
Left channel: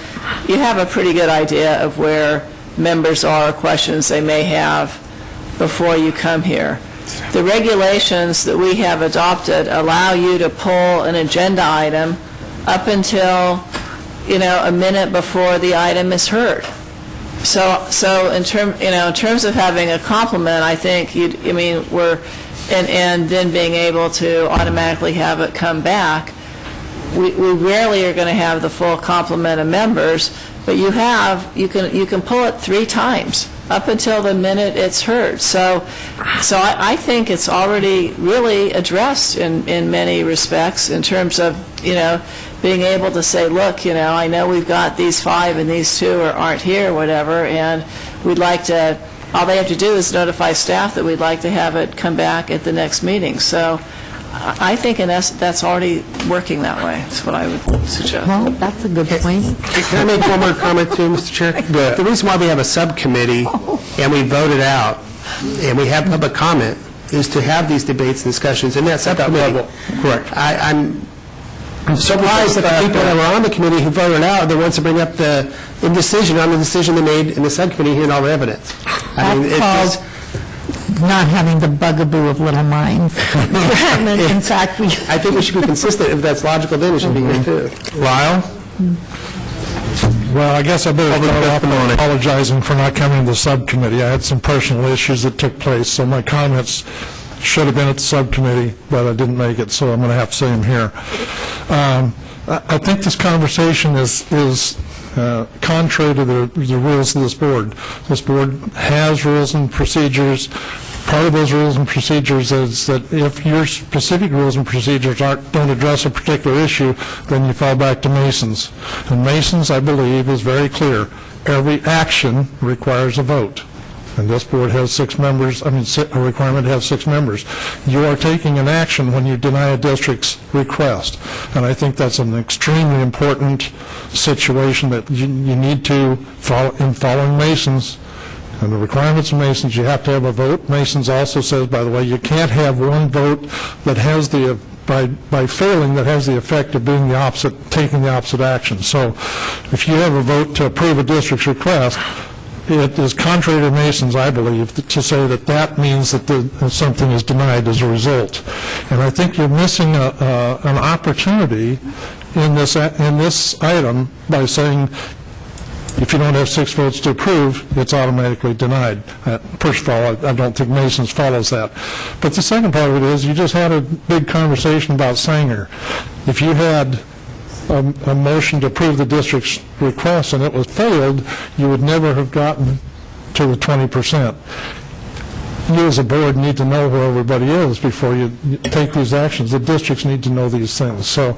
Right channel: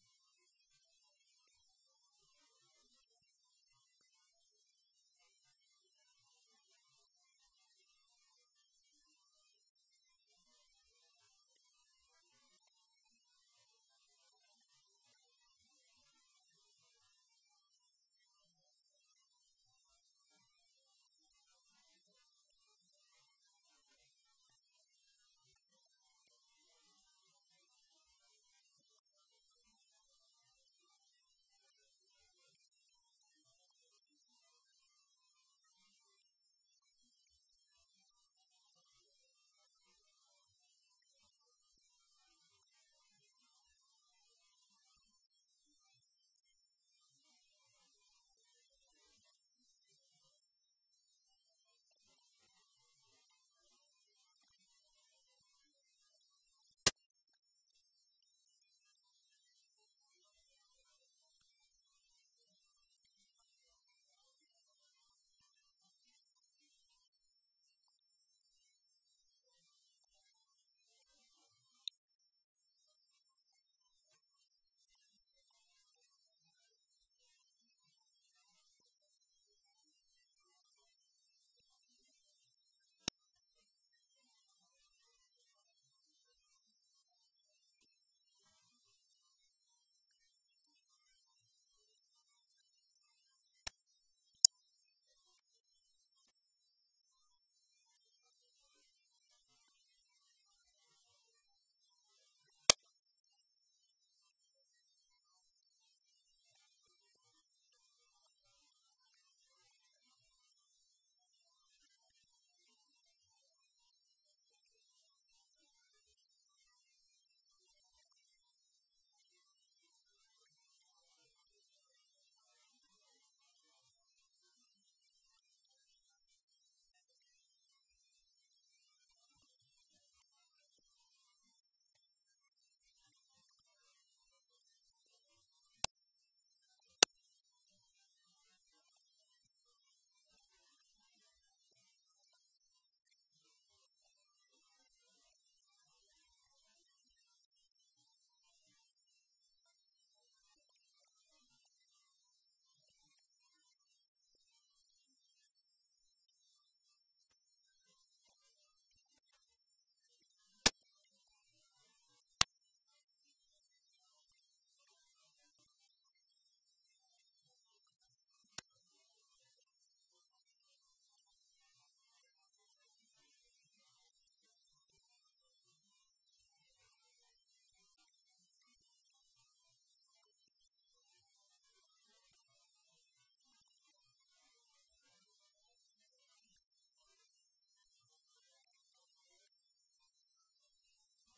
you have a pretty good idea of where members are, questions they may have before you come here. the regulations that we have adopted allow you to pull an agenda item up until, a minute before the item is heard. So in terms of having a complement, I think and then being able to automatically have it come back, we rarely are going to have the full complement of members, but you can pull it 3 times up until the minute it's heard. So I think it's already really addressed in many respects in terms of being able to say, look, I know we've got these 5 and these 2 aren't here, whatever, and we'd like to. All they have to do is notify staff that we'd like to have it come back at the next meeting. So I think that's already working that way. That's what I would suggest. Well, that's a good point. Can I make one more comment too, Mr. Chair? The reason why we have a subcommittee and we vote it out and we have public comment is to have these debates and discussions in that subcommittee. Correct. I'm surprised that the people that were on the committee who voted out are the ones to bring up the indecision on the decision they made in the subcommittee hearing all the evidence. That's called not having the bugaboo of little minds. In fact, I think we should be consistent. If that's logical, then it should be here too. Lyle? Well, I guess I better start off by apologizing for not coming to the subcommittee. I had some personal issues that took place, so my comments should have been at the subcommittee, but I didn't make it, so I'm going to have to say them here. I think this conversation is contrary to the rules of this board. This board has rules and procedures. Part of those rules and procedures is that if your specific rules and procedures don't address a particular issue, then you fall back to Mason's. And Mason's, I believe, is very clear. Every action requires a vote. And this board has 6 members, a requirement to have 6 members. You are taking an action when you deny a district's request. And I think that's an extremely important situation that you need to follow in following Mason's. And the requirements of Mason's, you have to have a vote. Mason's also says, by the way, you can't have one vote that has the, by failing, that has the effect of being the opposite, taking the opposite action. So if you have a vote to approve a district's request, it is contrary to Mason's, I believe, to say that that means that something is denied as a result. And I think you're missing an opportunity in this item by saying if you don't have 6 votes to approve, it's automatically denied. First of all, I don't think Mason's follows that. But the second part of it is you just had a big conversation about Sanger. If you had a motion to approve the district's request and it was failed, you would never have gotten to the 20%. You as a board need to know where everybody is before you take these actions. The districts need to know these things. So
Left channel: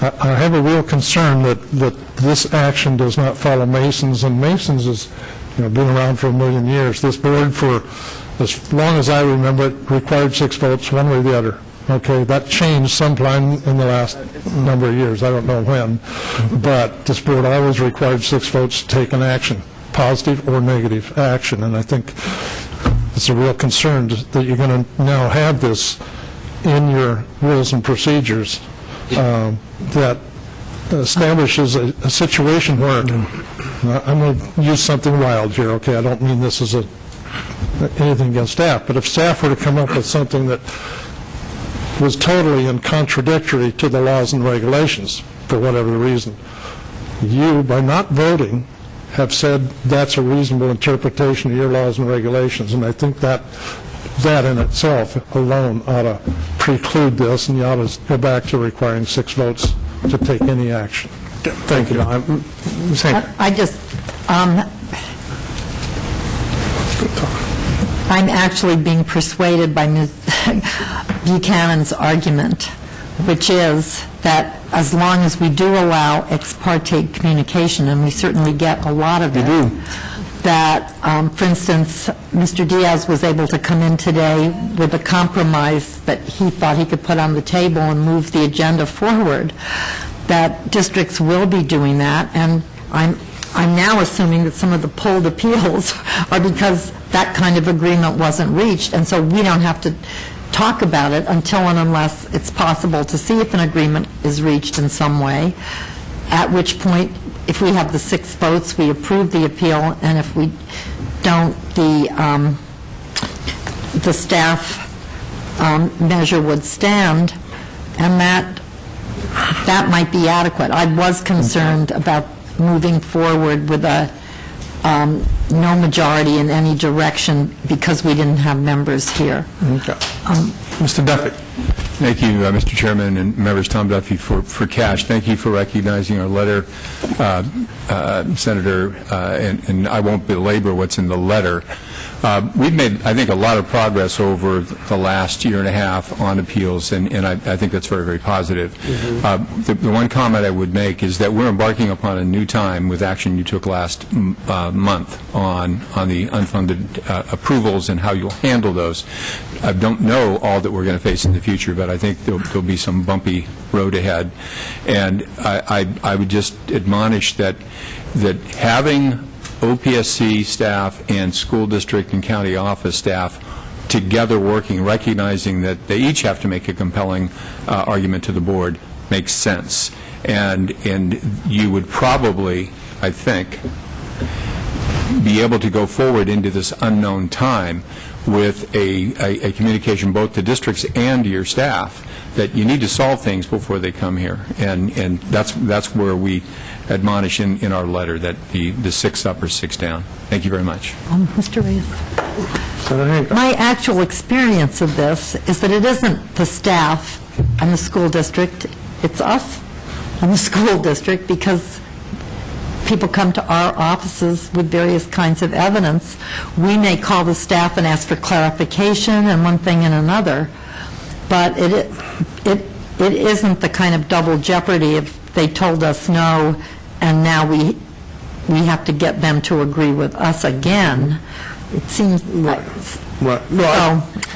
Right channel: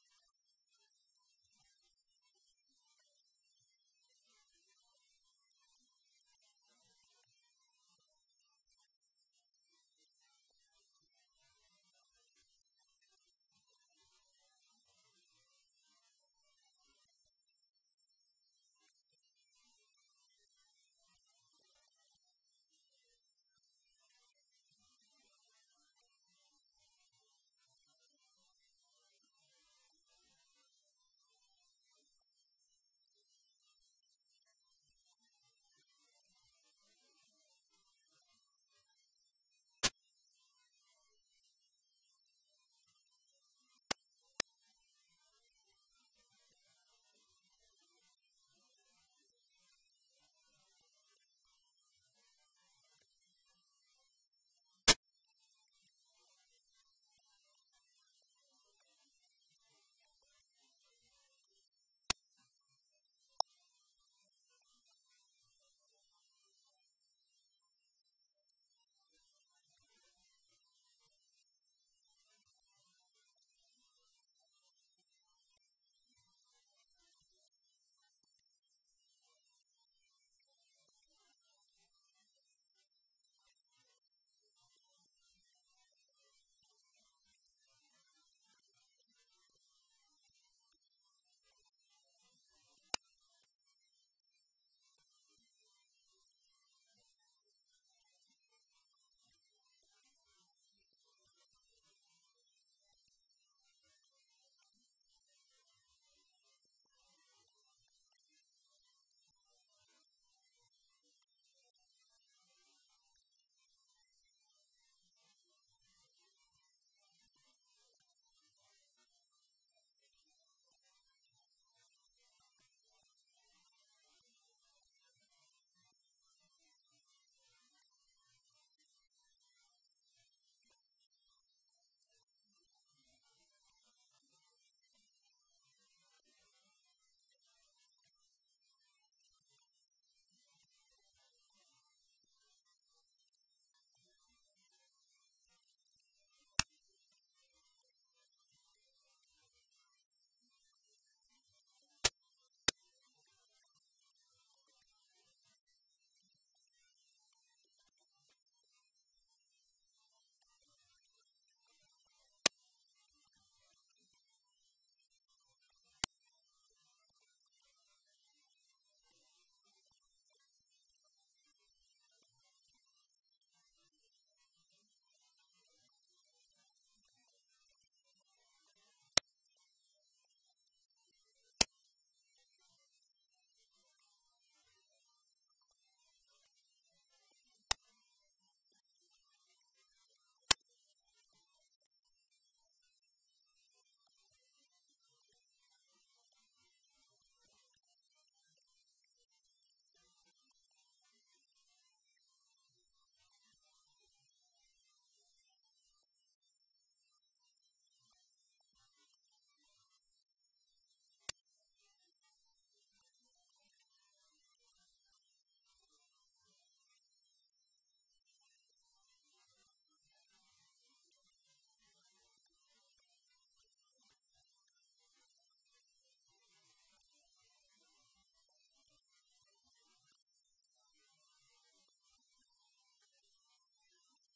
I have a real concern that this action does not follow Mason's, and Mason's has been around for 1,000,000 years. This board, for as long as I remember it, required 6 votes one way or the other. Okay, that changed sometime in the last number of years. I don't know when, but this board always required 6 votes to take an action, positive or negative action, and I think it's a real concern that you're going to now have this in your rules and procedures that establishes a situation where, I'm going to use something wild here, okay, I don't mean this as anything against staff, but if staff were to come up with something that was totally in contradictory to the laws and regulations for whatever reason, you, by not voting, have said that's a reasonable interpretation of your laws and regulations, and I think that in itself alone ought to preclude this, and you ought to go back to requiring 6 votes to take any action. Thank you. I just, I'm actually being persuaded by Ms. Buchanan's argument, which is that as long as we do allow ex parte communication, and we certainly get a lot of it, that, for instance, Mr. Diaz was able to come in today with a compromise that he thought he could put on the table and move the agenda forward, that districts will be doing that, and I'm now assuming that some of the pulled appeals are because that kind of agreement wasn't reached, and so we don't have to talk about it until and unless it's possible to see if an agreement is reached in some way, at which point, if we have the 6 votes, we approve the appeal, and if we don't, the staff measure would stand, and that might be adequate. I was concerned about moving forward with a no majority in any direction because we didn't have members here. Okay. Mr. Duffy. Thank you, Mr. Chairman and members. Tom Duffy for cash. Thank you for recognizing our letter, Senator, and I won't belabor what's in the letter. We've made, I think, a lot of progress over the last year and a half on appeals, and I think that's very, very positive. The one comment I would make is that we're embarking upon a new time with action you took last month on the unfunded approvals and how you'll handle those. I don't know all that we're going to face in the future, but I think there'll be some bumpy road ahead. And I would just admonish that having OPSC staff and school district and county office staff together working, recognizing that they each have to make a compelling argument to the board, makes sense. And you would probably, I think, be able to go forward into this unknown time with a communication both to districts and to your staff that you need to solve things before they come here. And that's where we admonish in our letter that the 6 up or 6 down. Thank you very much. Mr. Reyes. My actual experience of this is that it isn't the staff and the school district, it's us and the school district, because people come to our offices with various kinds of evidence. We may call the staff and ask for clarification and one thing and another, but it isn't the kind of double jeopardy if they told us no and now we have to get them to agree with us again. It seems like...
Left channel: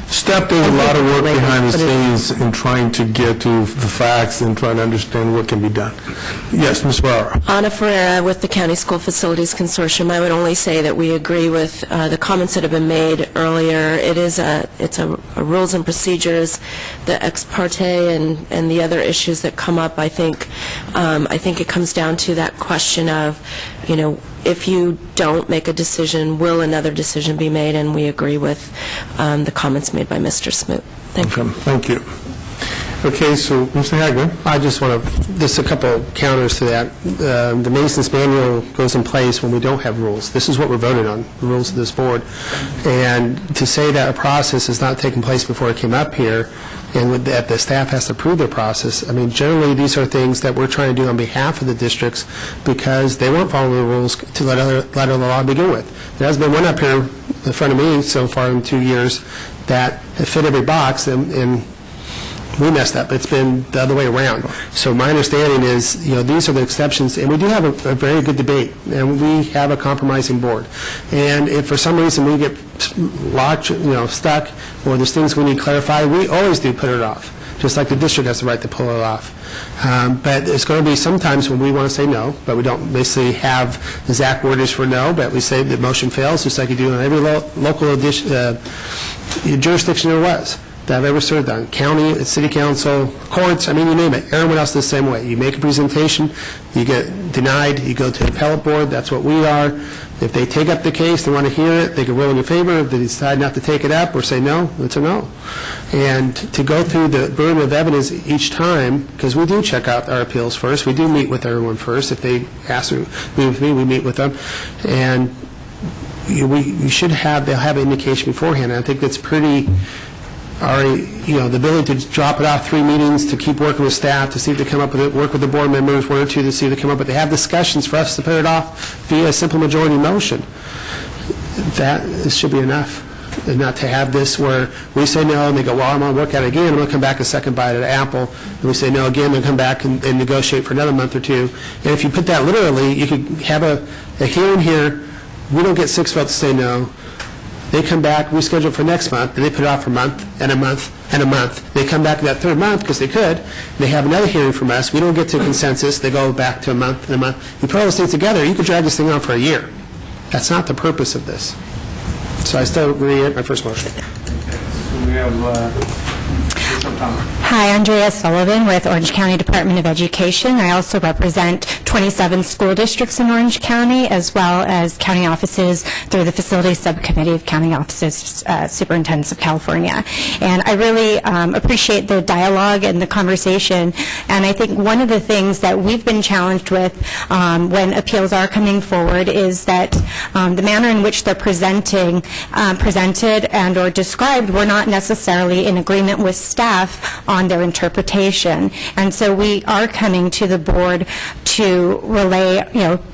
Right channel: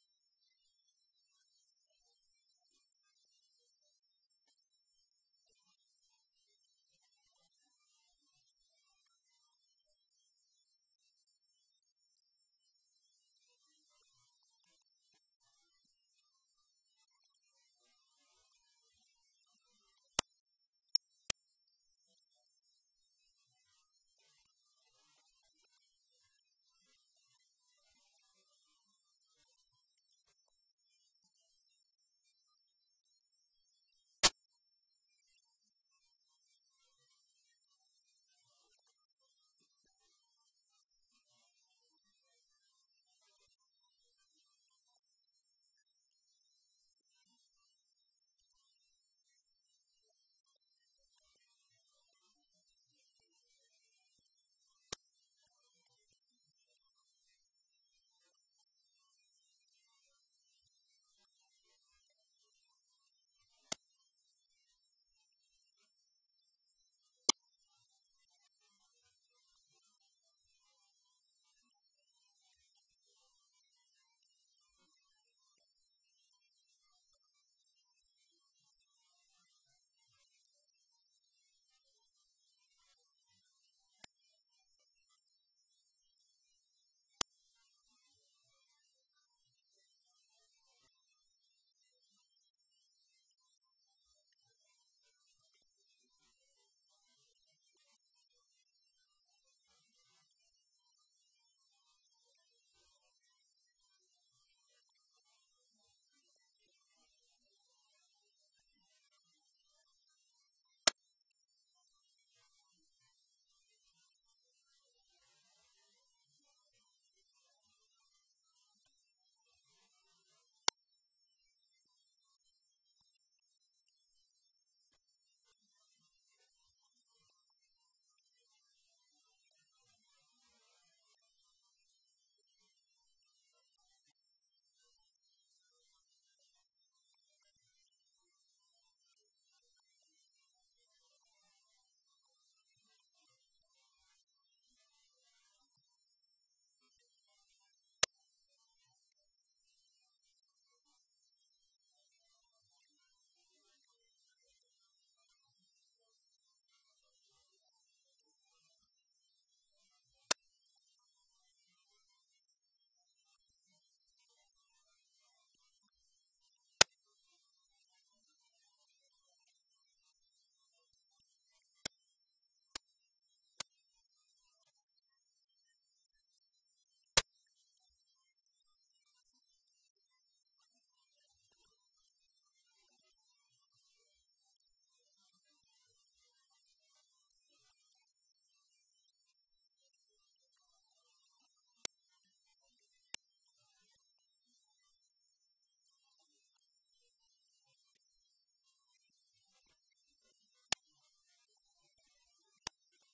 Steph does a lot of work behind the scenes in trying to get to the facts and trying to understand what can be done. Yes, Ms. Barra. Ana Ferreira with the County School Facilities Consortium. I would only say that we agree with the comments that have been made earlier. It's a rules and procedures, the ex parte and the other issues that come up. I think it comes down to that question of, if you don't make a decision, will another decision be made? And we agree with the comments made by Mr. Smoot. Thank you. Thank you. Okay, so Mr. Hagler. I just want to, just a couple counters to that. The Mason's Manual goes in place when we don't have rules. This is what we're voting on, the rules of this board. And to say that a process has not taken place before it came up here, and that the staff has to approve their process, I mean, generally these are things that we're trying to do on behalf of the districts because they weren't following the rules to let the law begin with. There has been one up here in front of me so far in 2 years that fit every box, and we messed up. It's been the other way around. So my understanding is, these are the exceptions, and we do have a very good debate, and we have a compromising board. And if for some reason we get locked, stuck, or there's things we need clarified, we always do put it off, just like the district has the right to pull it off. But it's going to be sometimes when we want to say no, but we don't basically have the exact wordage for no, but we say the motion fails, just like you do in every local jurisdiction there was that I've ever served on. County, city council, courts, I mean, you name it. Everyone else the same way. You make a presentation, you get denied, you go to the appellate board, that's what we are. If they take up the case, they want to hear it, they can rule in your favor. If they decide not to take it up or say no, it's a no. And to go through the burden of evidence each time, because we do check out our appeals first, we do meet with everyone first. If they ask to meet with me, we meet with them. And we should have, they'll have an indication beforehand. And I think that's pretty... the ability to drop it off 3 meetings, to keep working with staff, to see if they come up with it, work with the board members, 1 or 2 to see if they come up with it. They have discussions for us to put it off via a simple majority motion. That should be enough. And not to have this where we say no, and they go, well, I'm going to work at it again, I'm going to come back a second bite at the apple, and we say no again, and come back and negotiate for another month or 2. And if you put that literally, you could have a hearing here, we don't get 6 votes to say no. They come back, we schedule for next month, and they put it off for a month, and a month, and a month. They come back that 3rd month, because they could, and they have another hearing from us. We don't get to consensus. They go back to a month and a month. You put all those things together, you could drag this thing on for a year. That's not the purpose of this. So I still agree with my first motion. We have... Hi, Andrea Sullivan with Orange County Department of Education. I also represent 27 school districts in Orange County, as well as county offices through the Facility Subcommittee of County Offices, Superintendents of California. And I really appreciate the dialogue and the conversation. And I think one of the things that we've been challenged with when appeals are coming forward is that the manner in which they're presented and or described, we're not necessarily in agreement with staff on their interpretation. And so we are coming to the board to relay,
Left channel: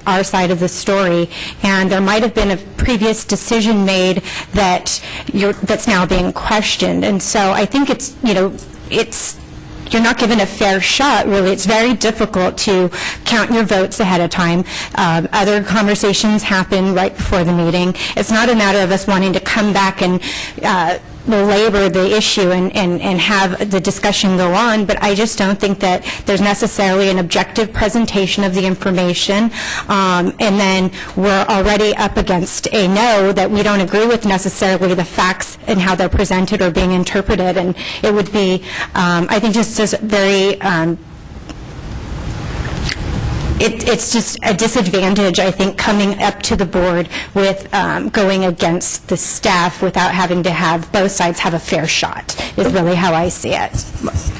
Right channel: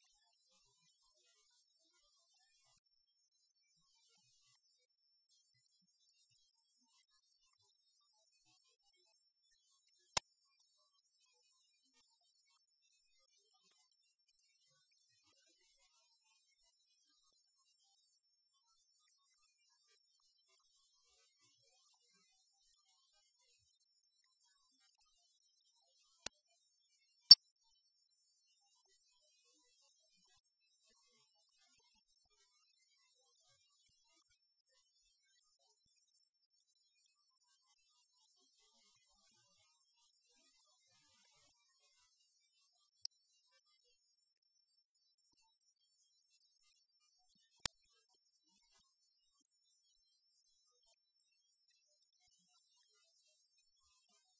our side of the story. And there might have been a previous decision made that's now being questioned. And so I think you're not given a fair shot, really. It's very difficult to count your votes ahead of time. Other conversations happen right before the meeting. It's not a matter of us wanting to come back and belabor the issue and have the discussion go on, but I just don't think that there's necessarily an objective presentation of the information, and then we're already up against a no that we don't agree with necessarily the facts and how they're presented or being interpreted, and it would be, I think, just as very it's just a disadvantage, I think, coming up to the board with going against the staff without having to have both sides have a fair shot, is really how I see it.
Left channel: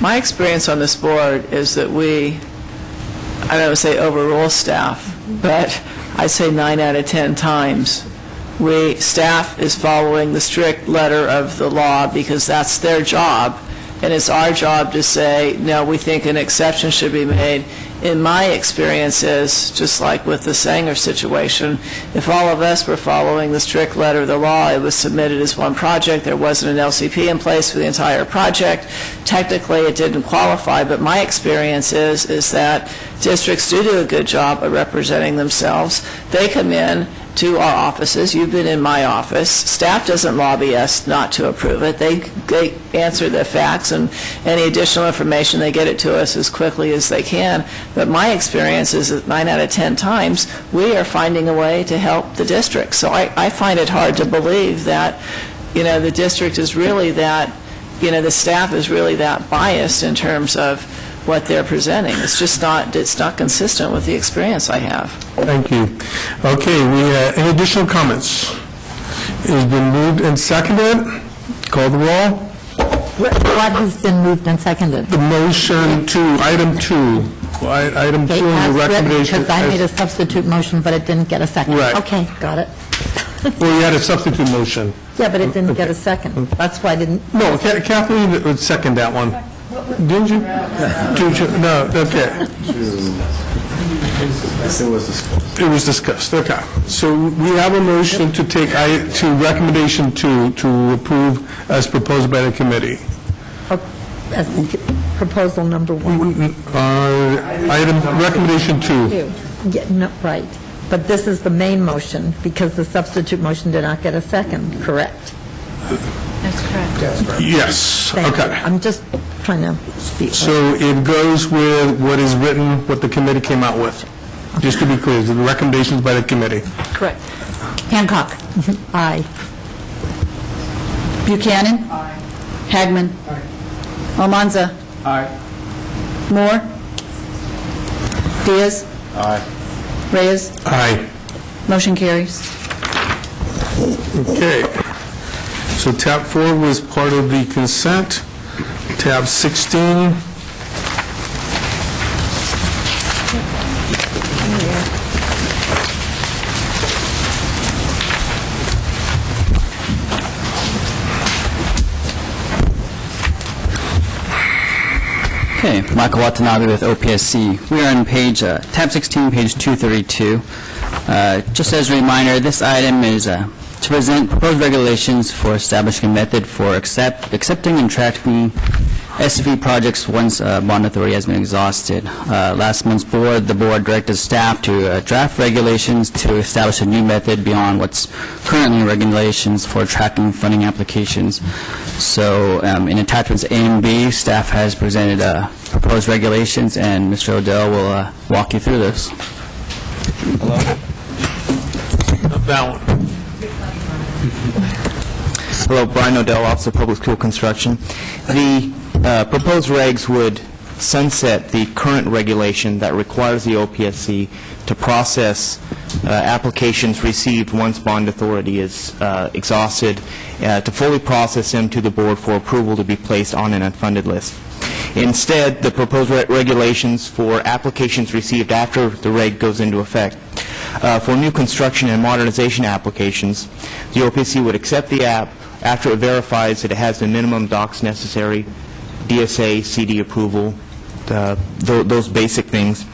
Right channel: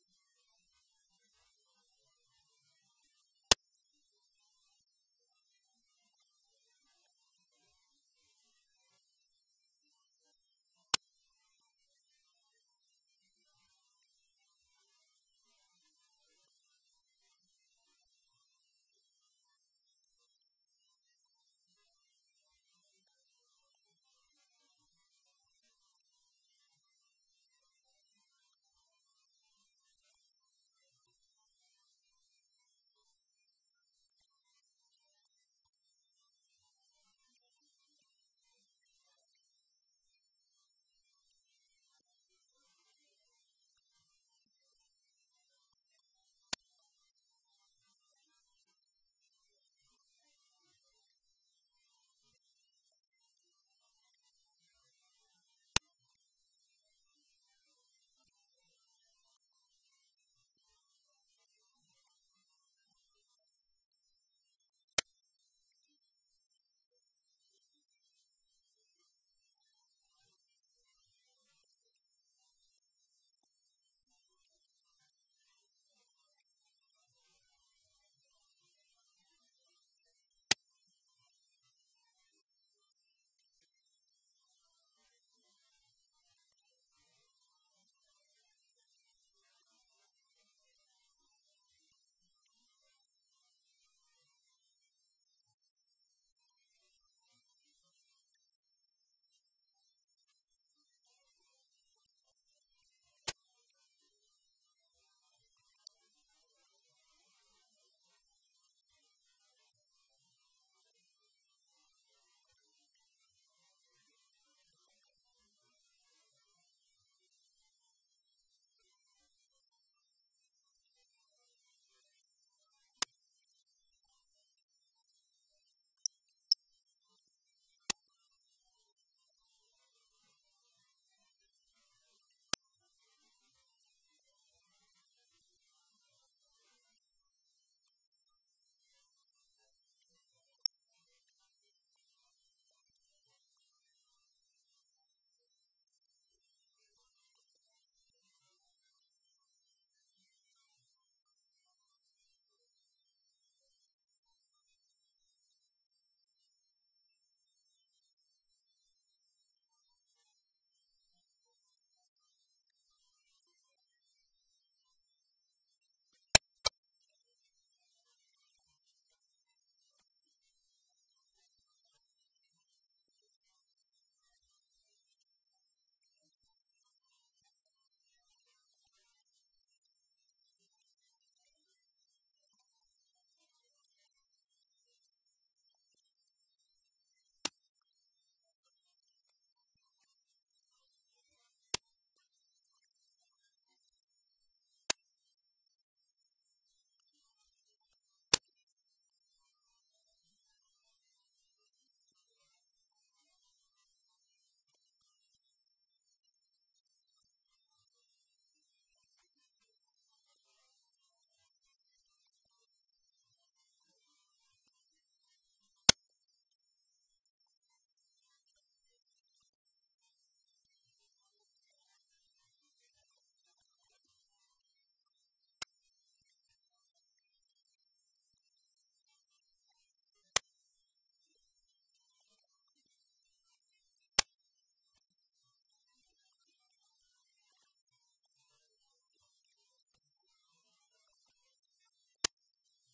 My experience on this board is that we, I don't say overrule staff, but I say 9 out of 10 times staff is following the strict letter of the law because that's their job, and it's our job to say, no, we think an exception should be made. In my experiences, just like with the Sanger situation, if all of us were following the strict letter of the law, it was submitted as one project, there wasn't an LCP in place for the entire project, technically it didn't qualify, but my experience is that districts do a good job of representing themselves. They come in to our offices. You've been in my office. Staff doesn't lobby us not to approve it. They answer the facts, and any additional information, they get it to us as quickly as they can. But my experience is that 9 out of 10 times, we are finding a way to help the district. So I find it hard to believe that, the district is really that, the staff is really that biased in terms of what they're presenting. It's just not, it's not consistent with the experience I have. Thank you. Okay, any additional comments? It has been moved and seconded. Call the roll. What has been moved and seconded? The motion to item 2. Item 2 and the recommendation. Because I made a substitute motion, but it didn't get a second. Right. Okay, got it. Well, you had a substitute motion. Yeah, but it didn't get a second. That's why I didn't. No, Kathleen would second that one. Didn't you? No, okay. It was discussed, okay. So we have a motion to take to recommendation 2 to approve as proposed by the committee. As proposal number 1. Item recommendation 2. Yeah, no, right. But this is the main motion because the substitute motion did not get a second, correct? That's correct. Yes, Thank okay. you. I'm just trying to speak. So it goes with what is written, what the committee came out with. Just to be clear, the recommendations by the committee. Correct. Hancock. Aye. Buchanan. Hagman. Almanza. Aye. Moore. Diaz. Aye. Reyes. Aye. Motion carries. Okay. So tab 4 was part of the consent. Tab 16. Okay, Michael Watanabe with OPSC. We are on tab 16, page 232. Just as a reminder, this item is to present proposed regulations for establishing a method for accepting and tracking SFE projects once bond authority has been exhausted. Last month's board, the board directed staff to draft regulations to establish a new method beyond what's currently in regulations for tracking funding applications. So in attachments A and B, staff has presented proposed regulations, and Mr. Odell will walk you through this. Hello. That one. Hello, Brian Odell, Office of Public School Construction. The proposed regs would sunset the current regulation that requires the OPSC to process applications received once bond authority is exhausted, to fully process them to the board for approval to be placed on an unfunded list. Instead, the proposed regulations for applications received after the reg goes into effect. For new construction and modernization applications, the OPSC would accept the app after it verifies that it has the minimum docs necessary, DSA, CD approval, those basic things.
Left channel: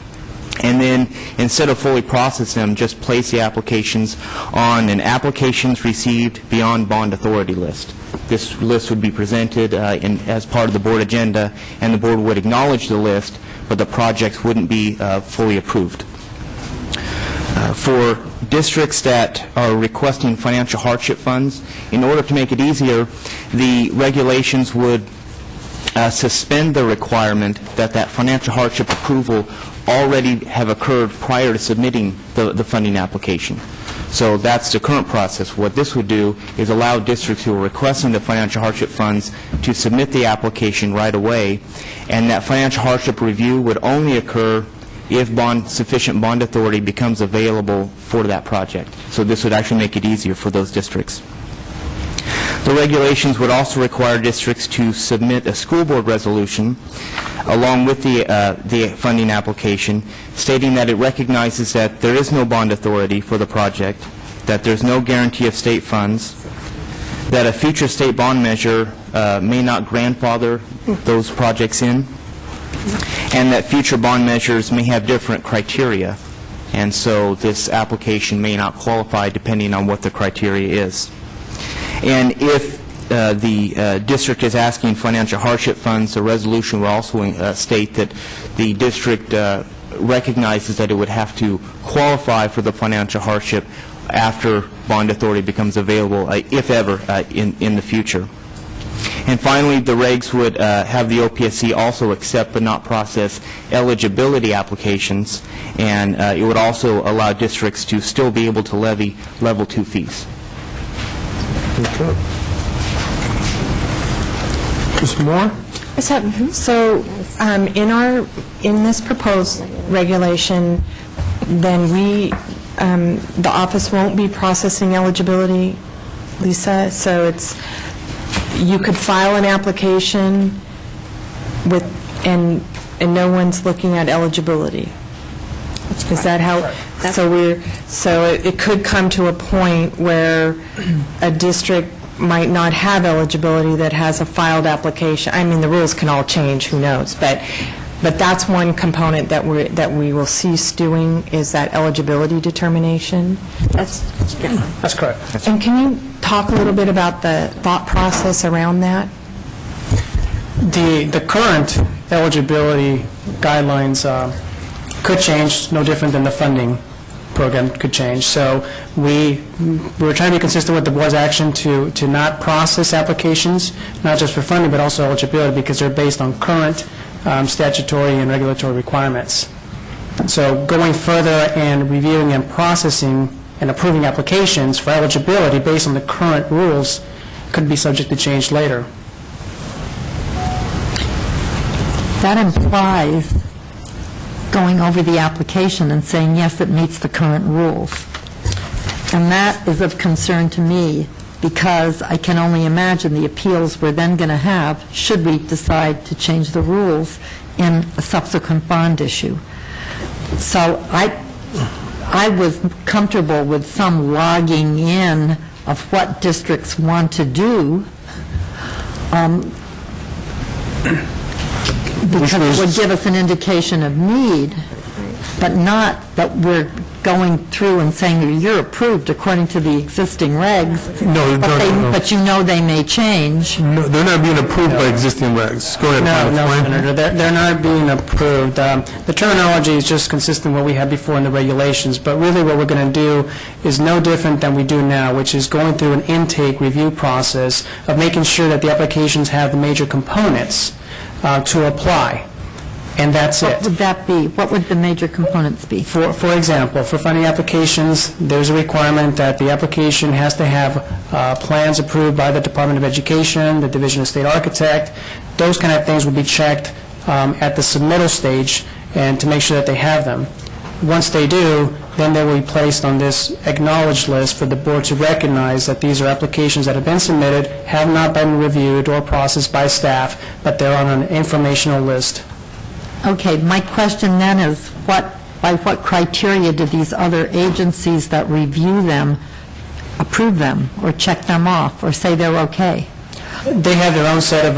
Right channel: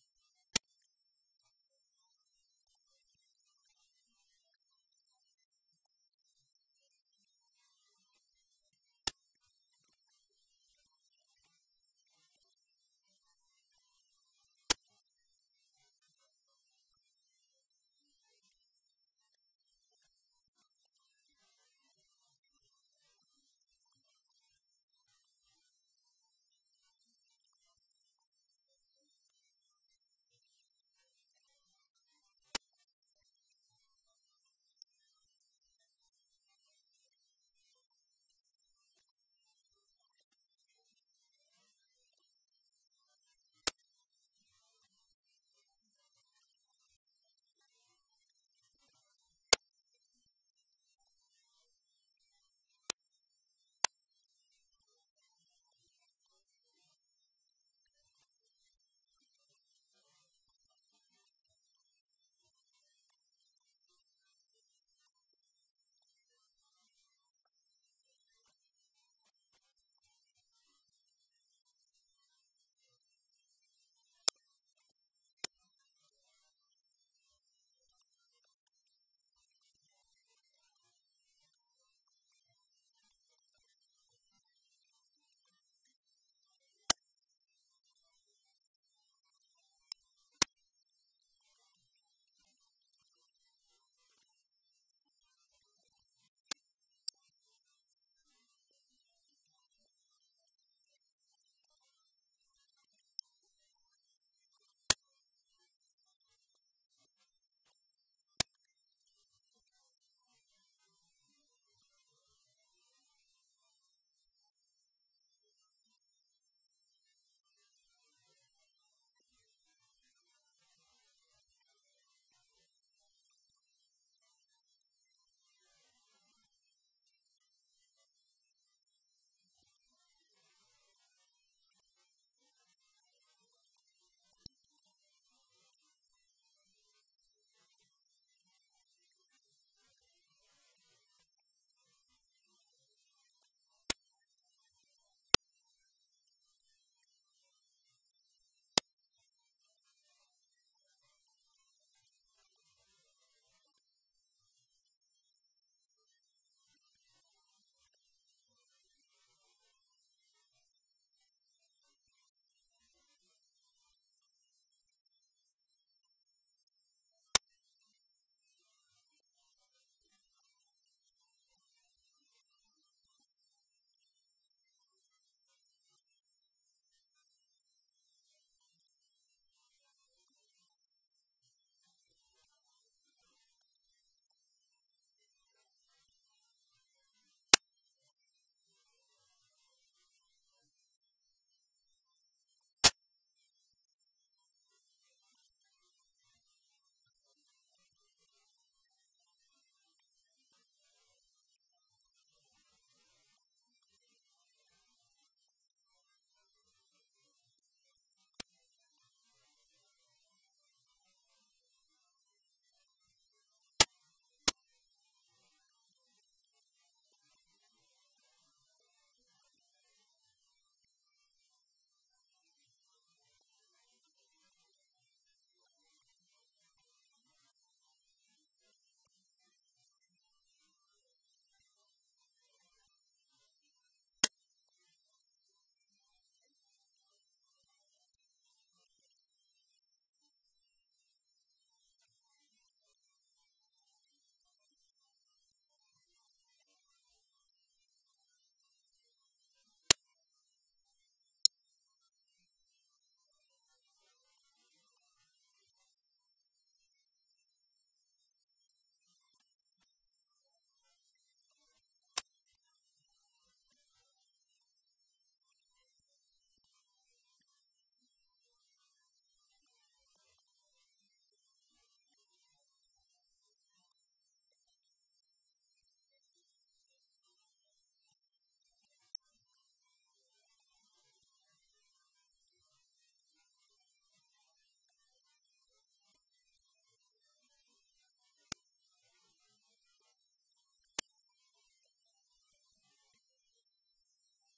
And then, instead of fully process them, just place the applications on an applications received beyond bond authority list. This list would be presented as part of the board agenda, and the board would acknowledge the list, but the projects wouldn't be fully approved. For districts that are requesting financial hardship funds, in order to make it easier, the regulations would suspend the requirement that financial hardship approval already have occurred prior to submitting the funding application. So that's the current process. What this would do is allow districts who are requesting the financial hardship funds to submit the application right away, and that financial hardship review would only occur if sufficient bond authority becomes available for that project. So this would actually make it easier for those districts. The regulations would also require districts to submit a school board resolution along with the funding application, stating that it recognizes that there is no bond authority for the project, that there's no guarantee of state funds, that a future state bond measure may not grandfather those projects in, and that future bond measures may have different criteria, and so this application may not qualify depending on what the criteria is. And if the district is asking financial hardship funds, the resolution will also state that the district recognizes that it would have to qualify for the financial hardship after bond authority becomes available, if ever, in the future. And finally, the regs would have the OPSC also accept but not process eligibility applications, and it would also allow districts to still be able to levy level 2 fees. Okay. Ms. Moore? So in this proposed regulation, then the office won't be processing eligibility, Lisa? So you could file an application and no one's looking at eligibility. Is that how? So it could come to a point where a district might not have eligibility that has a filed application. I mean, the rules can all change, who knows, but that's one component that we will cease doing, is that eligibility determination. That's correct. And can you talk a little bit about the thought process around that? The current eligibility guidelines could change, no different than the funding program could change. So we were trying to be consistent with the board's action to not process applications, not just for funding, but also eligibility, because they're based on current statutory and regulatory requirements. So going further and reviewing and processing and approving applications for eligibility based on the current rules could be subject to change later. That implies going over the application and saying, yes, it meets the current rules. And that is of concern to me, because I can only imagine the appeals we're then going to have should we decide to change the rules in a subsequent bond issue. So I was comfortable with some logging in of what districts want to do, because it would give us an indication of need, but not that we're going through and saying you're approved according to the existing regs, but you know they may change. No, they're not being approved by existing regs. Go ahead. No, Senator, they're not being approved. The terminology is just consistent with what we had before in the regulations, but really what we're going to do is no different than we do now, which is going through an intake review process of making sure that the applications have the major components to apply. And that's it. What would that be? What would the major components be? For example, for funding applications, there's a requirement that the application has to have plans approved by the Department of Education, the Division of State Architect. Those kind of things would be checked at the submittal stage and to make sure that they have them. Once they do, then they will be placed on this acknowledged list for the board to recognize that these are applications that have been submitted, have not been reviewed or processed by staff, but they're on an informational list. Okay, my question then is, by what criteria do these other agencies that review them approve them, or check them off, or say they're okay? They have their own set of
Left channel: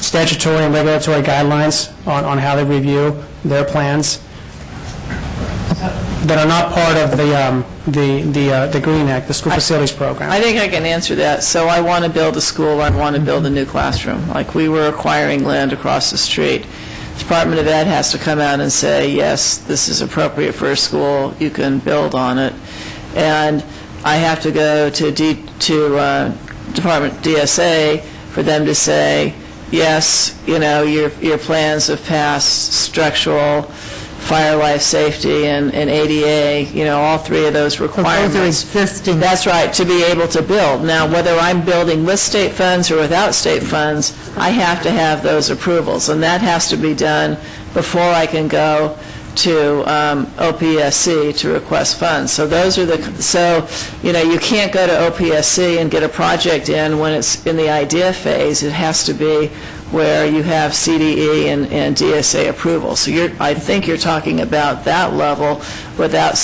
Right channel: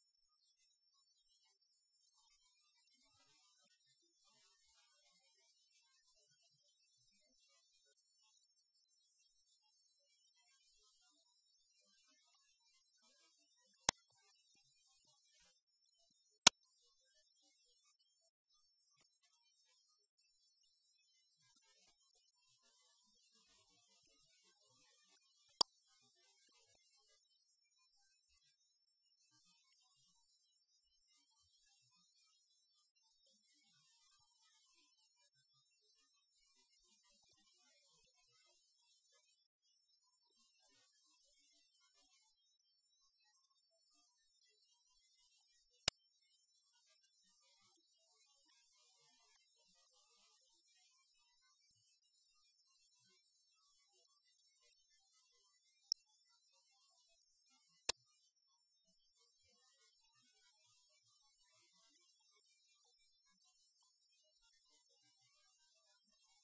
statutory and regulatory guidelines on how they review their plans that are not part of the GREEN Act, the School Facilities Program. I think I can answer that. So I want to build a school, I want to build a new classroom. Like, we were acquiring land across the street. Department of Ed has to come out and say, yes, this is appropriate for a school, you can build on it. And I have to go to Department DSA for them to say, yes, your plans have passed structural, fire, life safety, and ADA, all three of those requirements. So those are existing. That's right, to be able to build. Now, whether I'm building with state funds or without state funds, I have to have those approvals, and that has to be done before I can go to OPSC to request funds. So those are you can't go to OPSC and get a project in when it's in the idea phase. It has to be where you have CDE and DSA approval. So I think you're talking about that level without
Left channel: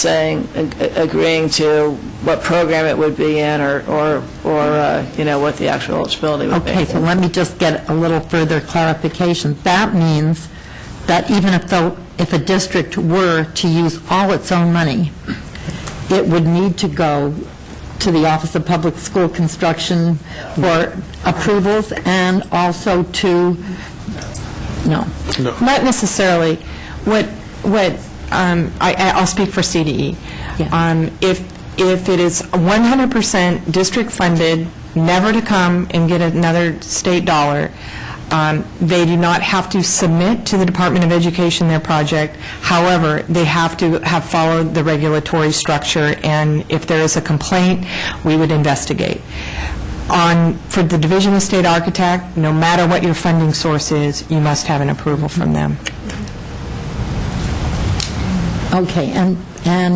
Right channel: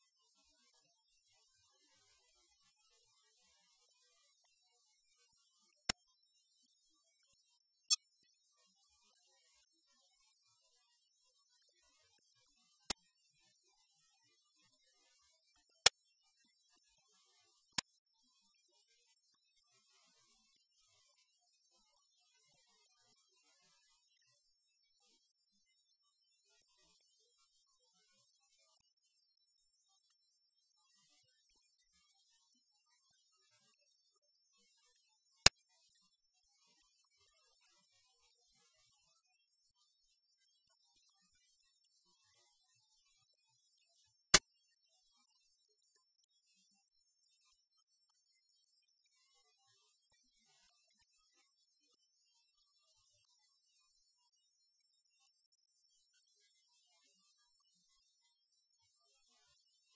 agreeing to what program it would be in or what the actual eligibility would be. Okay, so let me just get a little further clarification. That means that even if a district were to use all its own money, it would need to go to the Office of Public School Construction for approvals, and also to, no. Not necessarily. I'll speak for CDE. Yeah. If it is 100% district funded, never to come and get another state dollar, they do not have to submit to the Department of Education their project. However, they have to have followed the regulatory structure, and if there is a complaint, we would investigate. For the Division of State Architect, no matter what your funding source is, you must have an approval from them. Okay, and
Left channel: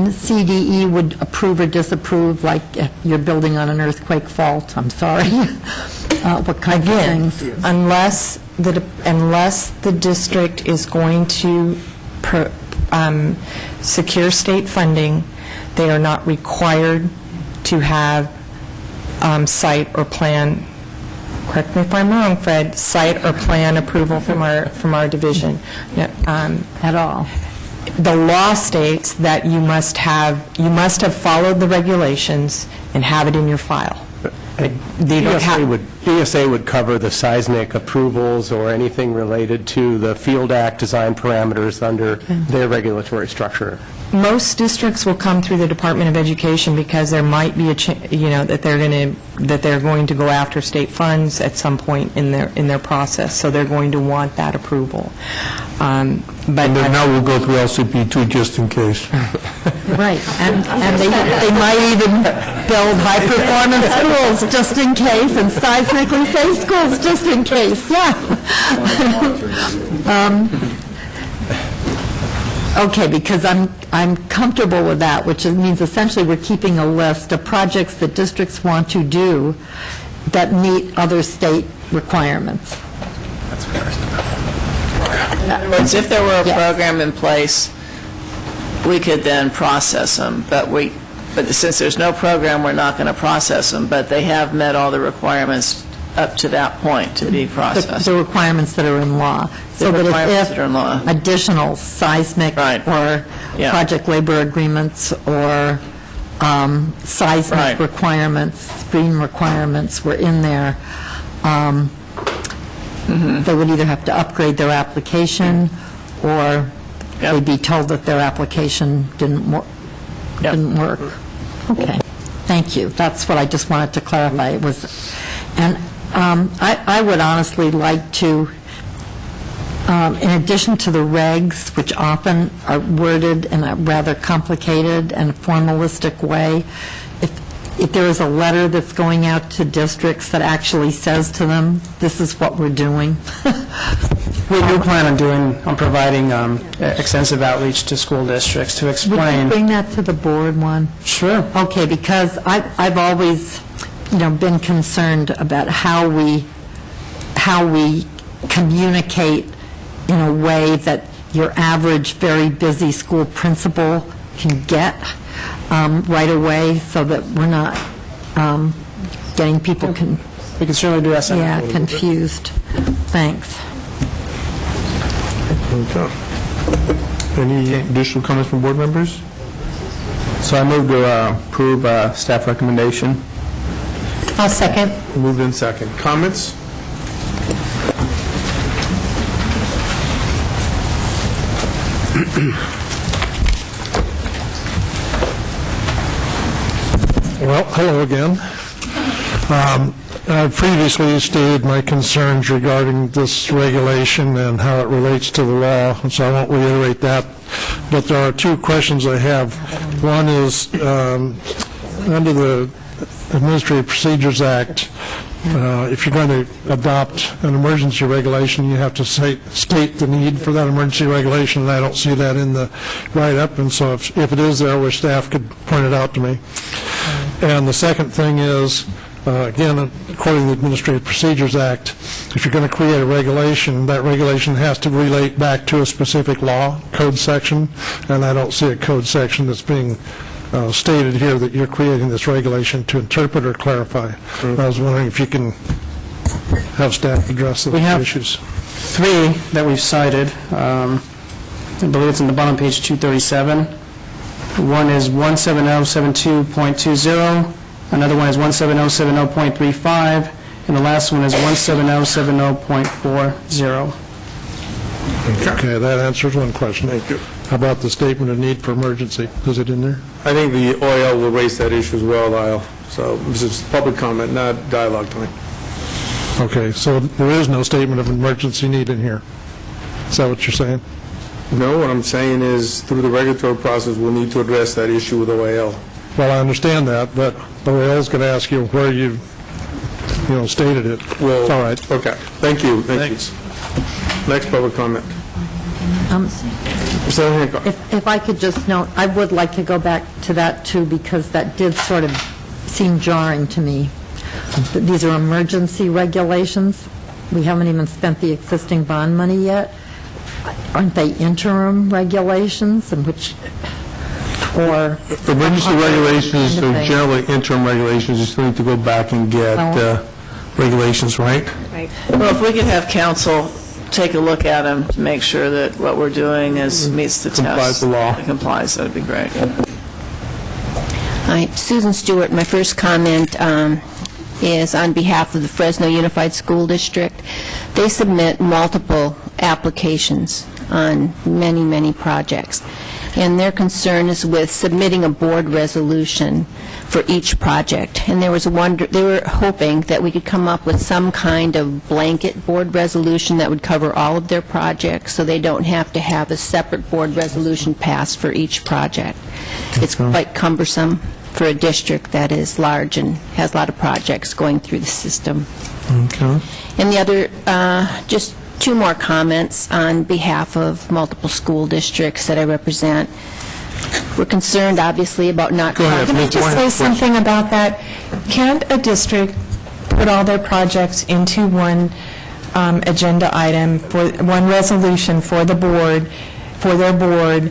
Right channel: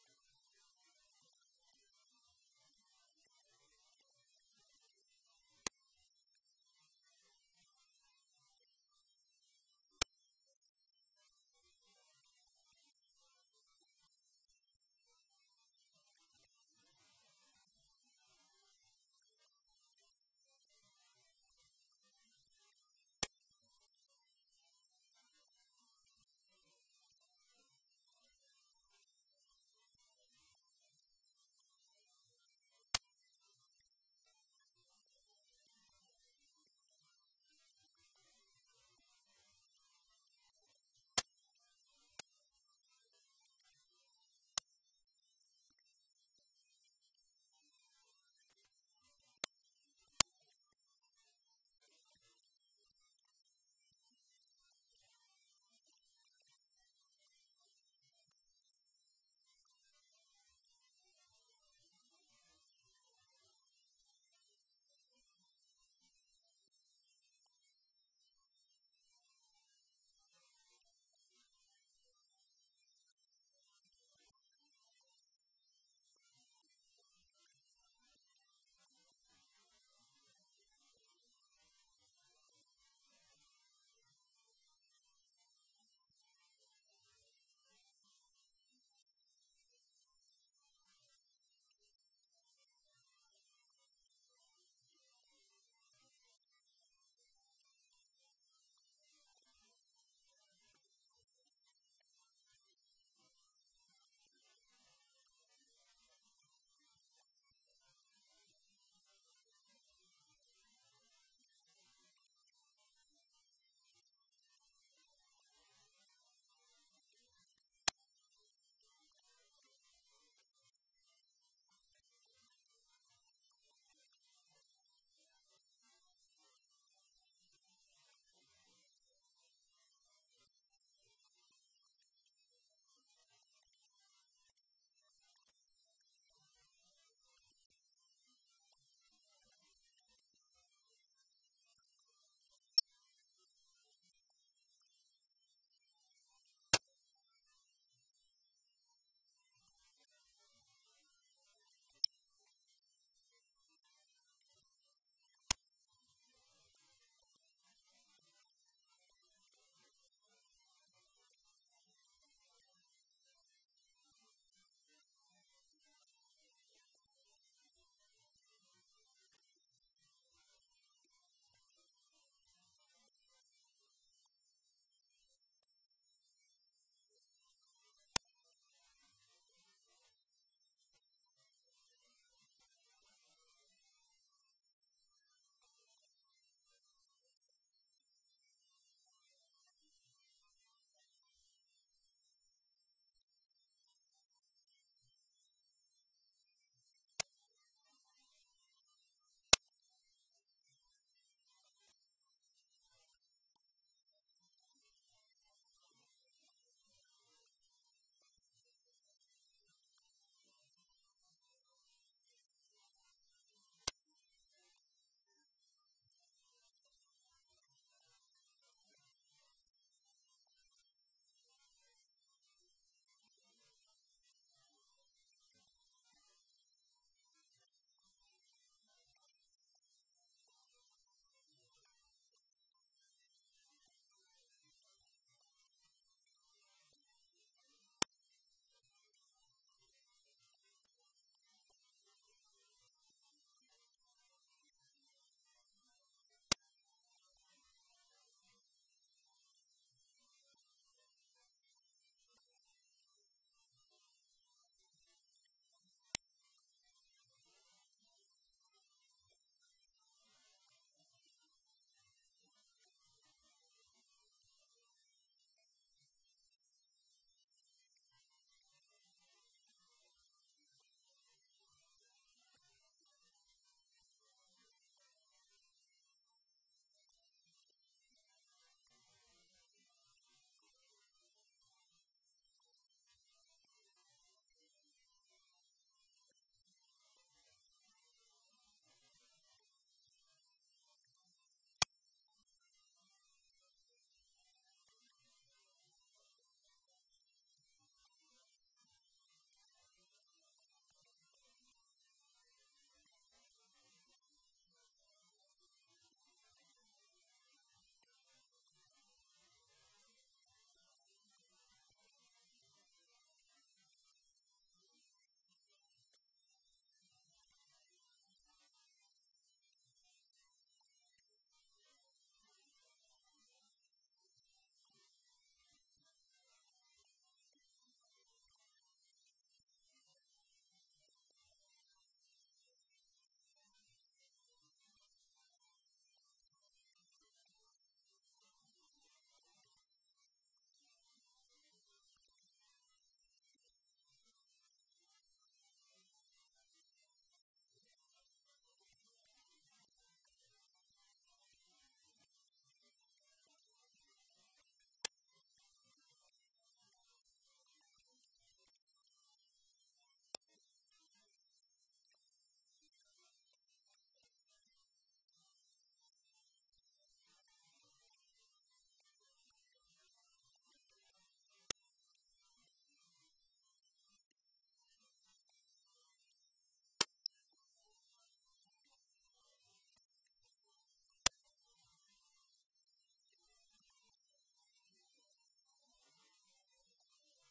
CDE would approve or disapprove, like if you're building on an earthquake fault, I'm sorry. What kind of things? Unless the district is going to secure state funding, they are not required to have site or plan, correct me if I'm wrong, Fred, site or plan approval from our division. At all. The law states that you must have followed the regulations and have it in your file. DSA would cover the seismic approvals or anything related to the Field Act design parameters under their regulatory structure. Most districts will come through the Department of Education because there might be that they're going to go after state funds at some point in their process, so they're going to want that approval. And then now we'll go through LCP2 just in case. Right, and they might even build high-performance schools just in case, and seismically safe schools just in case, yeah. Okay, because I'm comfortable with that, which means essentially we're keeping a list of projects that districts want to do that meet other state requirements. In other words, if there were a program in place, we could then process them, but since there's no program, we're not going to process them, but they have met all the requirements up to that point to be processed. The requirements that are in law. So that if additional seismic or project labor agreements or seismic requirements, stream requirements were in there, they would either have to upgrade their application or they'd be told that their application didn't work. Okay, thank you. That's what I just wanted to clarify. It was, and I would honestly like to, in addition to the regs, which often are worded in a rather complicated and formalistic way, if there is a letter that's going out to districts that actually says to them, this is what we're doing? We do plan on providing extensive outreach to school districts to Would explain. you bring that to the board one? Sure. Okay, because I've always, been concerned about how we communicate in a way that your average very busy school principal can get right away, so that we're not getting people We can certainly do that. confused. Thanks. Okay. Any additional comments from board members? So I move to approve staff recommendation. I'll second. Moved in second. Comments? Well, hello again. I previously stated my concerns regarding this regulation and how it relates to the law, and so I won't reiterate that. But there are two questions I have. One is, under the Administrative Procedures Act, if you're going to adopt an emergency regulation, you have to state the need for that emergency regulation, and I don't see that in the write-up, and so if it is there, where staff could point it out to me. And the second thing is, again, according to the Administrative Procedures Act, if you're going to create a regulation, that regulation has to relate back to a specific law, code section, and I don't see a code section that's being stated here that you're creating this regulation to interpret or clarify. I was wondering if you can have staff address those issues. Three that we've cited. I believe it's in the bottom page 237. One is 17072.20, another one is 17070.35, and the last one is 17070.40. Okay, that answers one question. Thank you. How about the statement of need for emergency? Is it in there? I think the OIL will raise that issue as well, Lyle. So this is public comment, not dialogue time. Okay, so there is no statement of emergency need in here. Is that what you're saying? No, what I'm saying is, through the regulatory process, we'll need to address that issue with OIL. Well, I understand that, but OIL's going to ask you where you stated it. Well, all right. Okay. Thank you. Thanks. Next public comment. If I could just note, I would like to go back to that too, because that did sort of seem jarring to me. These are emergency regulations. We haven't even spent the existing bond money yet. Aren't they interim regulations, in which, or? Emergency regulations are generally interim regulations. You still need to go back and get regulations, right? Right. Well, if we could have council take a look at them to make sure that what we're doing meets the test. Complies with the law. Complies, that would be great. Hi, Susan Stewart. My first comment is on behalf of the Fresno Unified School District. They submit multiple applications on many, many projects, and their concern is with submitting a board resolution for each project. And they were hoping that we could come up with some kind of blanket board resolution that would cover all of their projects, so they don't have to have a separate board resolution passed for each project. It's quite cumbersome for a district that is large and has a lot of projects going through the system. Okay. And the other, just two more comments on behalf of multiple school districts that I represent. We're concerned, obviously, about not... Can I just say something about that? Can't a district put all their projects into one agenda item, for one resolution for the board, for their board,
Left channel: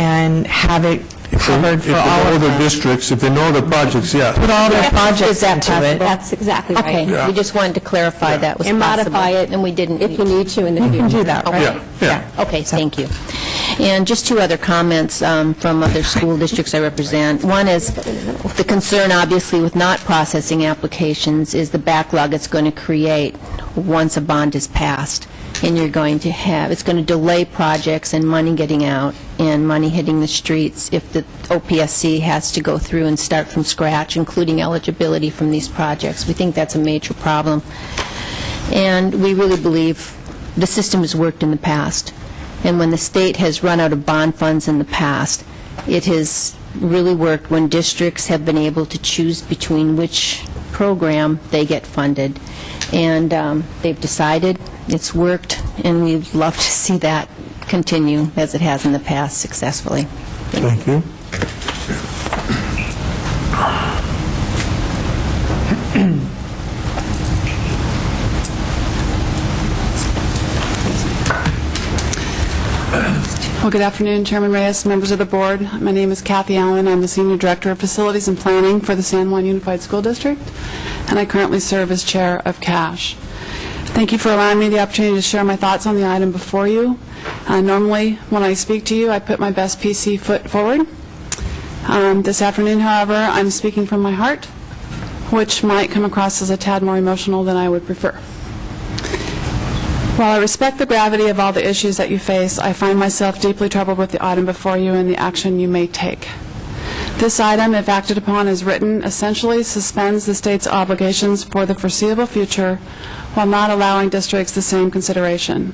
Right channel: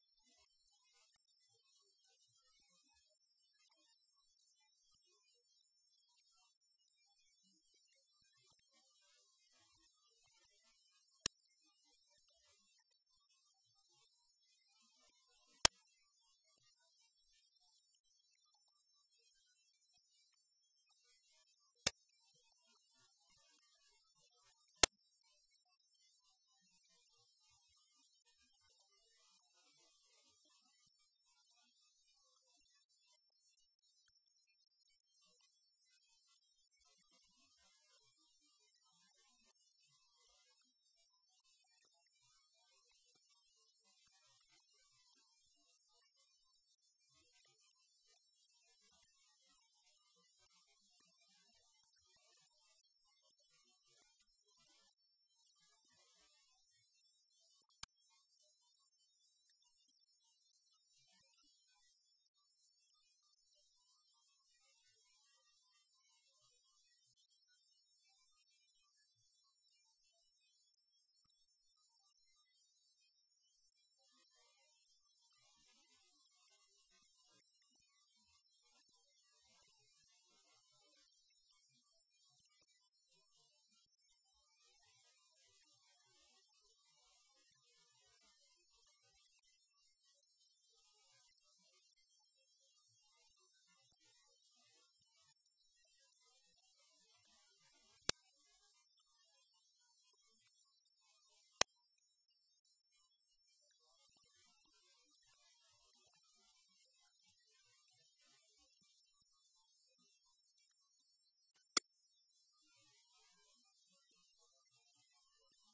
and have it covered for all of them? Districts, if they know the projects, yeah. Put all their projects into it. That's exactly right. Okay. We just wanted to clarify that was And possible. modify it, and we didn't. if you need to in the future. You can do that, right? Yeah. Okay, thank you. And just two other comments from other school districts I represent. One is the concern, obviously, with not processing applications is the backlog it's going to create once a bond is passed. And you're going to have, it's going to delay projects and money getting out and money hitting the streets if the OPSC has to go through and start from scratch, including eligibility from these projects. We think that's a major problem. And we really believe the system has worked in the past. And when the state has run out of bond funds in the past, it has really worked when districts have been able to choose between which program they get funded. And they've decided, it's worked, and we'd love to see that continue as it has in the past successfully. Thank you. Well, good afternoon, Chairman Reyes, members of the board. My name is Kathy Allen. I'm the Senior Director of Facilities and Planning for the San Juan Unified School District, and I currently serve as Chair of CASH. Thank you for allowing me the opportunity to share my thoughts on the item before you. Normally, when I speak to you, I put my best PC foot forward. This afternoon, however, I'm speaking from my heart, which might come across as a tad more emotional than I would prefer. While I respect the gravity of all the issues that you face, I find myself deeply troubled with the item before you and the action you may take. This item, if acted upon as written, essentially suspends the state's obligations for the foreseeable future while not allowing districts the same consideration.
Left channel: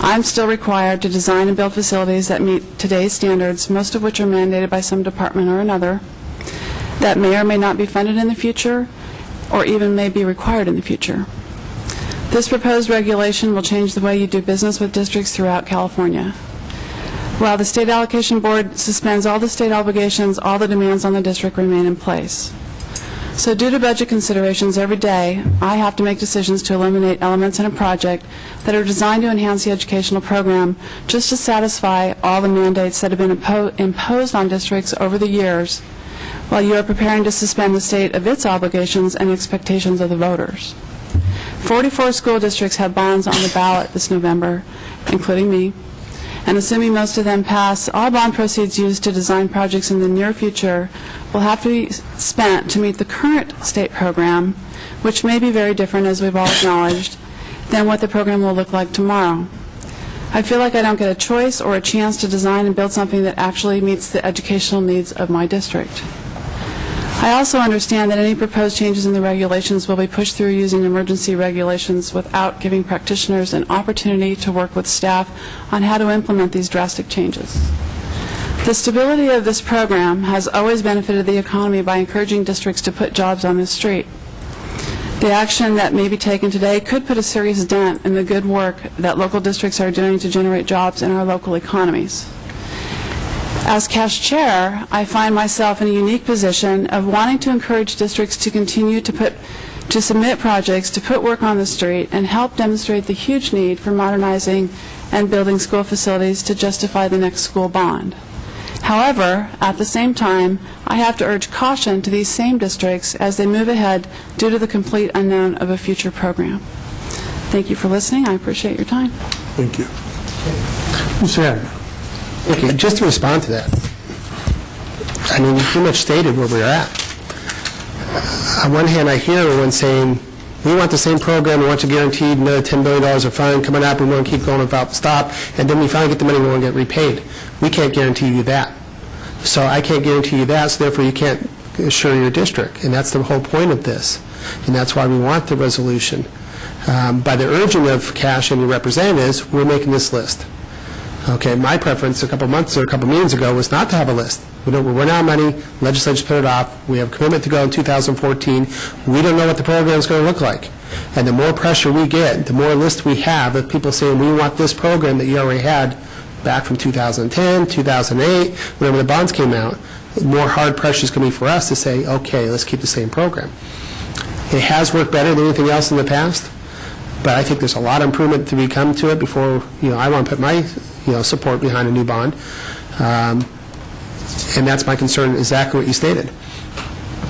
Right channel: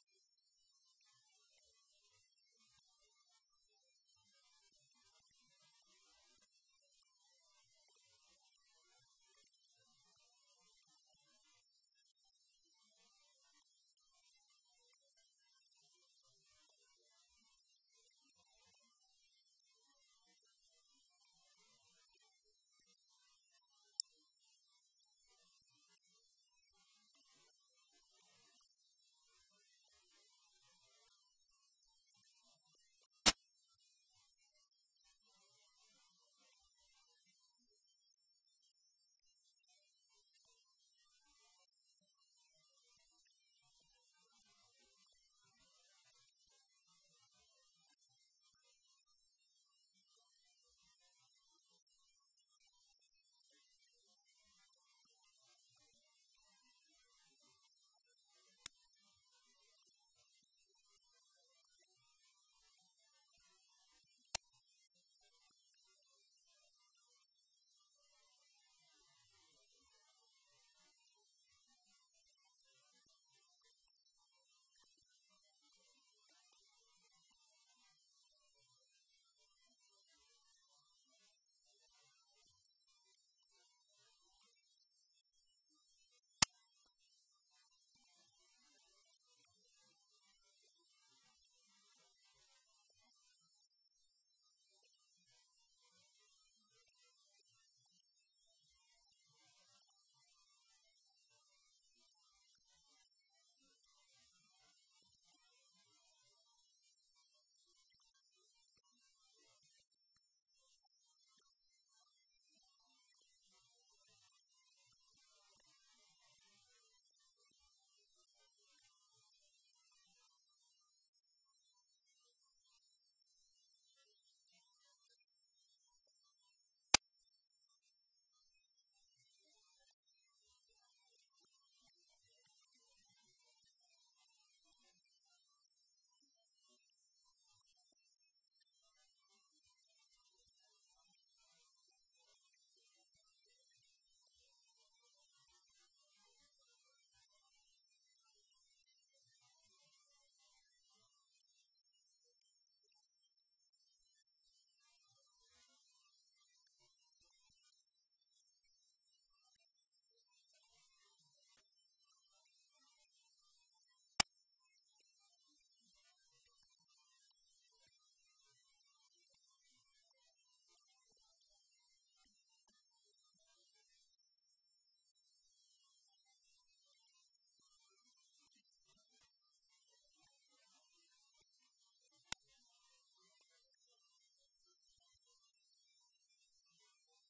I'm still required to design and build facilities that meet today's standards, most of which are mandated by some department or another, that may or may not be funded in the future, or even may be required in the future. This proposed regulation will change the way you do business with districts throughout California. While the State Allocation Board suspends all the state obligations, all the demands on the district remain in place. So due to budget considerations, every day I have to make decisions to eliminate elements in a project that are designed to enhance the educational program just to satisfy all the mandates that have been imposed on districts over the years, while you are preparing to suspend the state of its obligations and expectations of the voters. 44 school districts have bonds on the ballot this November, including me, and assuming most of them pass, all bond proceeds used to design projects in the near future will have to be spent to meet the current state program, which may be very different, as we've all acknowledged, than what the program will look like tomorrow. I feel like I don't get a choice or a chance to design and build something that actually meets the educational needs of my district. I also understand that any proposed changes in the regulations will be pushed through using emergency regulations without giving practitioners an opportunity to work with staff on how to implement these drastic changes. The stability of this program has always benefited the economy by encouraging districts to put jobs on the street. The action that may be taken today could put a serious dent in the good work that local districts are doing to generate jobs in our local economies. As CASH chair, I find myself in a unique position of wanting to encourage districts to continue to submit projects, to put work on the street, and help demonstrate the huge need for modernizing and building school facilities to justify the next school bond. However, at the same time, I have to urge caution to these same districts as they move ahead due to the complete unknown of a future program. Thank you for listening. I appreciate your time. Thank you. Ms. Aaron. Okay, just to respond to that, I mean, you pretty much stated where we're at. On one hand, I hear everyone saying, we want the same program, we want you guaranteed another $10 billion of fund coming up, we want to keep going without stop, and then we finally get the money, we want to get repaid. We can't guarantee you that. So I can't guarantee you that, so therefore you can't assure your district, and that's the whole point of this. And that's why we want the resolution. By the urging of CASH and your representatives, we're making this list. Okay, my preference a couple months or a couple meetings ago was not to have a list. We're running out of money, legislature's put it off, we have a commitment to go in 2014, we don't know what the program is going to look like. And the more pressure we get, the more list we have of people saying, we want this program that you already had back from 2010, 2008, whenever the bonds came out, more hard pressure is going to be for us to say, okay, let's keep the same program. It has worked better than anything else in the past, but I think there's a lot of improvement to become to it before, I want to put my support behind a new bond. And that's my concern, exactly what you stated.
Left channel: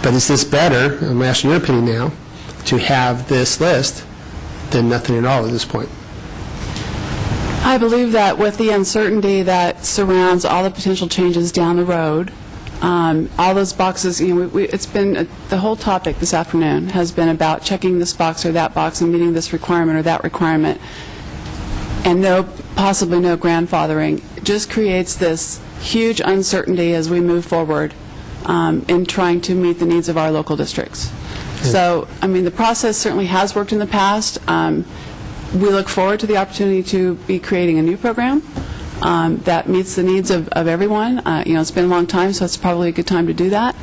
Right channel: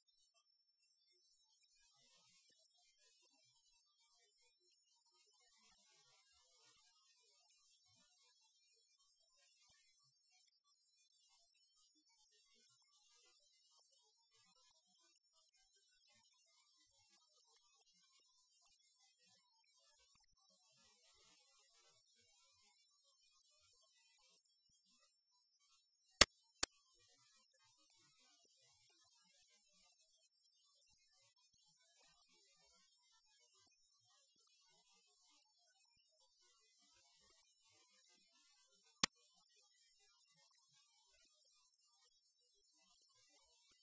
But is this better, I'm asking your opinion now, to have this list than nothing at all at this point? I believe that with the uncertainty that surrounds all the potential changes down the road, all those boxes, it's been, the whole topic this afternoon has been about checking this box or that box and meeting this requirement or that requirement, and possibly no grandfathering. It just creates this huge uncertainty as we move forward in trying to meet the needs of our local districts. So, I mean, the process certainly has worked in the past. We look forward to the opportunity to be creating a new program, that meets the needs of everyone. It's been a long time, so it's probably a good time to do that.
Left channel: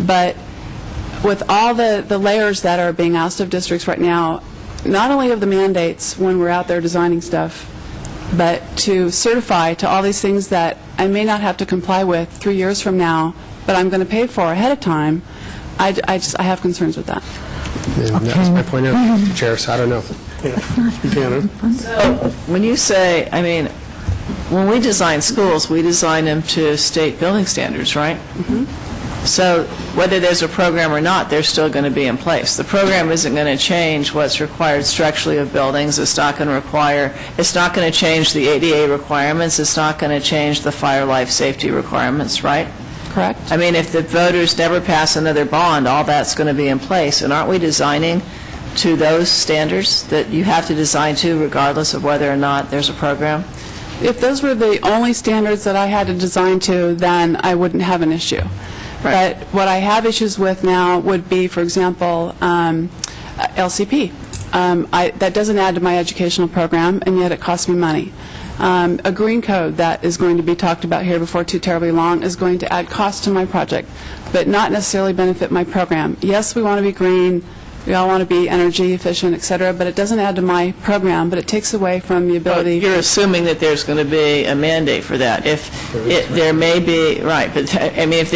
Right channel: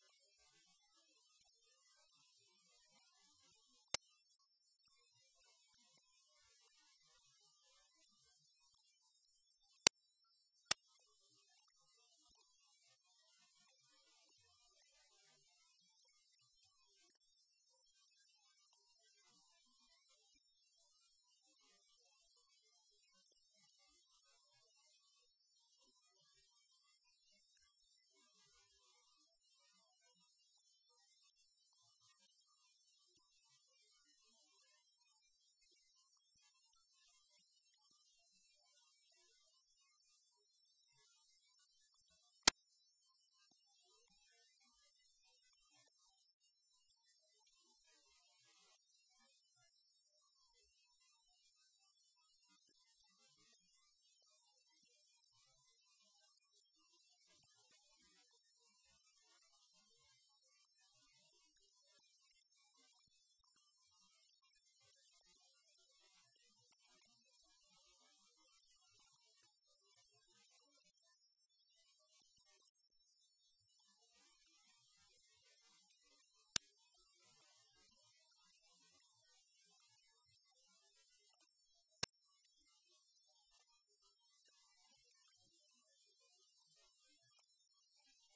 But with all the layers that are being asked of districts right now, not only of the mandates when we're out there designing stuff, but to certify to all these things that I may not have to comply with 3 years from now, but I'm going to pay for ahead of time, I have concerns with that. And that was my point of Chair, so I don't know. So when you say, I mean, when we design schools, we design them to state building standards, right? So whether there's a program or not, they're still going to be in place. The program isn't going to change what's required structurally of buildings. It's not going to change the ADA requirements. It's not going to change the fire life safety requirements, right? Correct. I mean, if the voters never pass another bond, all that's going to be in place. And aren't we designing to those standards that you have to design to regardless of whether or not there's a program? If those were the only standards that I had to design to, then I wouldn't have an issue. Right. But what I have issues with now would be, for example, LCP. That doesn't add to my educational program, and yet it costs me money. A green code that is going to be talked about here before too terribly long is going to add cost to my project, but not necessarily benefit my program. Yes, we want to be green. We all want to be energy efficient, et cetera, but it doesn't add to my program, but it takes away from the ability. You're assuming that there's going to be a mandate for that. There may be, right, but I mean, if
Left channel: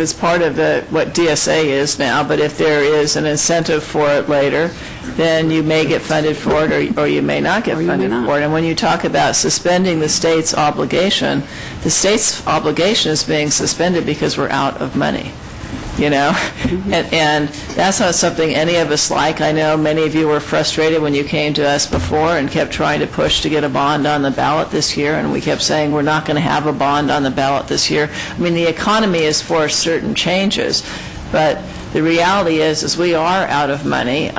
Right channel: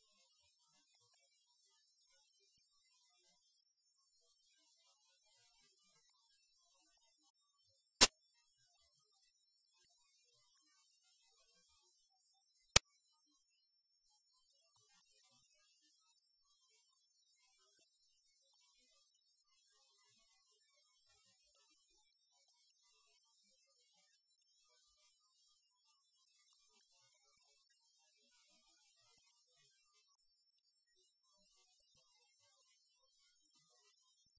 it's part of what DSA is now, but if there is an incentive for it later, then you may get funded for it or you may not get funded for it. And when you talk about suspending the state's obligation is being suspended because we're out of money. And that's not something any of us like. I know many of you were frustrated when you came to us before and kept trying to push to get a bond on the ballot this year, and we kept saying we're not going to have a bond on the ballot this year. I mean, the economy has forced certain changes, but the reality is we are out of money.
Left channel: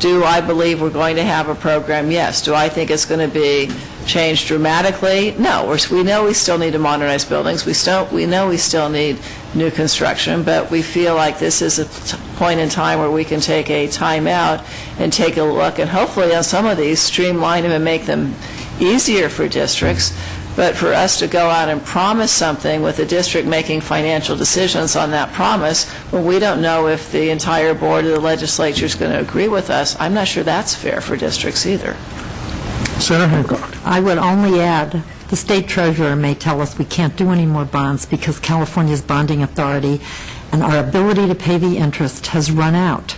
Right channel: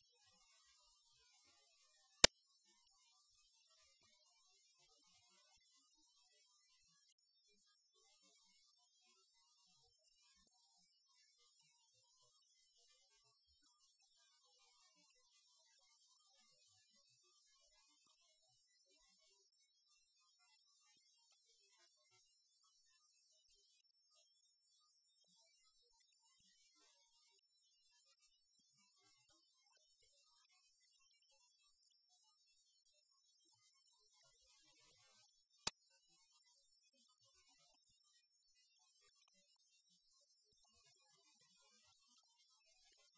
Do I believe we're going to have a program? Yes. Do I think it's going to be changed dramatically? No. We know we still need to modernize buildings. We know we still need new construction, but we feel like this is a point in time where we can take a time out and take a look and hopefully on some of these streamline them and make them easier for districts. But for us to go out and promise something with the district making financial decisions on that promise when we don't know if the entire board of the legislature is going to agree with us, I'm not sure that's fair for districts either. Senator Hancock. I would only add, the state treasurer may tell us we can't do any more bonds because California's bonding authority and our ability to pay the interest has run out.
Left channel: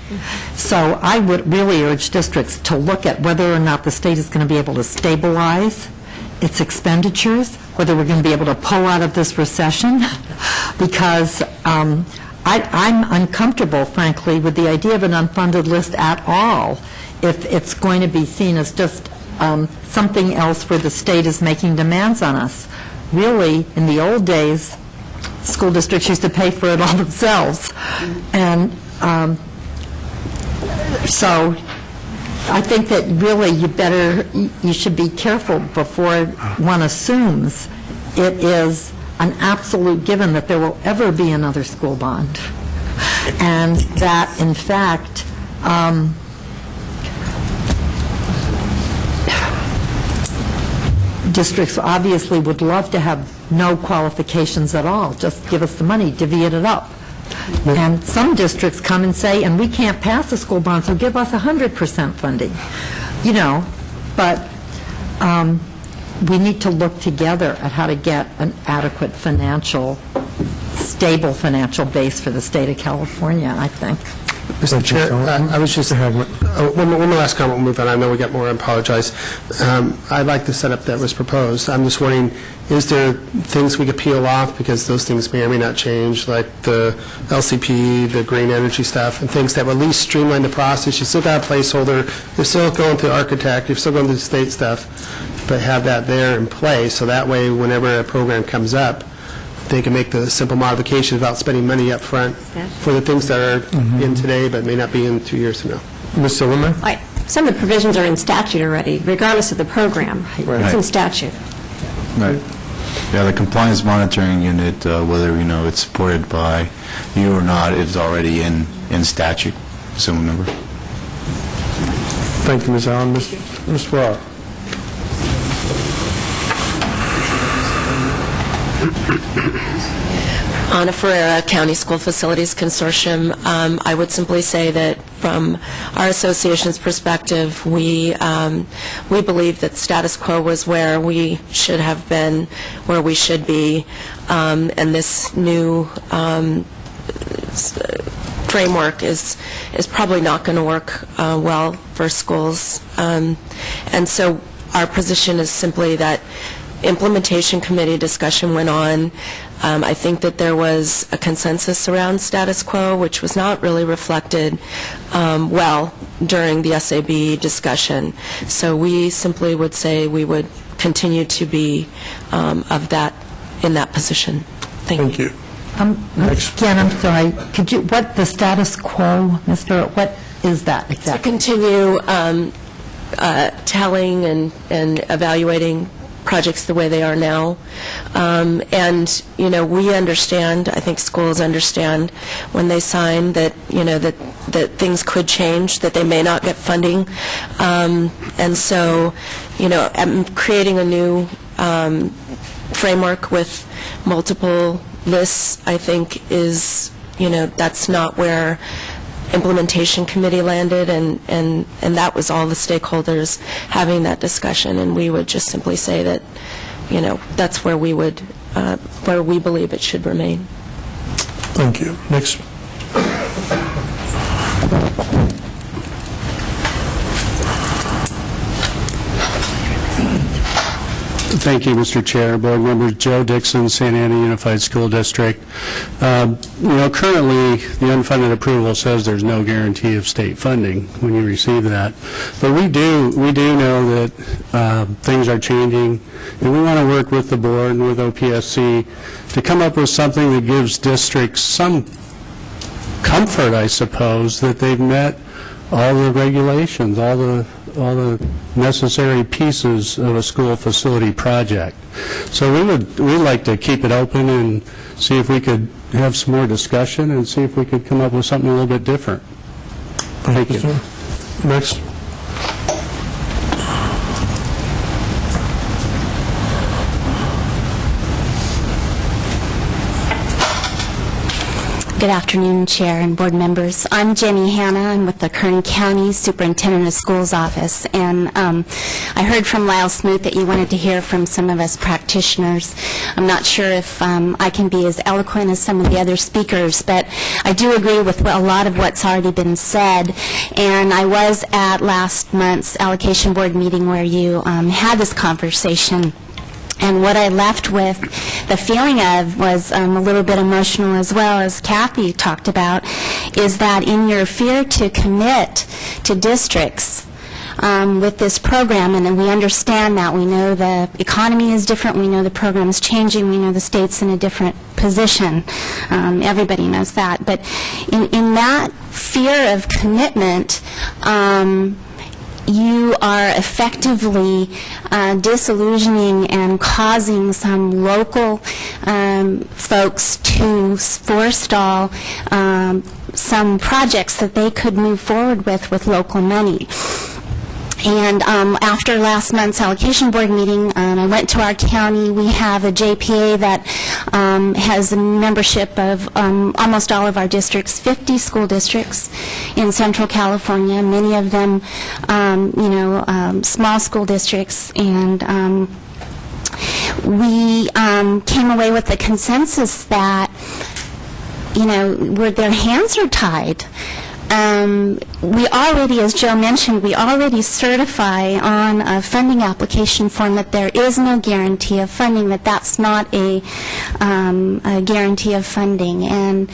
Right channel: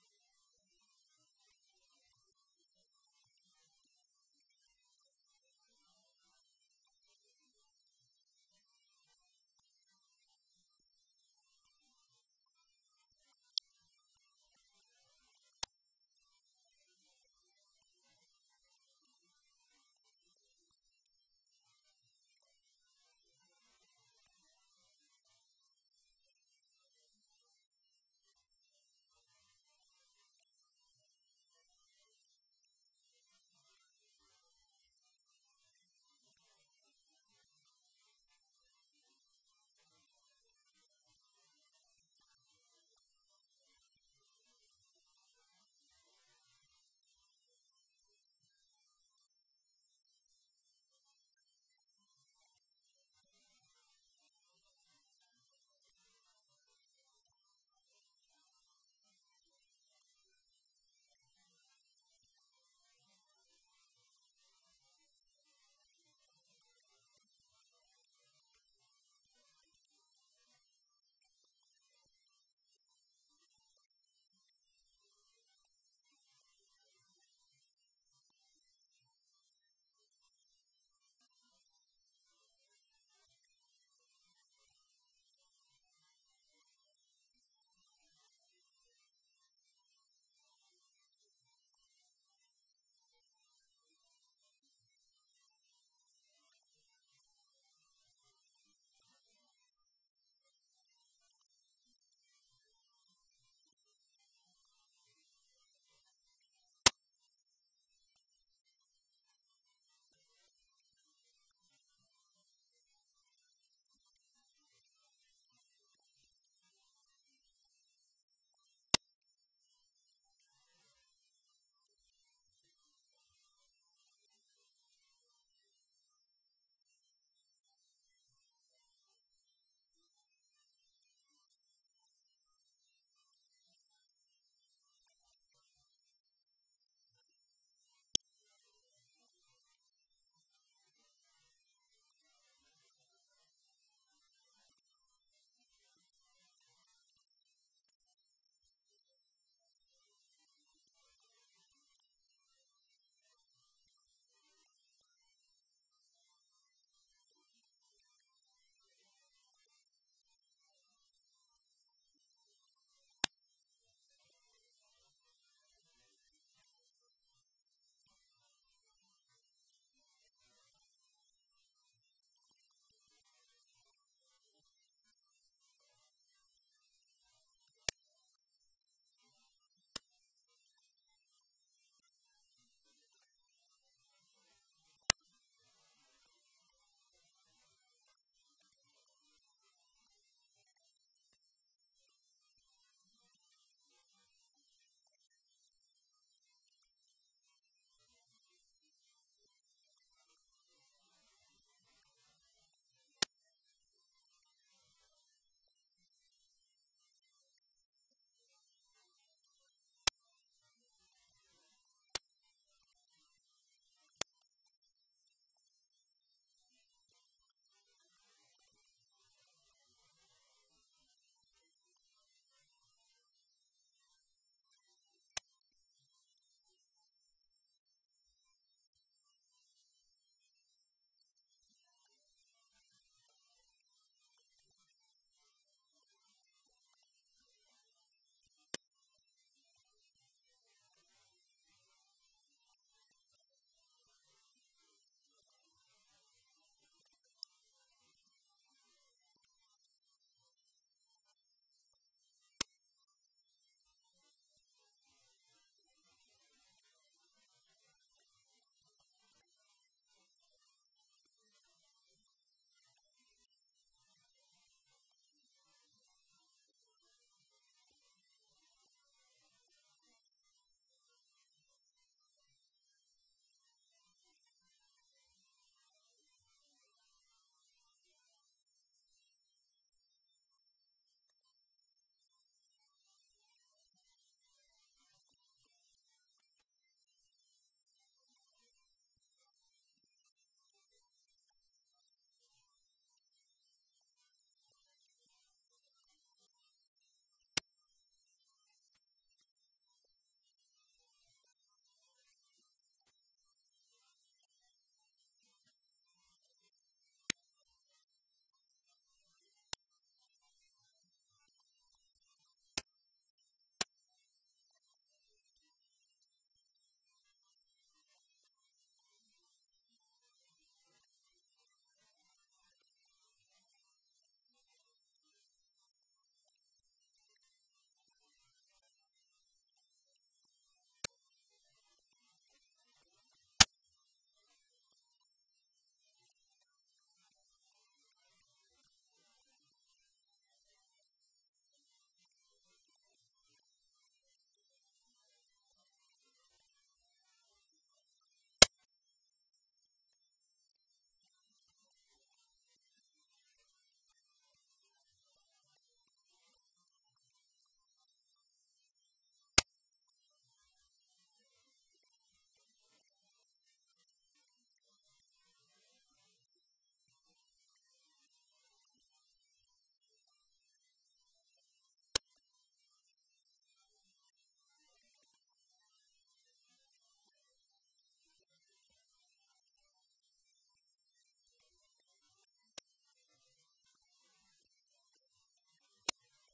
So I would really urge districts to look at whether or not the state is going to be able to stabilize its expenditures, whether we're going to be able to pull out of this recession, because I'm uncomfortable, frankly, with the idea of an unfunded list at all if it's going to be seen as just something else where the state is making demands on us. Really, in the old days, school districts used to pay for it all themselves. And so I think that really you should be careful before one assumes it is an absolute given that there will ever be another school bond. And that, in fact, districts obviously would love to have no qualifications at all. Just give us the money, divvy it up. And some districts come and say, and we can't pass a school bond, so give us 100% funding. But we need to look together at how to get an adequate stable financial base for the state of California, I think. Mr. Chair, I was just one more last comment. We'll move on. I know we got more. I apologize. I'd like the setup that was proposed. I'm just wondering, is there things we could peel off because those things may or may not change, like the LCP, the green energy stuff, and things that will at least streamline the process? You still got a placeholder. You're still going to the architect. You're still going to the state stuff, but have that there in place so that way, whenever a program comes up, they can make the simple modifications without spending money up front for the things that are in today but may not be in 2 years from now. Ms. Silverman? Some of the provisions are in statute already, regardless of the program. Right. It's in statute. Right. Yeah, the compliance monitoring unit, whether it's supported by you or not, is already in statute. Assume number. Thank you, Ms. Allen. Mr. Rohr. Ana Ferreira, County School Facilities Consortium. I would simply say that from our association's perspective, we believe that status quo was where we should have been, where we should be, and this new framework is probably not going to work well for schools. And so our position is simply that implementation committee discussion went on. I think that there was a consensus around status quo, which was not really reflected well during the SAB discussion. So we simply would say we would continue to be in that position. Thank you. Again, I'm sorry. Could you, what the status quo, what is that exactly? To continue telling and evaluating projects the way they are now. And, you know, we understand, I think schools understand when they sign that, you know, that things could change, that they may not get funding. And so, you know, creating a new framework with multiple lists, I think is, you know, that's not where implementation committee landed, and that was all the stakeholders having that discussion, and we would just simply say that, you know, that's where we would, where we believe it should remain. Thank you. Next. Thank you, Mr. Chair. Board members, Joe Dixon, Santa Ana Unified School District. You know, currently, the unfunded approval says there's no guarantee of state funding when you receive that. But we do know that things are changing, and we want to work with the board and with OPSC to come up with something that gives districts some comfort, I suppose, that they've met all the regulations, all the necessary pieces of a school facility project. So we'd like to keep it open and see if we could have some more discussion and see if we could come up with something a little bit different. Thank you. Next. Good afternoon, Chair and board members. I'm Jenny Hanna. I'm with the Kern County Superintendent of Schools Office, and I heard from Lyle Smoot that you wanted to hear from some of us practitioners. I'm not sure if I can be as eloquent as some of the other speakers, but I do agree with a lot of what's already been said, and I was at last month's Allocation Board meeting where you had this conversation. And what I left with the feeling of was a little bit emotional, as well as Kathy talked about, is that in your fear to commit to districts with this program, and we understand that, we know the economy is different, we know the program is changing, we know the state's in a different position, everybody knows that, but in that fear of commitment, you are effectively disillusioning and causing some local folks to forestall some projects that they could move forward with local money. And after last month's Allocation Board meeting, I went to our county. We have a JPA that has a membership of almost all of our districts, 50 school districts in Central California, many of them, you know, small school districts. And we came away with the consensus that, you know, their hands are tied. We already, as Joe mentioned, we already certify on a funding application form that there is no guarantee of funding, that that's not a guarantee of funding. And,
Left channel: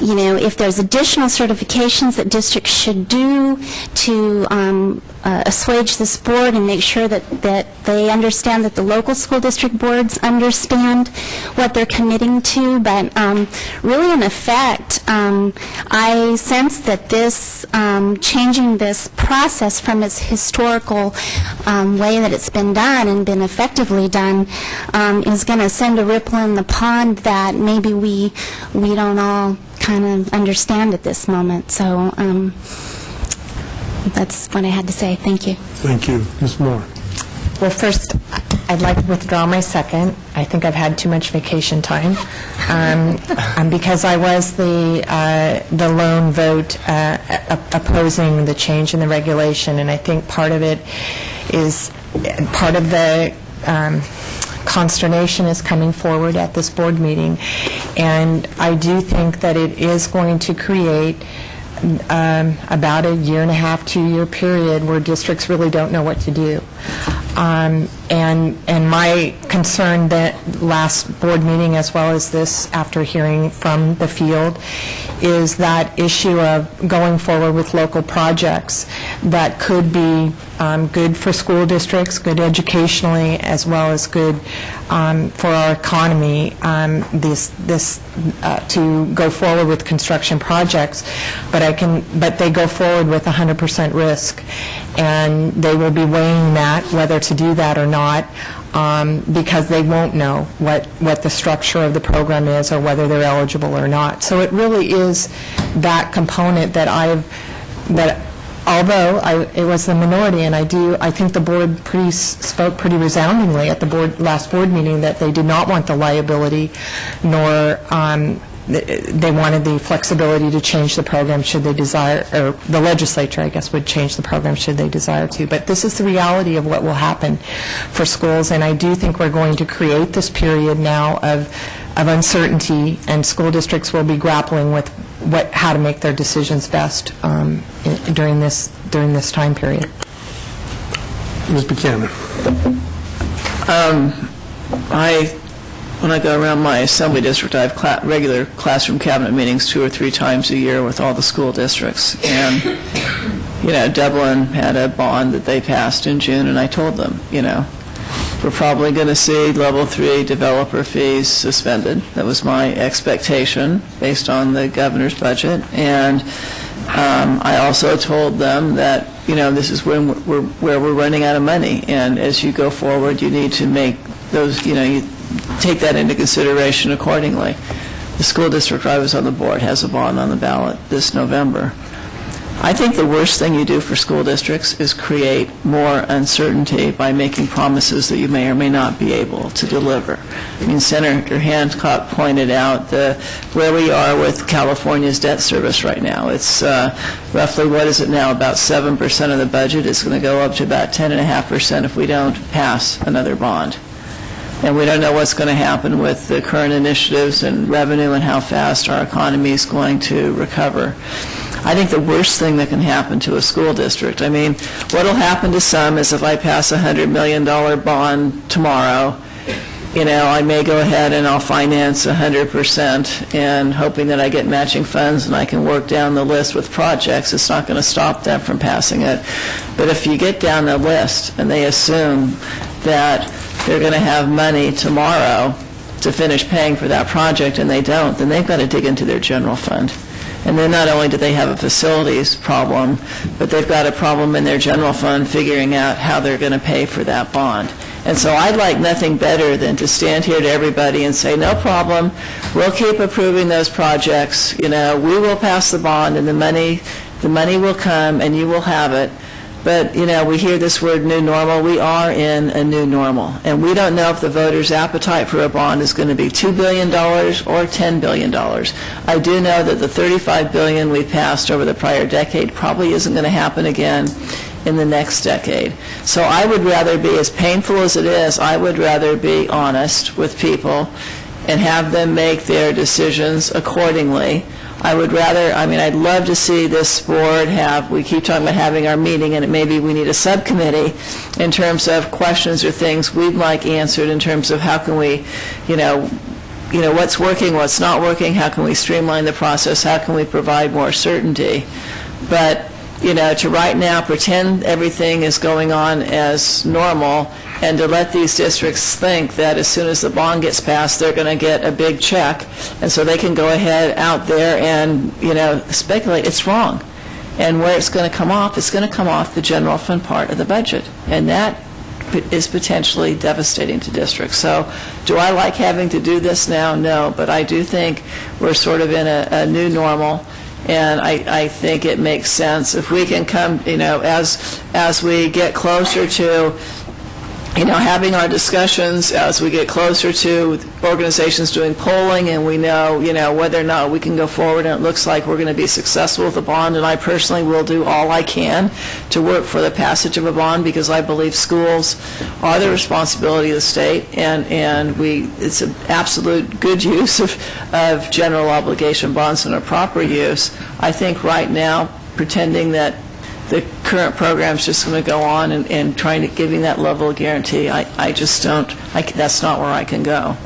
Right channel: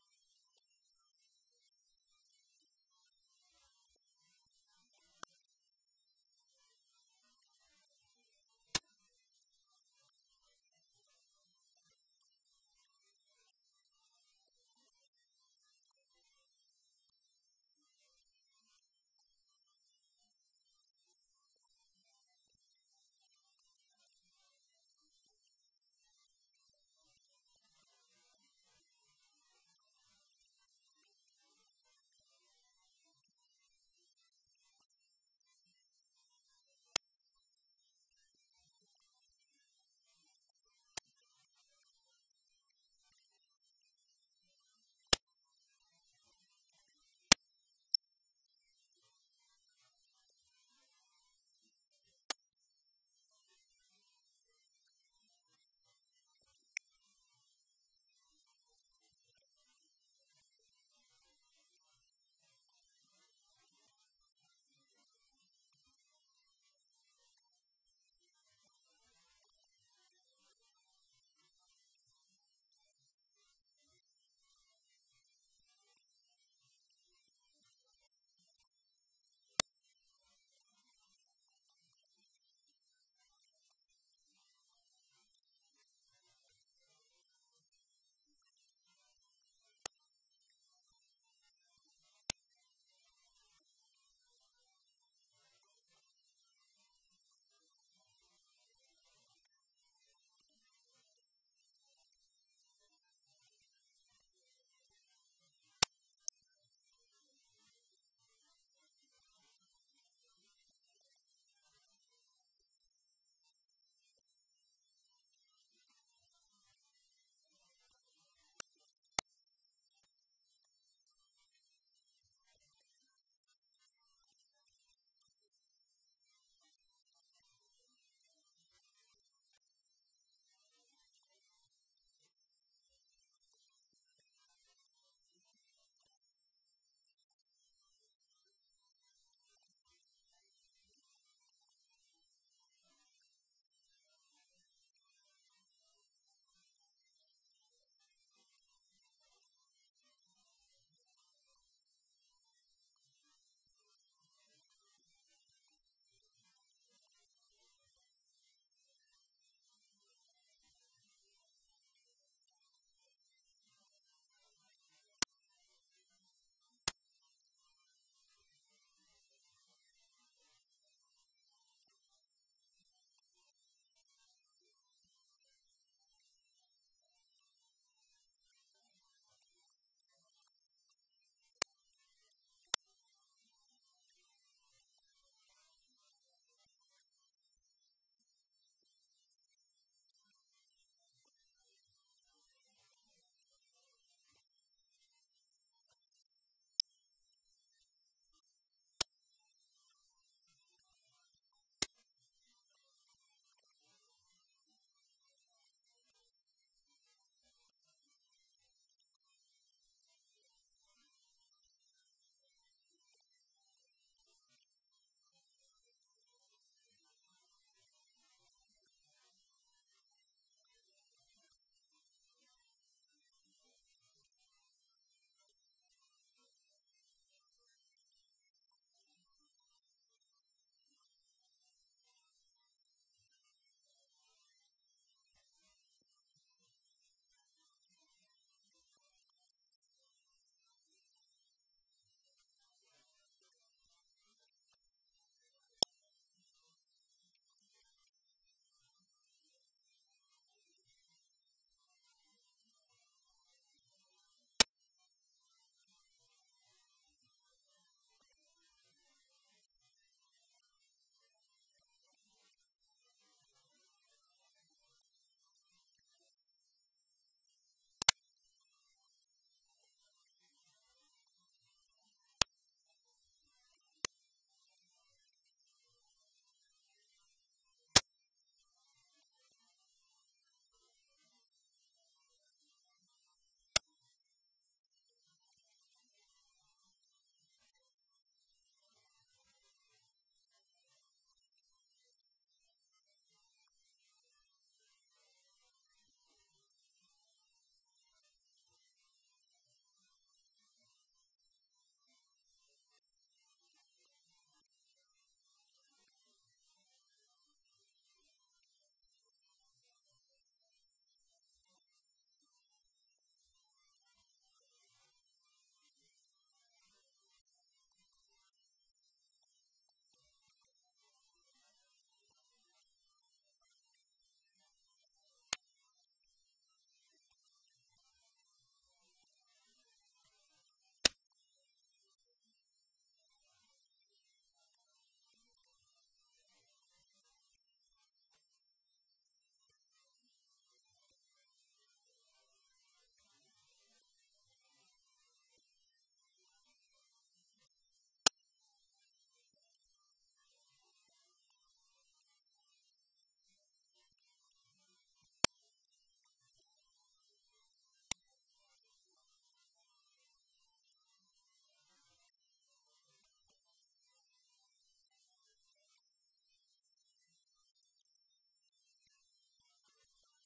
you know, if there's additional certifications that districts should do to assuage this board and make sure that they understand, that the local school district boards understand what they're committing to. But really, in effect, I sense that this changing this process from its historical way that it's been done and been effectively done is going to send a ripple in the pond that maybe we don't all kind of understand at this moment. So that's what I had to say. Thank you. Thank you. Ms. Moore. Well, first, I'd like to withdraw my second. I think I've had too much vacation time. Because I was the lone vote opposing the change in the regulation, and I think part of it is, part of the consternation is coming forward at this board meeting, and I do think that it is going to create about a year-and-a-half, 2-year period where districts really don't know what to do. And my concern that last board meeting, as well as this, after hearing from the field, is that issue of going forward with local projects that could be good for school districts, good educationally, as well as good for our economy, to go forward with construction projects, but they go forward with 100% risk, and they will be weighing that, whether to do that or not, because they won't know what the structure of the program is or whether they're eligible or not. So it really is that component that although it was the minority, and I think the board spoke pretty resoundingly at the last board meeting that they did not want the liability, nor they wanted the flexibility to change the program should they desire, or the legislature, I guess, would change the program should they desire to. But this is the reality of what will happen for schools, and I do think we're going to create this period now of uncertainty, and school districts will be grappling with how to make their decisions best during this time period. Ms. Buchanan. When I go around my assembly district, I have regular classroom cabinet meetings 2 or 3 times a year with all the school districts. And, Dublin had a bond that they passed in June, and I told them, we're probably going to see level 3 developer fees suspended. That was my expectation based on the governor's budget. And I also told them that, this is where we're running out of money. And as you go forward, you need to make those, you take that into consideration accordingly. The school district I was on the board has a bond on the ballot this November. I think the worst thing you do for school districts is create more uncertainty by making promises that you may or may not be able to deliver. I mean, Senator Hancock pointed out where we are with California's debt service right now. It's roughly, what is it now, about 7% of the budget. It's going to go up to about 10.5% if we don't pass another bond. And we don't know what's going to happen with the current initiatives and revenue and how fast our economy is going to recover. I think the worst thing that can happen to a school district, I mean, what will happen to some is if I pass a $100 million bond tomorrow, I may go ahead and I'll finance 100% and hoping that I get matching funds and I can work down the list with projects. It's not going to stop them from passing it. But if you get down the list and they assume that they're going to have money tomorrow to finish paying for that project and they don't, then they've got to dig into their general fund. And then not only do they have a facilities problem, but they've got a problem in their general fund figuring out how they're going to pay for that bond. And so I'd like nothing better than to stand here to everybody and say, no problem, we'll keep approving those projects, we will pass the bond and the money will come and you will have it. But, we hear this word new normal. We are in a new normal. And we don't know if the voters' appetite for a bond is going to be $2 billion or $10 billion. I do know that the $35 billion we passed over the prior decade probably isn't going to happen again in the next decade. So I would rather be, as painful as it is, I would rather be honest with people and have them make their decisions accordingly. I would rather, I'd love to see this board we keep talking about having our meeting, and maybe we need a subcommittee in terms of questions or things we'd like answered in terms of how can we, what's working, what's not working, how can we streamline the process, how can we provide more certainty. But, to right now pretend everything is going on as normal and to let these districts think that as soon as the bond gets passed, they're going to get a big check, and so they can go ahead out there and, speculate, it's wrong. And where it's going to come off, it's going to come off the general fund part of the budget, and that is potentially devastating to districts. So do I like having to do this now? No, but I do think we're sort of in a new normal. And I think it makes sense if we can come, as we get closer to having our discussions as we get closer to organizations doing polling, and we know, whether or not we can go forward, and it looks like we're going to be successful with the bond, and I personally will do all I can to work for the passage of a bond, because I believe schools are the responsibility of the state, and it's an absolute good use of general obligation bonds and a proper use. I think right now, pretending that the current program is just going to go on and trying to giving that level of guarantee, I just don't, that's not where I can go.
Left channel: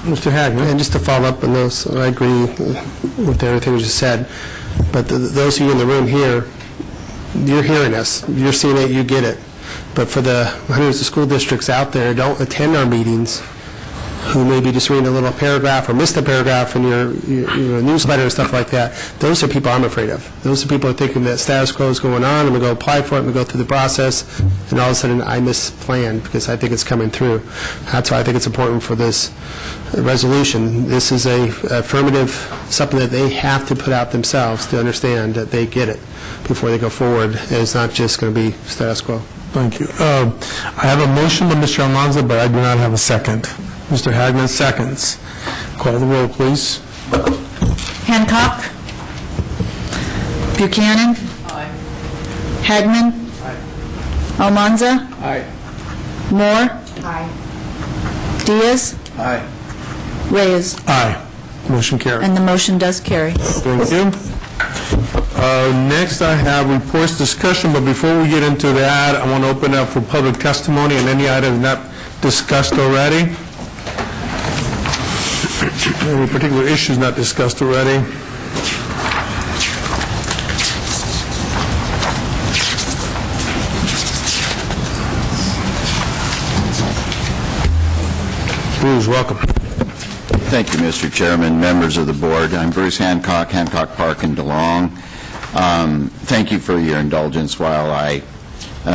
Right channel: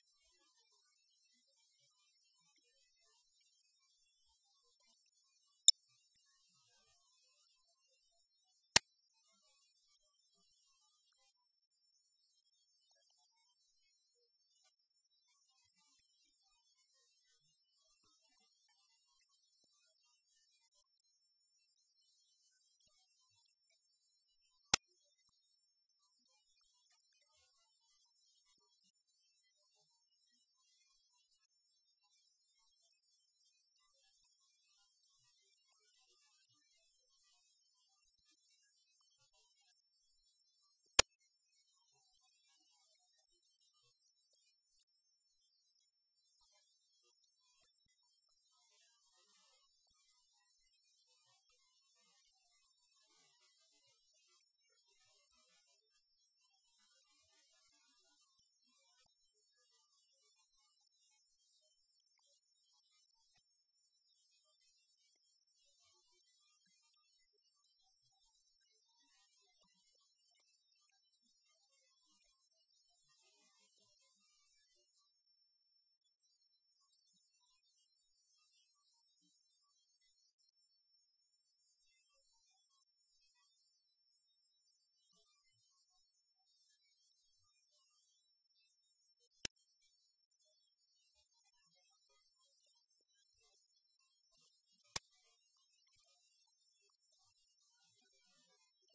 Mr. Hagman. And just to follow up on those, I agree with everything you just said, but those of you in the room here, you're hearing us, you're seeing it, you get it. But for the hundreds of school districts out there who don't attend our meetings, who maybe just read a little paragraph or missed a paragraph in your newsletter and stuff like that, those are people I'm afraid of. Those are people who are thinking that status quo is going on, and we go apply for it, and we go through the process, and all of a sudden I misplanned because I think it's coming through. That's why I think it's important for this resolution. This is a affirmative, something that they have to put out themselves to understand that they get it before they go forward, and it's not just going to be status quo. Thank you. I have a motion by Mr. Almanza, but I do not have a second. Mr. Hagman seconds. Call the roll, please. Hancock. Buchanan. Aye. Hagman. Aye. Almanza. Aye. Moore. Aye. Diaz. Aye. Reyes. Aye. Motion carried. And the motion does carry. Thank you. Next, I have reports discussion, but before we get into that, I want to open up for public testimony on any items not discussed already. Any particular issues not discussed already? Bruce, welcome. Thank you, Mr. Chairman, members of the board. I'm Bruce Hancock, Hancock Park in DeLong. Thank you for your indulgence while I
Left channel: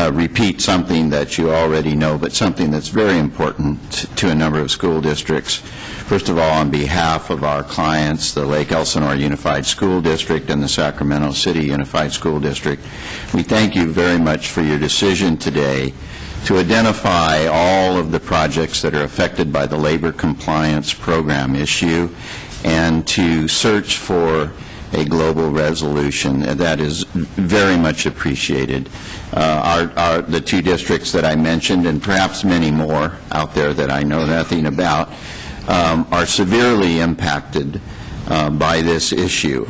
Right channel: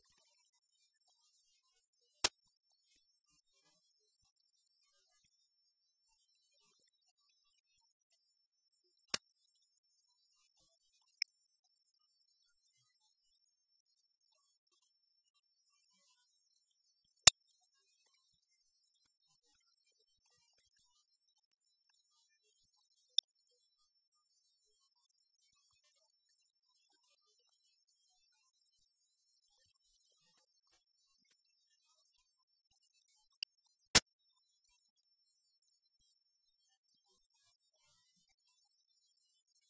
repeat something that you already know, but something that's very important to a number of school districts. First of all, on behalf of our clients, the Lake Elsinore Unified School District and the Sacramento City Unified School District, we thank you very much for your decision today to identify all of the projects that are affected by the labor compliance program issue and to search for a global resolution. That is very much appreciated. The two districts that I mentioned, and perhaps many more out there that I know nothing about, are severely impacted by this issue.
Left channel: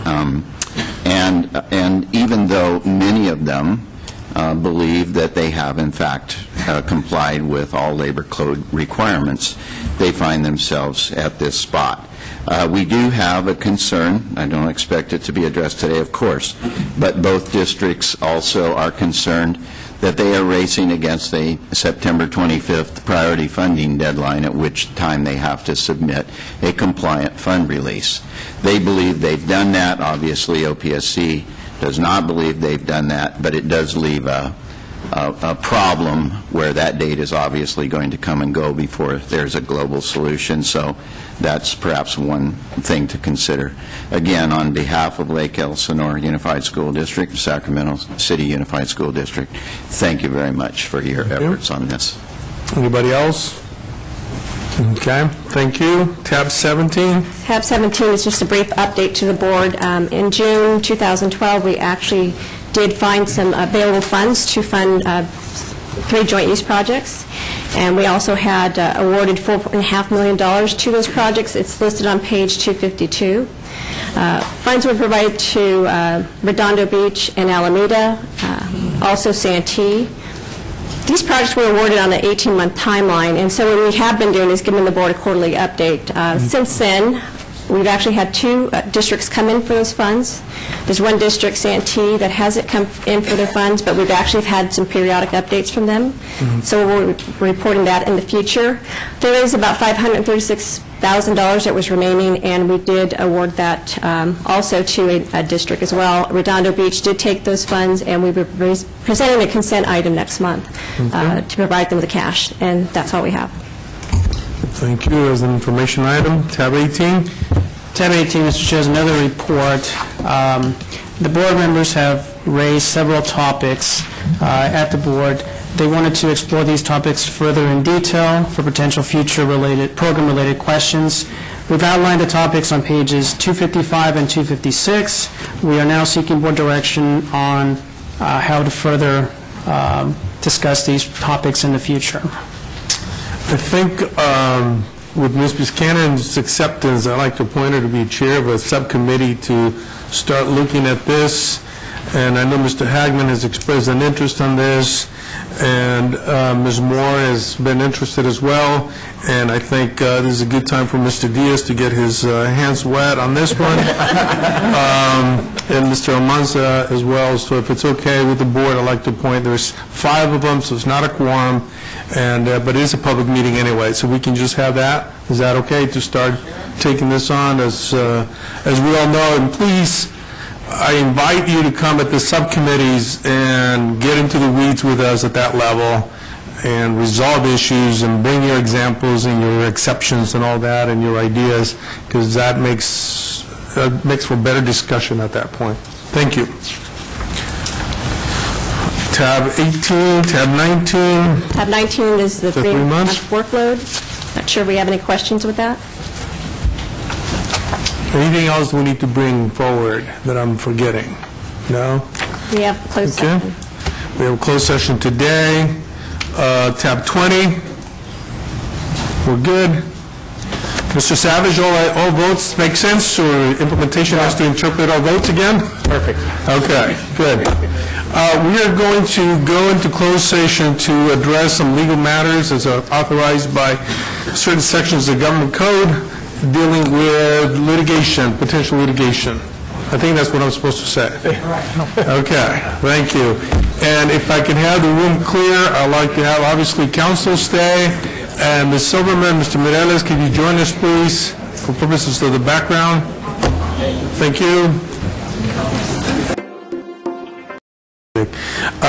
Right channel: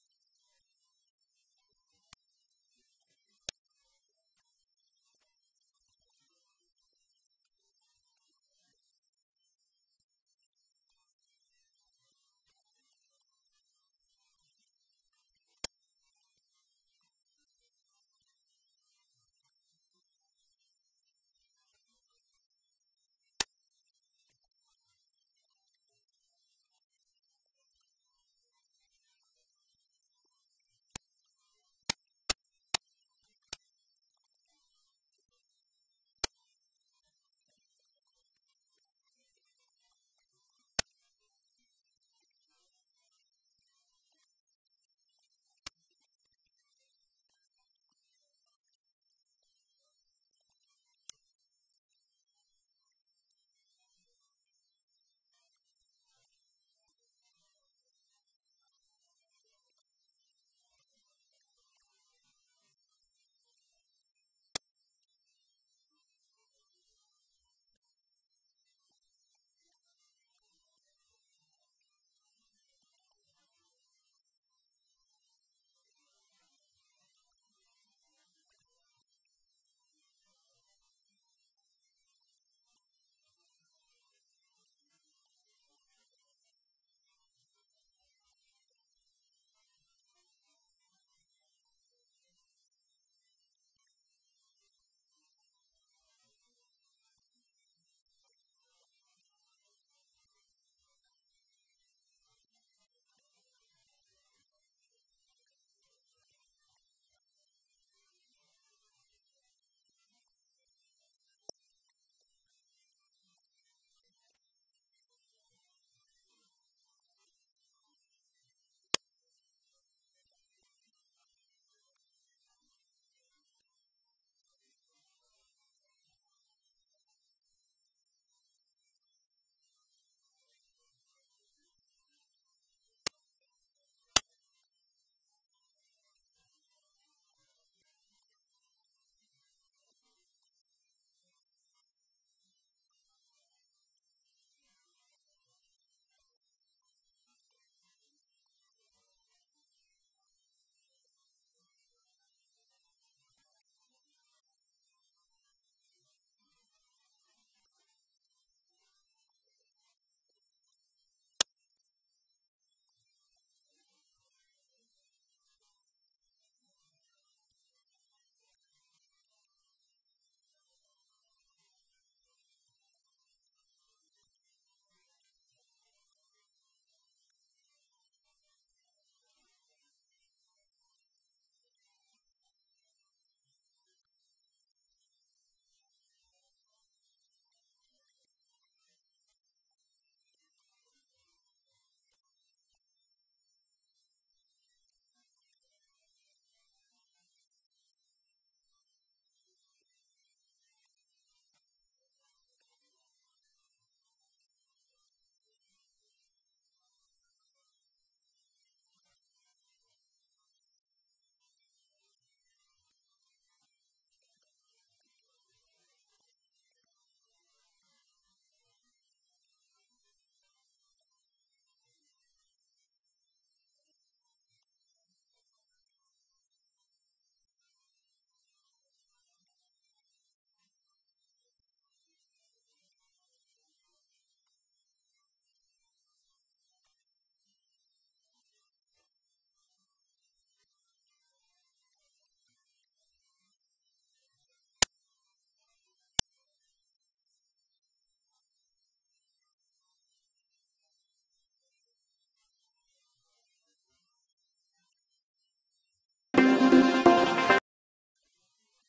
And even though many of them believe that they have, in fact, complied with all labor code requirements, they find themselves at this spot. We do have a concern. I don't expect it to be addressed today, of course, but both districts also are concerned that they are racing against a September 25th priority funding deadline, at which time they have to submit a compliant fund release. They believe they've done that. Obviously, OPSC does not believe they've done that, but it does leave a problem where that date is obviously going to come and go before there's a global solution. So that's perhaps one thing to consider. Again, on behalf of Lake Elsinore Unified School District, Sacramento City Unified School District, thank you very much for your efforts on this. Anybody else? Okay, thank you. Tab 17. Tab 17 is just a brief update to the board. In June 2012, we actually did find some available funds to fund 3 joint use projects, and we also had awarded $4.5 million to those projects. It's listed on page 252. Funds were provided to Redondo Beach and Alameda, also Santee. These projects were awarded on an 18-month timeline, and so what we have been doing is giving the board a quarterly update. Since then, we've actually had 2 districts come in for those funds. There's one district, Santee, that hasn't come in for their funds, but we've actually had some periodic updates from them. So we're reporting that in the future. There is about $536,000 that was remaining, and we did award that also to a district as well. Redondo Beach did take those funds, and we were presenting a consent item next month to provide them the cash, and that's all we have. Thank you. As an information item, tab 18. Tab 18, Mr. Chair, is another report. The board members have raised several topics at the board. They wanted to explore these topics further in detail for potential future program-related questions. We've outlined the topics on pages 255 and 256. We are now seeking board direction on how to further discuss these topics in the future. I think with Ms. Buchanan's acceptance, I'd like to appoint her to be chair of a subcommittee to start looking at this. And I know Mr. Hagman has expressed an interest on this, and Ms. Moore has been interested as well. And I think this is a good time for Mr. Diaz to get his hands wet on this one, and Mr. Almanza as well. So if it's okay with the board, I'd like to appoint. There's 5 of them, so it's not a quorum, and but it is a public meeting anyway, so we can just have that. Is that okay to start taking this on? As we all know, and please, I invite you to come at the subcommittees and get into the weeds with us at that level and resolve issues and bring your examples and your exceptions and all that and your ideas, because that makes for better discussion at that point. Thank you. Tab 18, tab 19. Tab 19 is the 3 months workload. Not sure we have any questions with that. Anything else we need to bring forward that I'm forgetting? No? We have closed session. We have a closed session today. Tab 20. We're good. Mr. Savage, all votes make sense, or implementation has to interpret all votes again? Perfect. Okay, good. We are going to go into closed session to address some legal matters as authorized by certain sections of the government code dealing with litigation, potential litigation. I think that's what I'm supposed to say. Okay, thank you. And if I can have the room clear, I'd like to have, obviously, counsel stay. And Ms. Silverman, Mr. Mireles, can you join us, please, for purposes of the background? Thank you.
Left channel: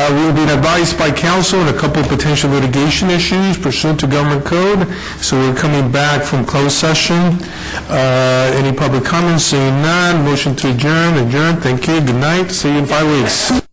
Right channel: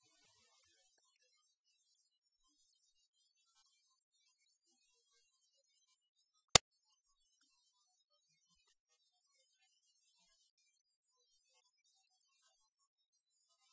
We've been advised by counsel on a couple of potential litigation issues pursuant to government code, so we're coming back from closed session. Any public comments? Seeing none, motion to adjourn. Adjourn. Thank you. Good night. See you in 5 weeks.